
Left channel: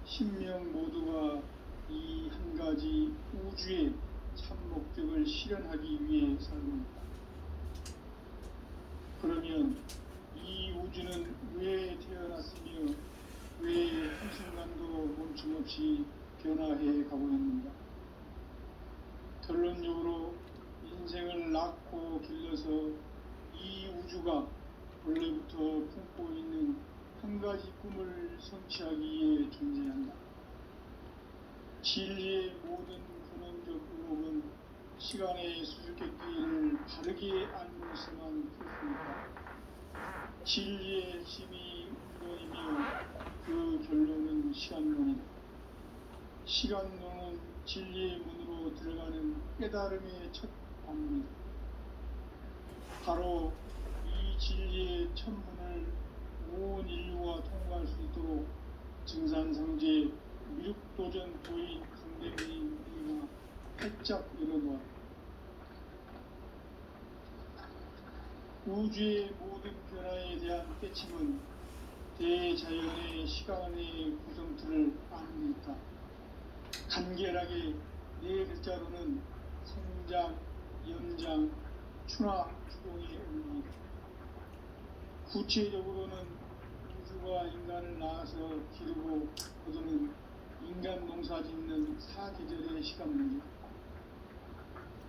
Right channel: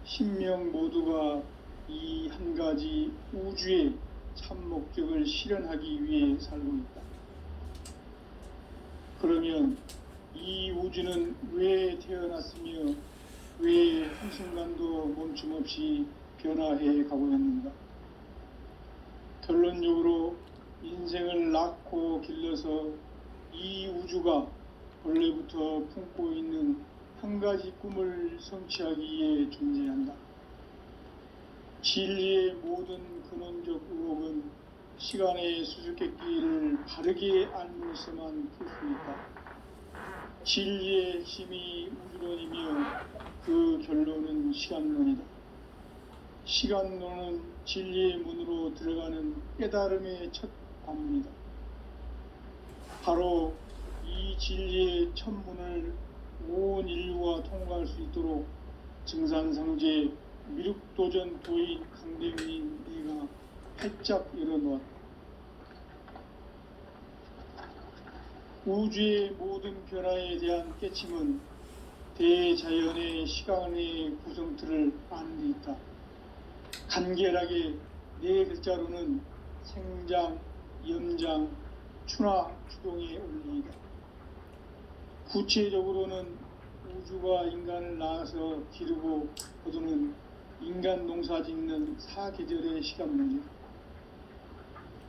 신명 모두가 이 한 가지 우주의 참 목적을 실현하기 위해 살고 있다. 그러면 이 우주는 왜 태어났으며 왜 한순간도 멈춤없이 변화해 가고 있는가? 결론적으로 인생을 낳고 길러서 이 우주가 원래부터 품고 있는 한 가지 꿈을 성취하기 위해 존재한다. 진리의 모든 근원적 의혹은 시간의 수수께끼를 바르게 알므로서만 풀습니까? 진리의 핵심이 우주론이며 그 결론은 시간론이다. 시간론은 진리의 문으로 들어가는 깨달음의 첫 관문이다. 바로 이 진리의 첫 문을 온 인류가 통과할 수 있도록 증산상제 미륵도전 도인 강대문인 내가 활짝 열어놓았다. 우주의 모든 변화에 대한 깨침은 대자연의 시간의 구성틀을 아는 데 있다. 간결하게 네 글자로는 생장, 연장, 추나 추동의 원리이다. 구체적으로는 우주가 인간을 낳아서 기르고 거두는 인간 농사 짓는 사계절의 시간문이다.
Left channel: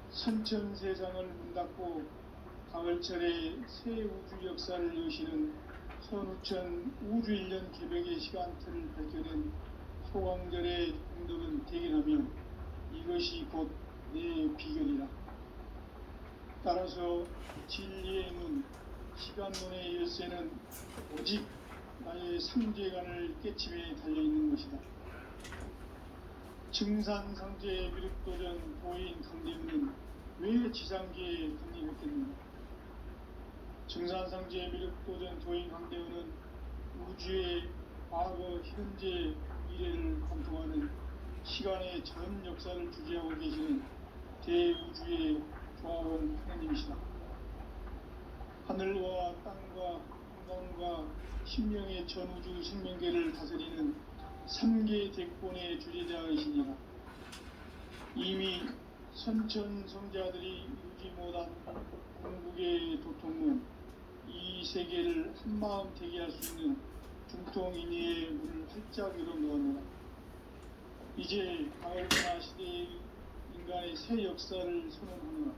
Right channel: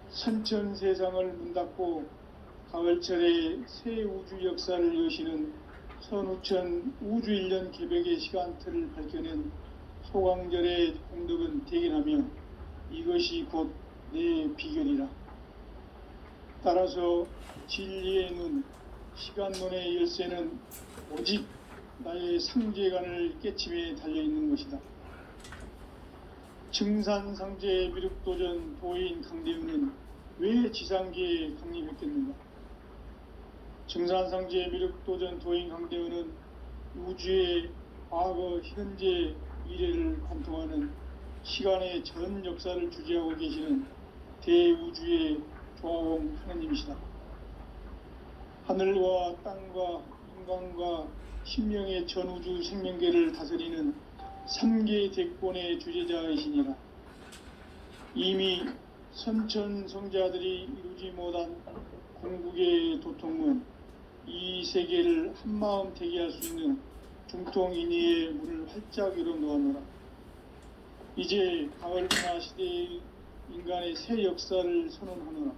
선천세상을 문닫고 가을철에 새 우주 역사를 여시는 선우천 우주일년 개벽의 시간틀을 밝혀낸 소강절의 공덕은 대견하며 이것이 곧 내 비결이라. 따라서 진리의 눈, 시간론의 열쇠는 오직 나의 상제관을 깨침에 달려있는 것이다. 증산상제 미륵도전 도인 강대문은 왜 지상계에 강림했겠는가? 증산상제 미륵도전 도인 강대문은 우주의 과거, 현재, 미래를 관통하는 시간의 전 역사를 주재하고 계시는 대우주의 조화원 하나님이시다. 하늘과 땅과 인간과 신명의 전우주 생명계를 다스리는 3계 대권의 주제자이시니라. 이미 선천성자들이 이루지 못한 궁극의 도통은 이 세계를 한마음 되게 할 수 있는 중통인의의 문을 활짝 열어놓았노라. 이제 가을 변화 시대의 인간의 새 역사를 선언하노라.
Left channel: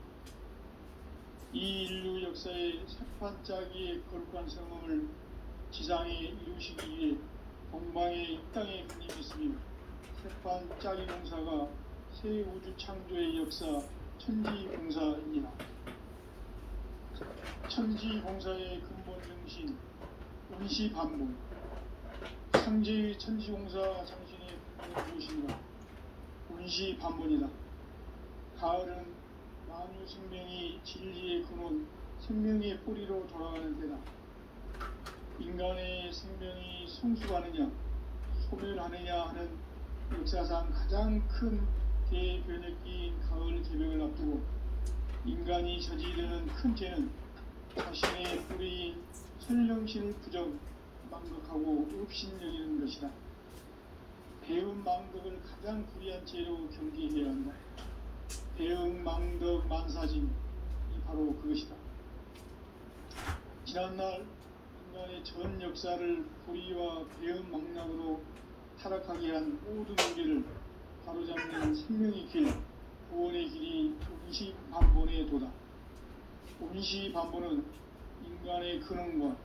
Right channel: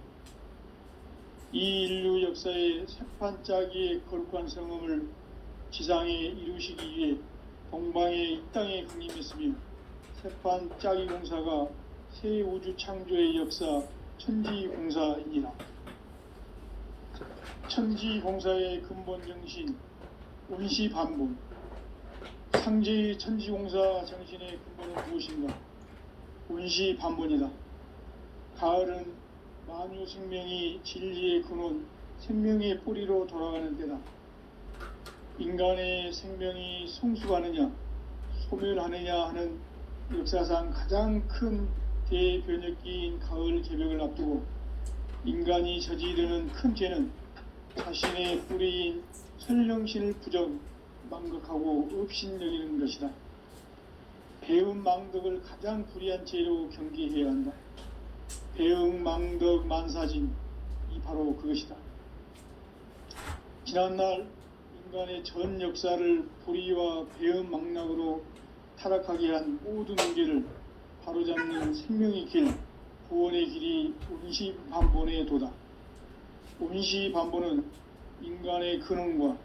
이 인류 역사의 새판짜기의 거룩한 성음을 지상에 이루시기 위해 동방의 이 땅에 강림했으며 새판짜기 공사가 새 우주 창조의 역사 천지공사이니라. 천지공사의 근본 정신 운시반본. 상제의 천지공사 정신의 근본은 무엇인가? 운시반본이다. 가을은 만유 생명이 진리의 근원, 생명의 뿌리로 돌아가는 때다. 인간의 생명이 성숙하느냐, 소멸하느냐 하는 역사상 가장 큰 대변혁기인 가을 개벽을 앞두고 인간이 저지르는 큰 죄는 자신의 뿌리인 선령신을 부정, 망극하고 업신여기는 것이다. 배운 망덕을 가장 불의한 죄로 경계해야 한다. 배응 망덕 만사진, 이 바로 그것이다. 지난날 인간의 전 역사를 불의와 배응 망락으로 타락하게 한 모든 문제를 바로잡는 생명의 길, 구원의 길이 운시반본의 도다. 운시반본은 인간의 근원과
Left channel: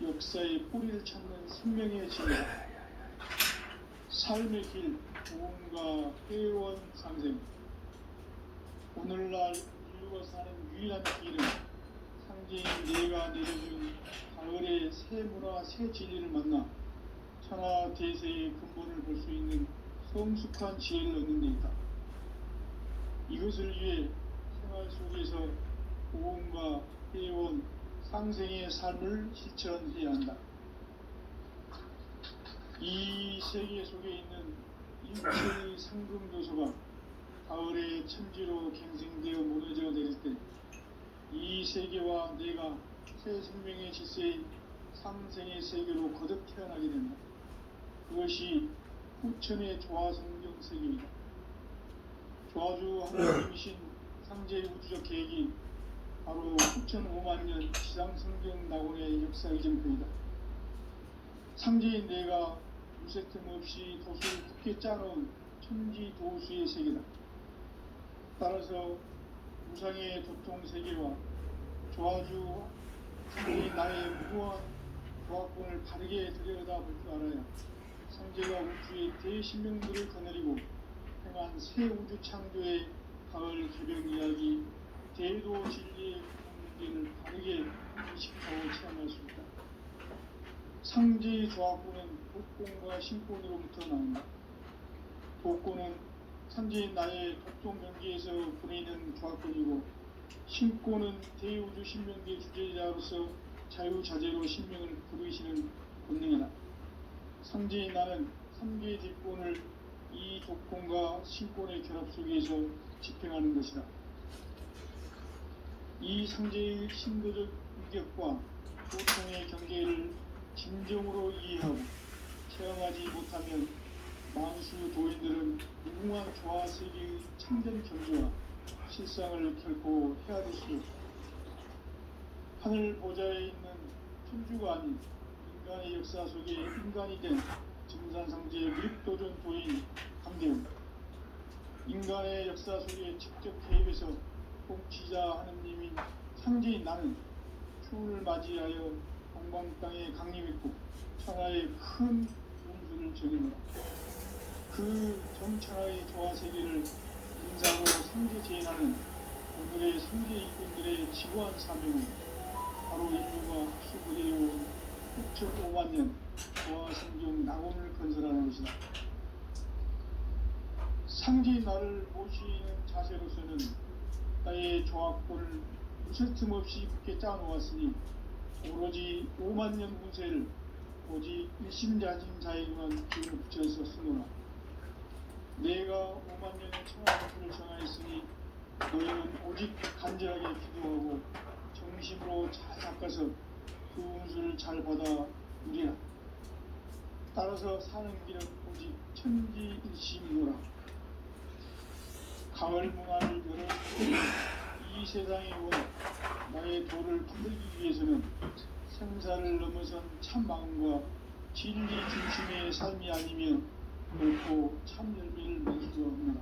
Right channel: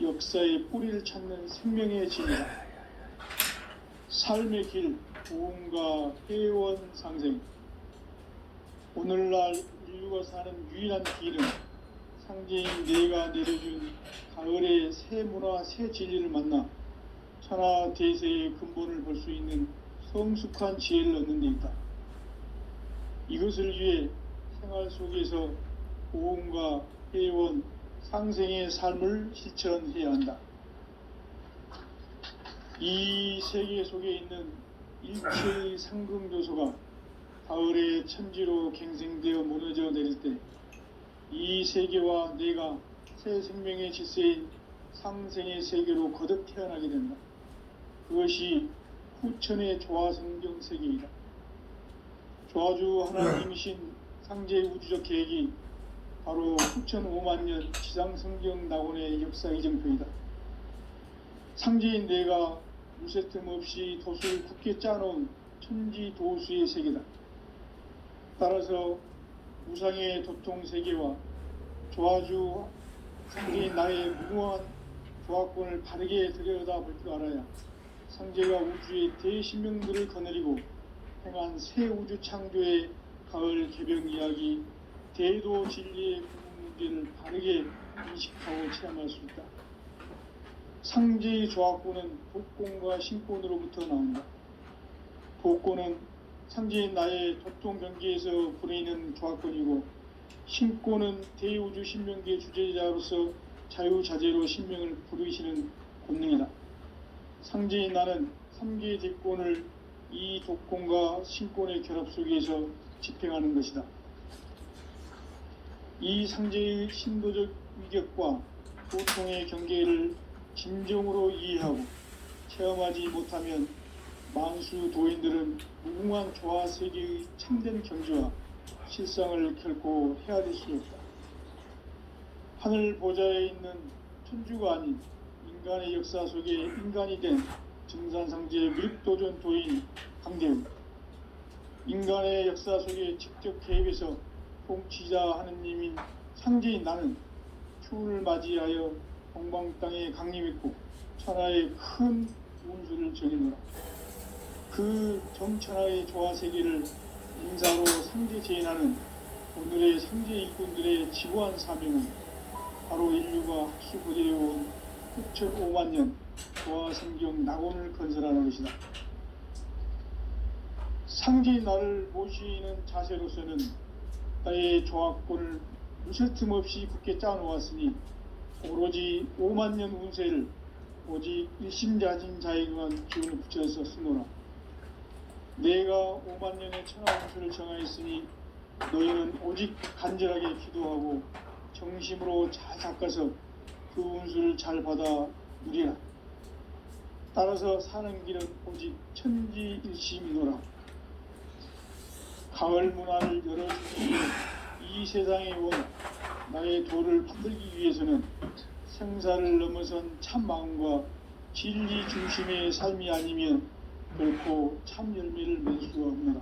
역사의 뿌리를 찾는 생명의 진리다. 삶의 길, 구원과 회원 상생. 오늘날 인류가 사는 유일한 길은 상제인 내가 내려준 가을의 새 문화, 새 진리를 만나 천하 대세의 근본을 볼 수 있는 성숙한 지혜를 얻는 데 있다. 이것을 위해 생활 속에서 구원과 회원, 상생의 삶을 실천해야 한다. 이 세계 속에 있는 일체의 상금 요소가 가을의 천지로 갱생되어 무너져 내릴 때 이 세계와 내가 새 생명의 질서인 상생의 세계로 거듭 태어나게 된다. 그것이 후천의 조화성경 세계이다. 조화주 하나님이신 상제의 우주적 계획이 바로 후천 5만년 지상성경 낙원의 역사 이정표이다. 상제인 내가 무쇠틈 없이 도수를 굳게 짜놓은 천지 도수의 세계다. 따라서 우상의 도통 세계와 조화주 상제인 나의 무궁한 조화권을 바르게 들여다볼 줄 알아야 상제가 우주의 대신명들을 거느리고 행한 새 우주 창조의 가을 개벽 이야기, 대도 진리의 문제를 바르게 인식하고 체험할 수 있다. 상제의 조합구는 복권과 신권으로부터 나온다. 복권은 상제인 나의 도통 경계에서 부리는 조합권이고, 신권은 대우주 신명기의 주제자로서 자유자재로 신명을 부르시는 권능이다. 상제인 나는 3개의 대권을 이 독권과 신권의 결합 속에서 집행하는 것이다. 이 상제의 신도적 위격과 고통의 경계를 진정으로 이해하고 체험하지 못하면 만수 도인들은 무궁한 조화 세계의 참된 경주와 실상을 결코 헤아릴 수 없다. 하늘 보좌에 있는 천주가 아닌 인간의 역사 속에 인간이 된 증산상제의 밀도전 도인 강대우, 인간의 역사 속에 직접 개입해서 통치자 하느님인 상제인 나는 추운을 맞이하여 동방 땅에 강림했고 천하의 큰 운수를 정했노라. 그 정천하의 조화 세계를 인사로 상제 제인하는 오늘의 상제 일꾼들의 지고한 사명은 바로 인류가 수부되어온 6,5만 년 조화 성경 낙원을 건설하는 것이다. 상제인 나를 모시는 자세로서는 나의 조합권을 무쇠틈 없이 굳게 짜놓았으니 오로지 5만 년 운세를 오직 일심자진 자에게만 기운을 붙여서 쓰노라. 내가 5만 년의 천하 운수를 정하였으니 너희는 오직 간절하게 기도하고 정심으로 잘 닦아서 그 운수를 잘 받아 누리라. 따라서 사는 길은 오직 천지일심이노라. 가을 문화를 열어주고 이 세상에 온 나의 도를 받들기 위해서는 생사를 넘어선 참 마음과 진리 중심의 삶이 아니면 결코 참 열매를 맺을 수가 없노라.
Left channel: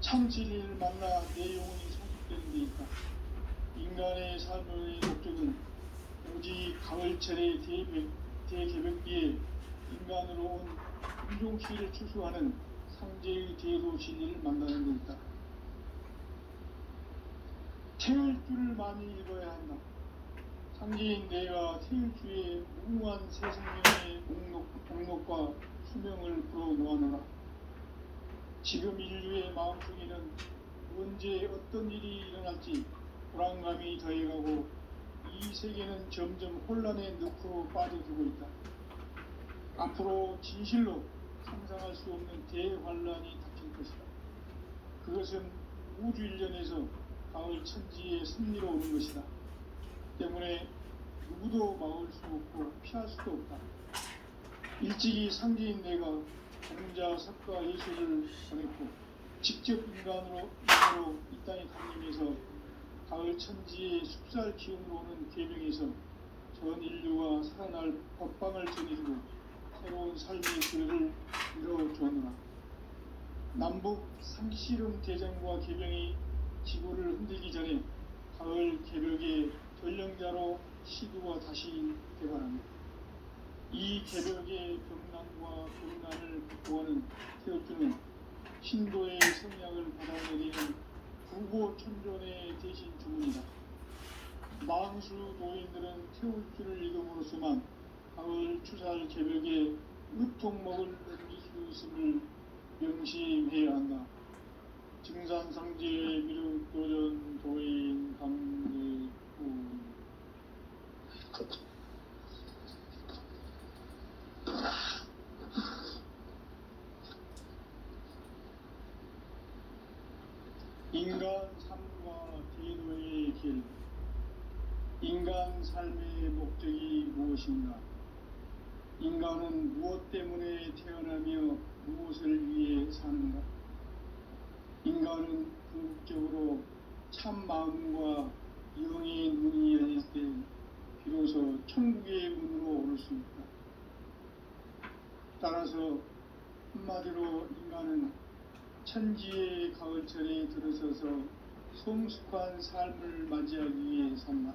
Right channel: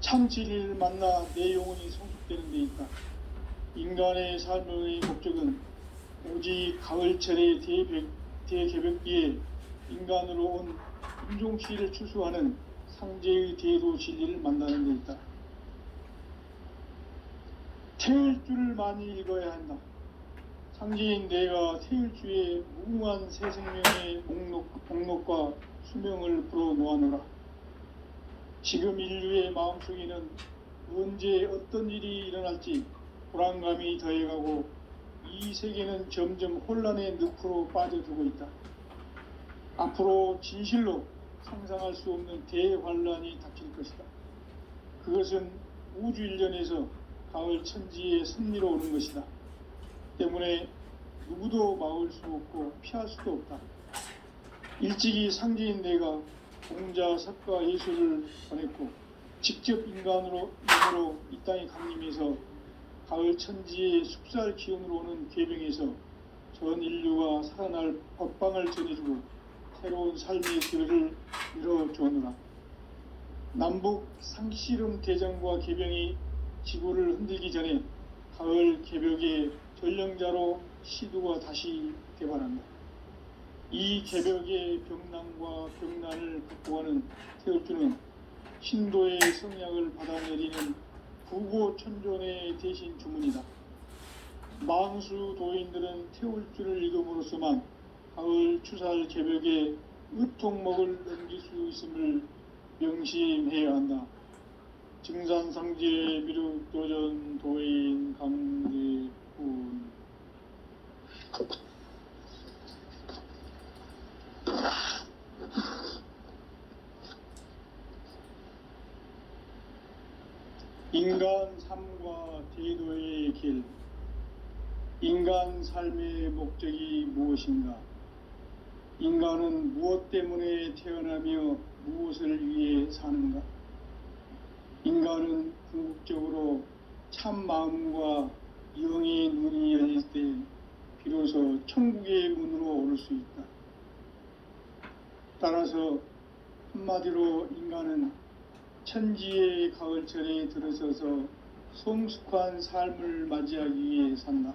참 진리를 만나 내 영혼이 성숙되는 데 있다. 인간의 삶의 목적은 오직 가을철의 대개벽기에 인간으로 온 인종시를 추수하는 상제의 대도 진리를 만나는 데 있다. 태일주를 많이 읽어야 한다. 상제인 내가 태일주의 무궁한 새 생명의 목록과 수명을 불어놓아노라. 지금 인류의 마음속에는 언제 어떤 일이 일어날지 불안감이 더해가고 이 세계는 점점 혼란의 늪으로 빠져들고 있다. 앞으로 진실로 상상할 수 없는 대환란이 닥칠 것이다. 그것은 우주 일련에서 가을 천지의 섭리로 오는 것이다. 때문에 누구도 막을 수 없고 피할 수도 없다. 일찍이 상제인 내가 공자, 석가, 예수를 보냈고 직접 인간으로 이 땅에 강림해서 가을 천지의 숙살 기운으로 오는 계병에서 전 인류가 살아날 법방을 전해주고 새로운 삶의 길을 열어주었노라. 남북 상씨름 대장과 계병이 지구를 흔들기 전에 가을 개벽의 전령자로 시두가 다시 개발한다. 이 개벽의 병난과 병난을 극복하는 태울주는 신도의 성약을 받아내리는 부고천존의 대신 주문이다. 망수 도인들은 태울주를 읽음으로써만 가을 추살 개벽에 으통목을 넘길 수 있음을 명심해야 한다. 증산상제 미륵도전 도인 강대군. 인간 삶과 대도의 길. 인간 삶의 목적이 무엇인가? 인간은 무엇 때문에 태어나며 무엇을 위해 사는가? 인간은 궁극적으로 참 마음과 영의 문이 열릴 때 비로소 천국의 문으로 오를 수 있다. 따라서 한마디로 인간은 천지의 가을철에 들어서서 성숙한 삶을 맞이하기 위해 산다.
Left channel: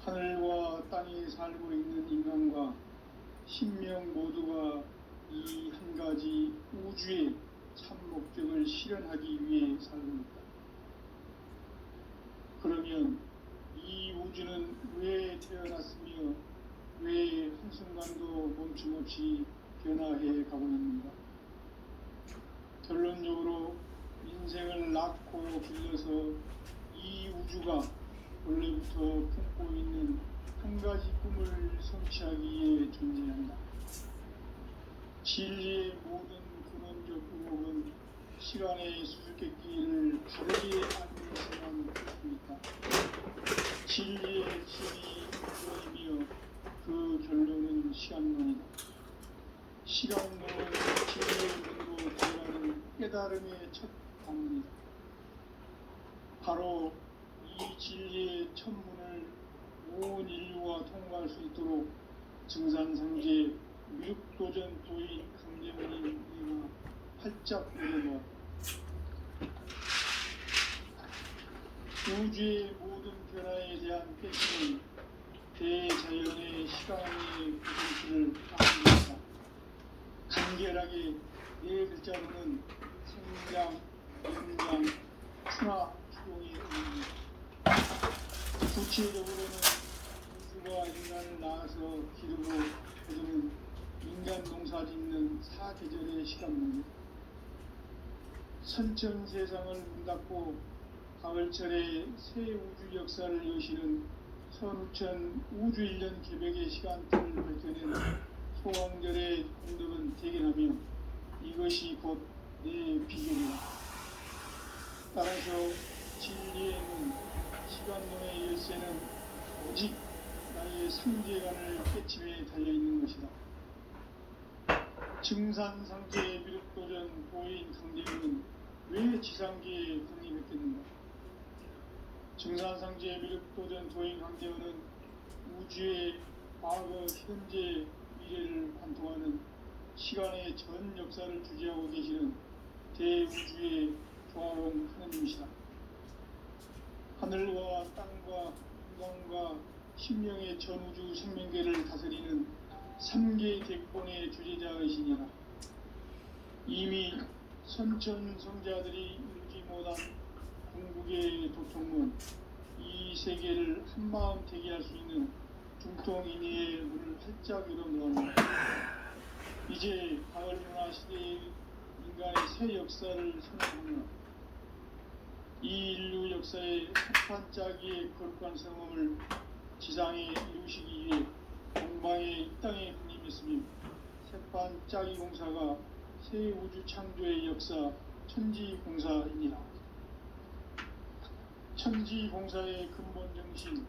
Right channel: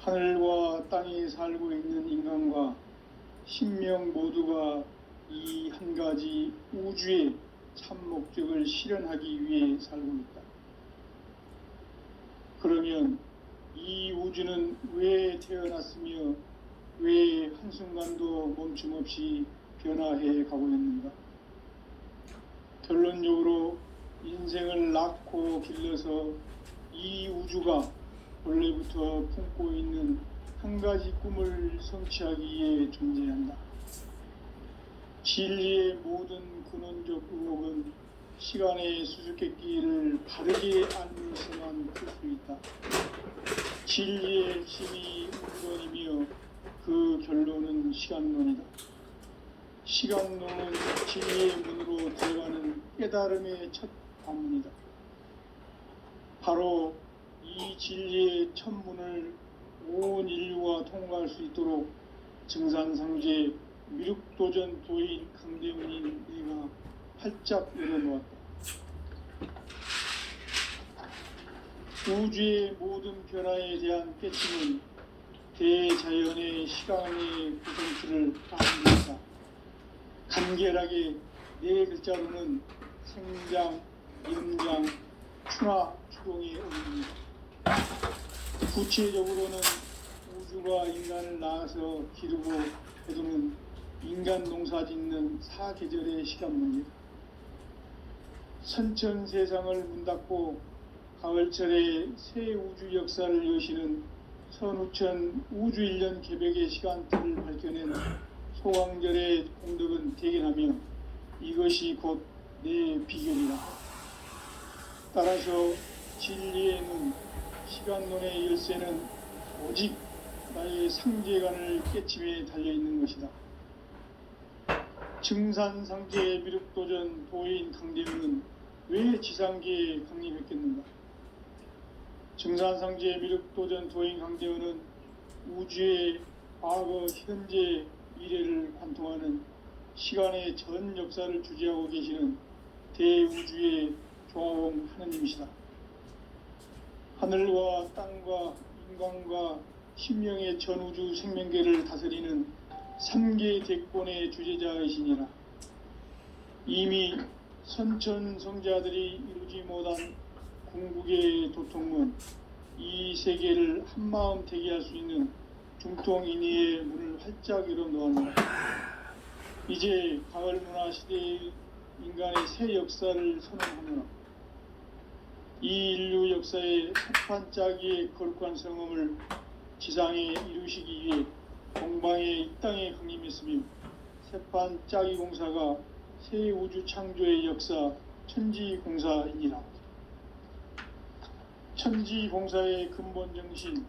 하늘과 땅에 살고 있는 인간과 신명 모두가 이 한 가지 우주의 참 목적을 실현하기 위해 살고 있다. 그러면 이 우주는 왜 태어났으며 왜 한순간도 멈춤없이 변화해 가고 있는가? 결론적으로 인생을 낳고 길러서 이 우주가 원래부터 품고 있는 한 가지 꿈을 성취하기 위해 존재한다. 진리의 모든 근원적 의혹은 시간의 수수께끼를 바르게 알면서만 풀 수 있다. 진리의 핵심이 근원이며 그 결론은 시간론이다. 시간론은 진리의 문으로 들어가는 깨달음의 첫 관문이다. 바로 이 진리의 첫 문을 온 인류가 통과할 수 있도록 증산상제 미륵도전 도인 강대문인 내가 활짝 열어놓았다. 우주의 모든 변화에 대한 깨침은 대자연의 시간의 구성치를 따릅니다. 간결하게 네 글자로는 생장, 연장, 추나, 추동의 의미입니다. 구체적으로는 우주가 인간을 낳아서 기르고 거두는 인간 농사 짓는 사계절의 시간입니다. 선천 세상을 문 닫고 가을철에 새 우주 역사를 여시는 선우천 우주 1년 개벽의 시간틀을 밝혀낸 소왕절의 공덕은 대견하며 이것이 곧 내 비결이다. 따라서 진리의 문, 시간론의 열쇠는 오직 나의 상제관을 깨침에 달려있는 것이다. 증산상제 미륵도전 도인 강대문은 왜 지상계에 강림했겠는가? 증산상제 미륵도전 도인 강대문은 우주의 과거, 현재, 미래를 관통하는 시간의 전 역사를 주재하고 계시는 대우주의 조화원 하느님이시다. 하늘과 땅과 인간과 신명의 전우주 생명계를 다스리는 3계 대권의 주제자이시니라. 이미 선천성자들이 이루지 못한 궁극의 도통문, 이 세계를 한마음 대기할 수 있는 중통인의의 문을 활짝 열어놓았다. 이제 가을 문화 시대의 인간의 새 역사를 선언하며 이 인류 역사의 한판짜기의 거룩한 성음을 지상에 이루시기 위해 공방의 이 땅에 강림했으며 새판짜기 공사가 새 우주 창조의 역사 천지공사이니라. 천지공사의 근본 정신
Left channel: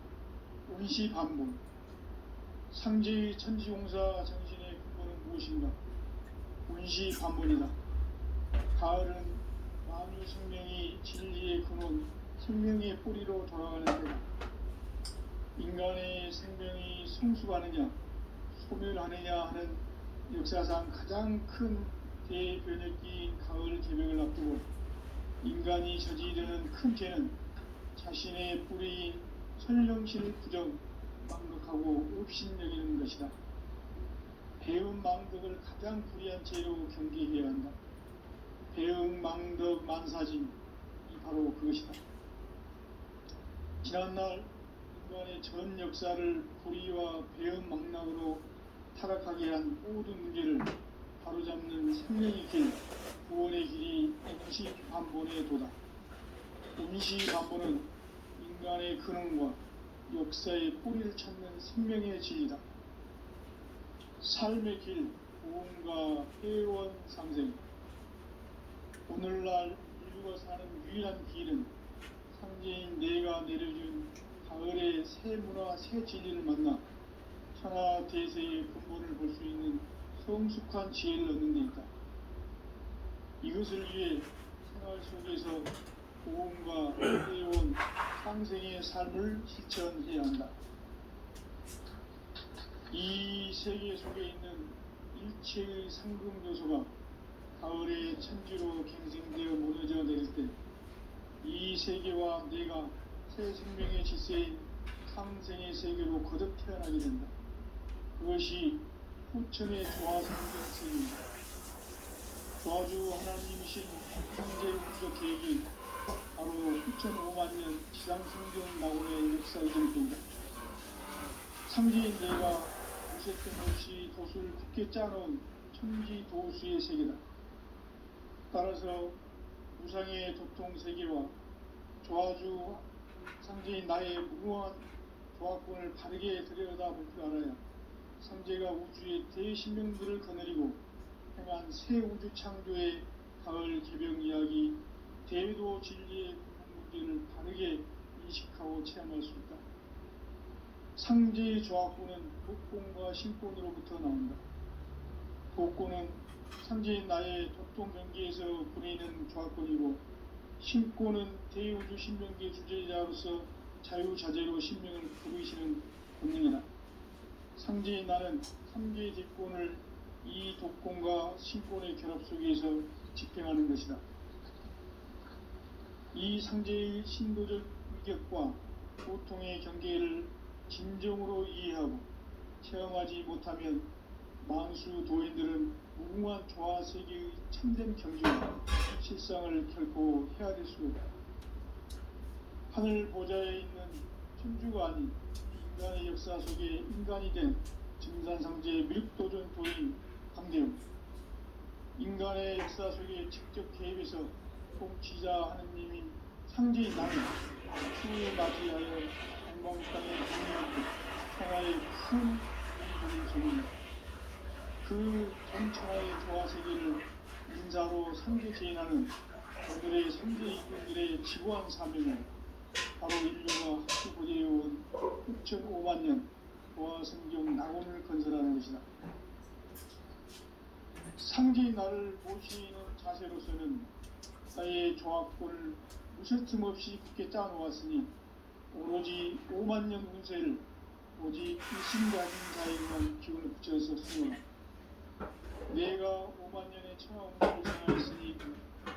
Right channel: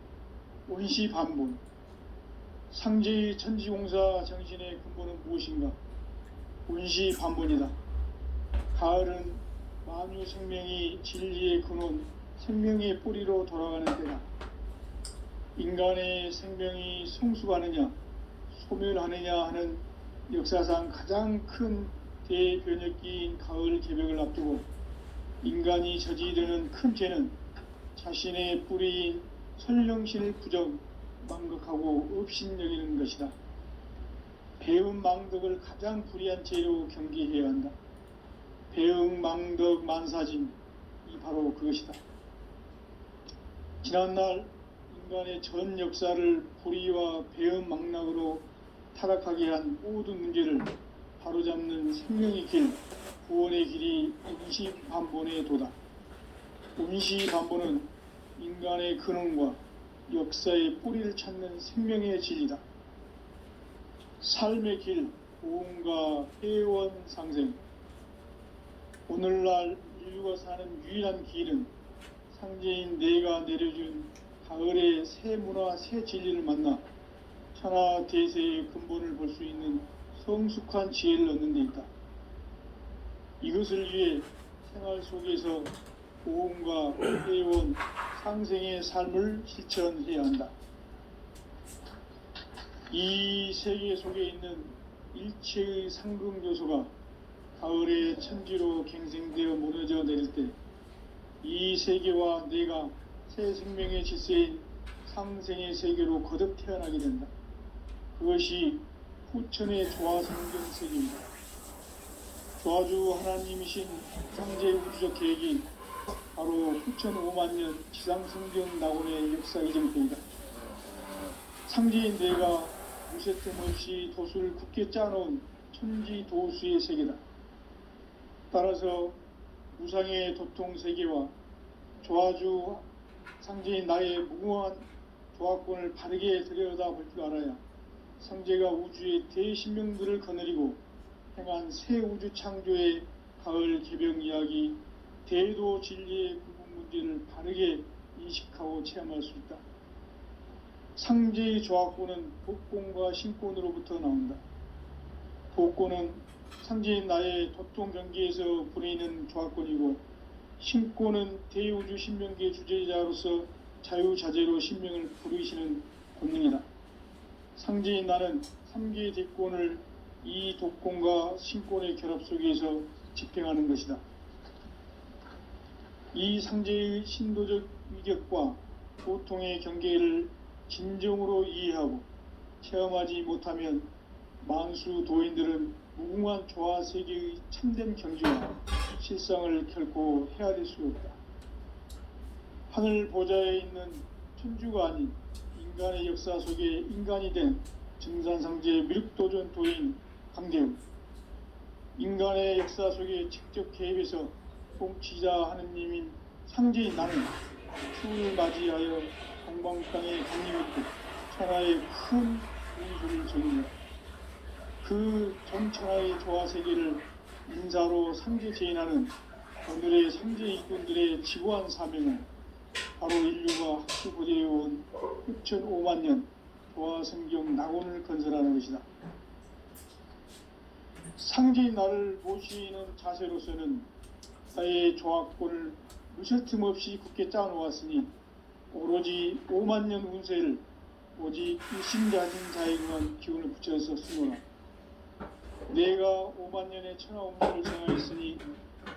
운시반본, 상제의 천지공사 정신의 근본은 무엇인가? 운시반본이다. 가을은 만유 생명이 진리의 근원, 생명의 뿌리로 돌아가는 때다. 인간의 생명이 성숙하느냐, 소멸하느냐 하는 역사상 가장 큰 대변혁기인 가을 개벽을 앞두고 인간이 저지르는 큰 죄는 자신의 뿌리인 설령신을 부정, 망극하고 업신여기는 것이다. 배운 망덕을 가장 불의한 죄로 경계해야 한다. 배응 망덕 만사짐, 이 바로 그것이다. 지난날 인간의 전 역사를 불의와 배응 망락으로 타락하게 한 모든 문제를 바로잡는 생명의 길, 구원의 길이 운시반본의 도다. 운시반본은 인간의 근원과 역사의 뿌리를 찾는 생명의 진리다. 삶의 길, 고음과 회원 상생. 오늘날 인류가 사는 유일한 길은 상제인 내가 내려준 가을의 새 문화, 새 진리를 만나 천하 대세의 근본을 볼 수 있는 성숙한 지혜를 얻는 데 있다. 이것을 위해 생활 속에서 고음과 회원 상생의 삶을 실천해야 한다. 이 세계 속에 있는 일체의 상금 요소가 가을의 천지로 갱생되어 무너져 내릴 때 이 세계와 내가 새 생명의 질서인 상생의 세계로 거듭 태어나게 된다. 그것이 후천의 조화성경 세계입니다. 조아주 하나님이신 창제 우주적 계획이 바로 수천 5만 년 지상성경 낙원의 역사 이전입니다. 창제인 내가 무쇠뜸 없이 도수를 굳게 짜놓은 천지 도수의 세계다. 따라서 우상의 도통 세계와 조아주 상제인 나의 무궁한 조합권을 바르게 들여다볼 줄 알아야 상제가 우주의 대신명들을 거느리고 행한 새 우주 창조의 가을 개병 이야기, 대도 진리의 구분 문제를 바르게 인식하고 체험할 수 있다. 상제의 조합권은 복권과 신권으로부터 나온다. 복권은 상제인 나의 도통 경계에서 부리는 조합권이고, 신권은 대우주 신명계 주제자로서 자유자재로 신명을 부르시는 권능이다. 상제인 나는 3개의 뒷권을 이 독권과 신권의 결합 속에서 집행하는 것이다. 이 상제의 신도적 위격과 고통의 경계를 진정으로 이해하고 체험하지 못하면 만수 도인들은 무궁한 조화 세계의 참된 경지와 실상을 결코 헤아릴 수 없다. 하늘 보좌에 있는 천주가 아닌 인간의 역사 속에 인간이 된 증산상제 미륵도전 도인 강대훈, 인간의 역사 속에 직접 개입해서 통치자 하느님인 상제인 나는 추을 맞이하여 동방 땅의 강림했고 천하의 큰 운소를 전했다. 그 전천하의 조화 세계를 인사로 상제 제인하는 오늘의 상제 이꾼들의 지고한 사명은 바로 인류가 학수고대해온 6,5만 년 조화 성경 낙원을 건설하는 것이다. 상제인 나를 모시는 자세로서는 나의 조합권을 무쇠틈 없이 굳게 짜놓았으니 오로지 5만 년 운세를 오직 일심가진 자에게만 기운을 붙여서 쓰노라. 내가 5만 년의 천하 운세를 정하였으니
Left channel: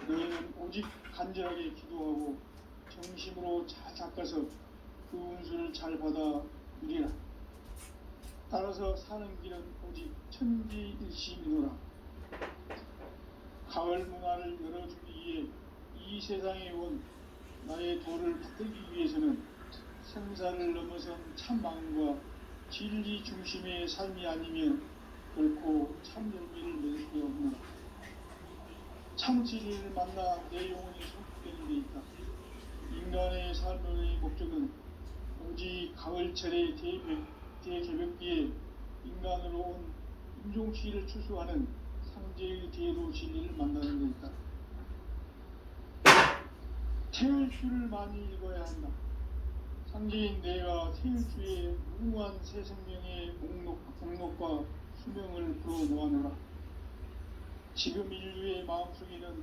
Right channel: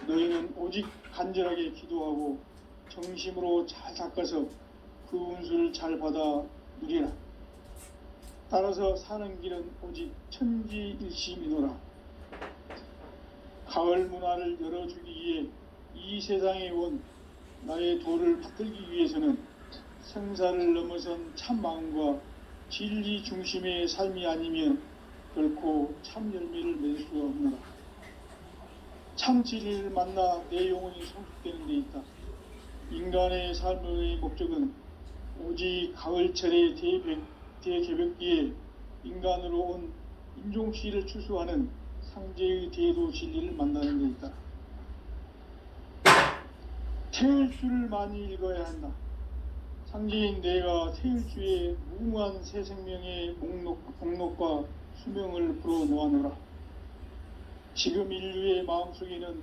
너희는 오직 간절하게 기도하고 정심으로 잘 닦아서 그 운수를 잘 받아 누리라. 따라서 사는 길은 오직 천지일심이노라. 가을 문화를 열어주기 위해 이 세상에 온 나의 도를 받들기 위해서는 생사를 넘어선 참 마음과 진리 중심의 삶이 아니면 결코 참 열매를 낼 수가 없노라. 참 진리를 만나 내 영혼이 성숙되는 데 있다. 인간의 삶의 목적은 오직 가을철의 대개벽기에 인간으로 온 인종치를 추수하는 상제의 대도 진리를 만나는 데 있다. 태일주를 많이 읽어야 한다. 상제인 내가 태일주의 무궁한 새 생명의 목록과 수명을 불어놓아노라. 지금 인류의 마음속에는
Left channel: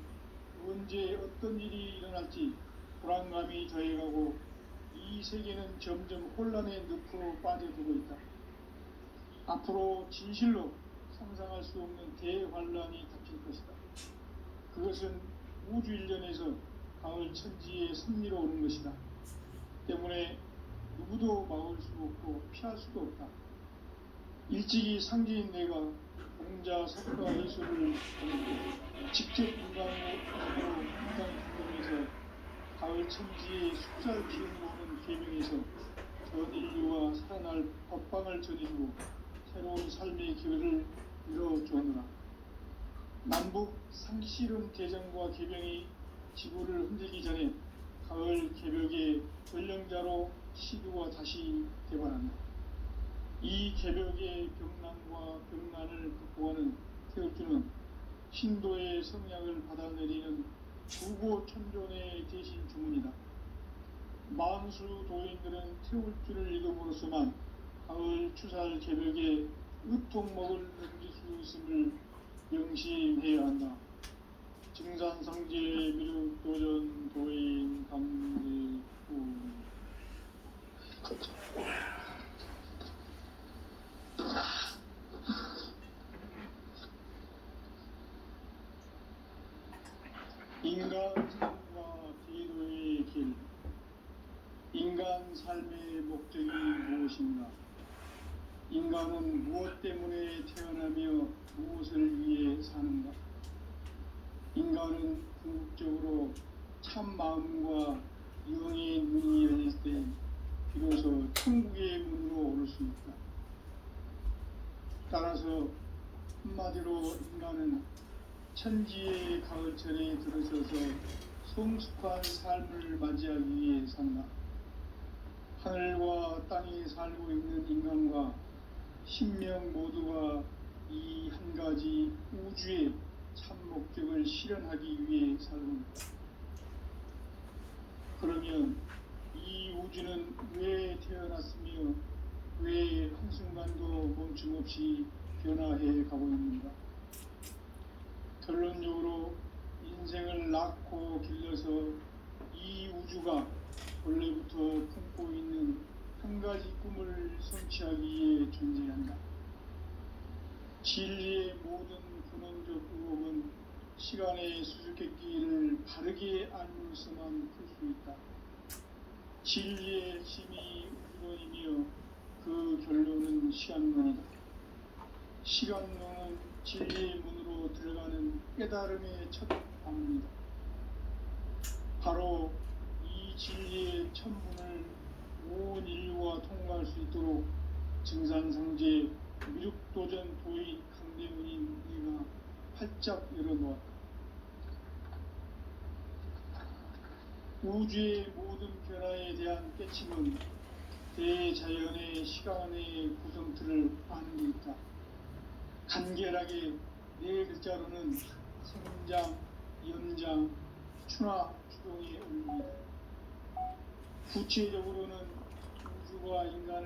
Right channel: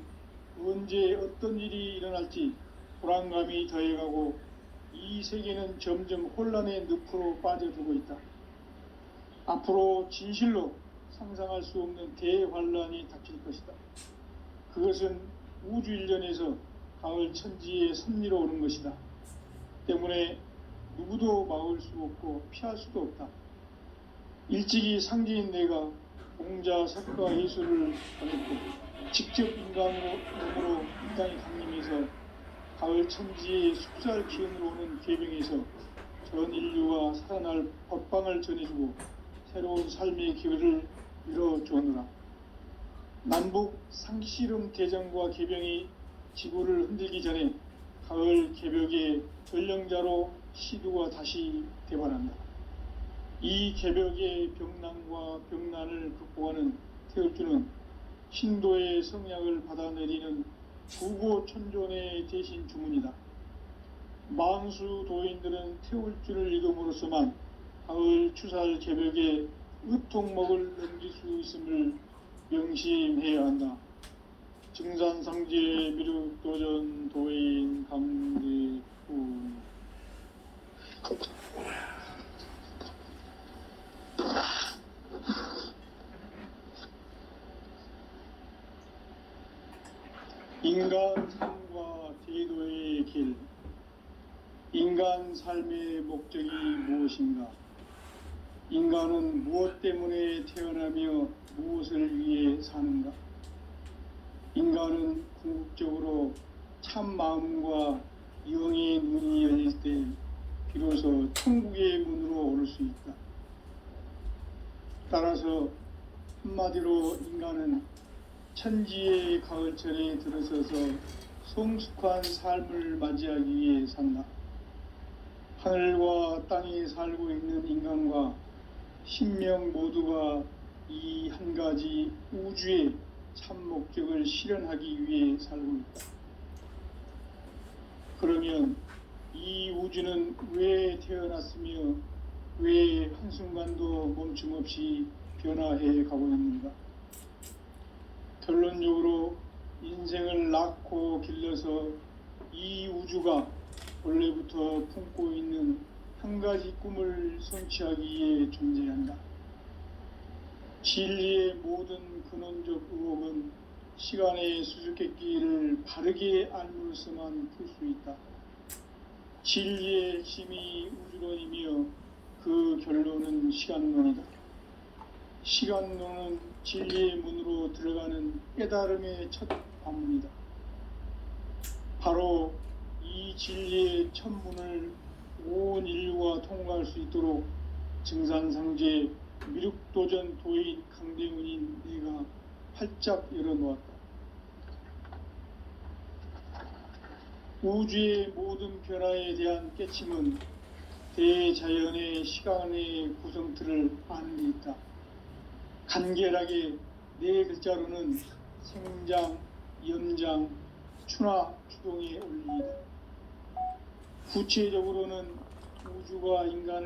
언제 어떤 일이 일어날지 불안감이 더해가고 이 세계는 점점 혼란의 늪으로 빠져들고 있다. 앞으로 진실로 상상할 수 없는 대환란이 닥칠 것이다. 그것은 우주 일련에서 가을 천지의 섭리로 오는 것이다. 때문에 누구도 막을 수 없고 피할 수도 없다. 일찍이 상제인 내가 공자, 석가, 예술을 가졌고 직접 인간으로 이 땅에 강림해서 가을 천지의 숲살 기운으로 오는 계명에서 전 인류가 살아날 법방을 전해주고 새로운 삶의 기회를 이뤄주느라. 남북 상씨름 대전과 개병이 지구를 흔들기 전에 가을 개벽의 전령자로 시두가 다시 대발한다. 이 개벽의 병난과 병난을 극복하는 태울주는 신도의 성약을 받아내리는 구고천존의 대신 주문이다. 만수 도인들은 태울주를 읽음으로써만 가을 추살 개벽에 의통목을 넘길 수 있음을 명심해야 한다. 증산상제 미륵도전 도인 강대훈. 인간 삶과 제도의 길. 인간 삶의 목적이 무엇인가? 인간은 무엇 때문에 태어나며 무엇을 위해 사는가? 인간은 궁극적으로 참 마음과 영의 문이 열릴 때 비로소 천국의 문으로 오를 수 있다. 따라서 한마디로 인간은 천지의 가을철에 들어서서 성숙한 삶을 맞이하기 위해 산다. 하늘과 땅에 살고 있는 인간과 신명 모두가 이 한 가지 우주의 참 목적을 실현하기 위해 살고 있다. 그러면 이 우주는 왜 태어났으며 왜 한순간도 멈춤없이 변화해 가고 있는가? 결론적으로 인생을 낳고 길러서 이 우주가 원래부터 품고 있는 한 가지 꿈을 성취하기 위해 존재한다. 진리의 모든 근원적 의혹은 시간의 수수께끼를 바르게 알면서만 풀 수 있다. 진리의 핵심이 우주론이며 그 결론은 시간론이다. 시간론은 진리의 문으로 들어가는 깨달음의 첫 관문이다. 바로 이 진리의 첫 문을 온 인류가 통과할 수 있도록 증산상제 미륵도전 도인 강대훈인 내가 활짝 열어놓았다. 우주의 모든 변화에 대한 깨침은 대자연의 시간의 구성틀을 아는 데 있다. 간결하게 네 글자로는 생장, 연장, 추나 추동의 원리이다. 구체적으로는 우주가 인간을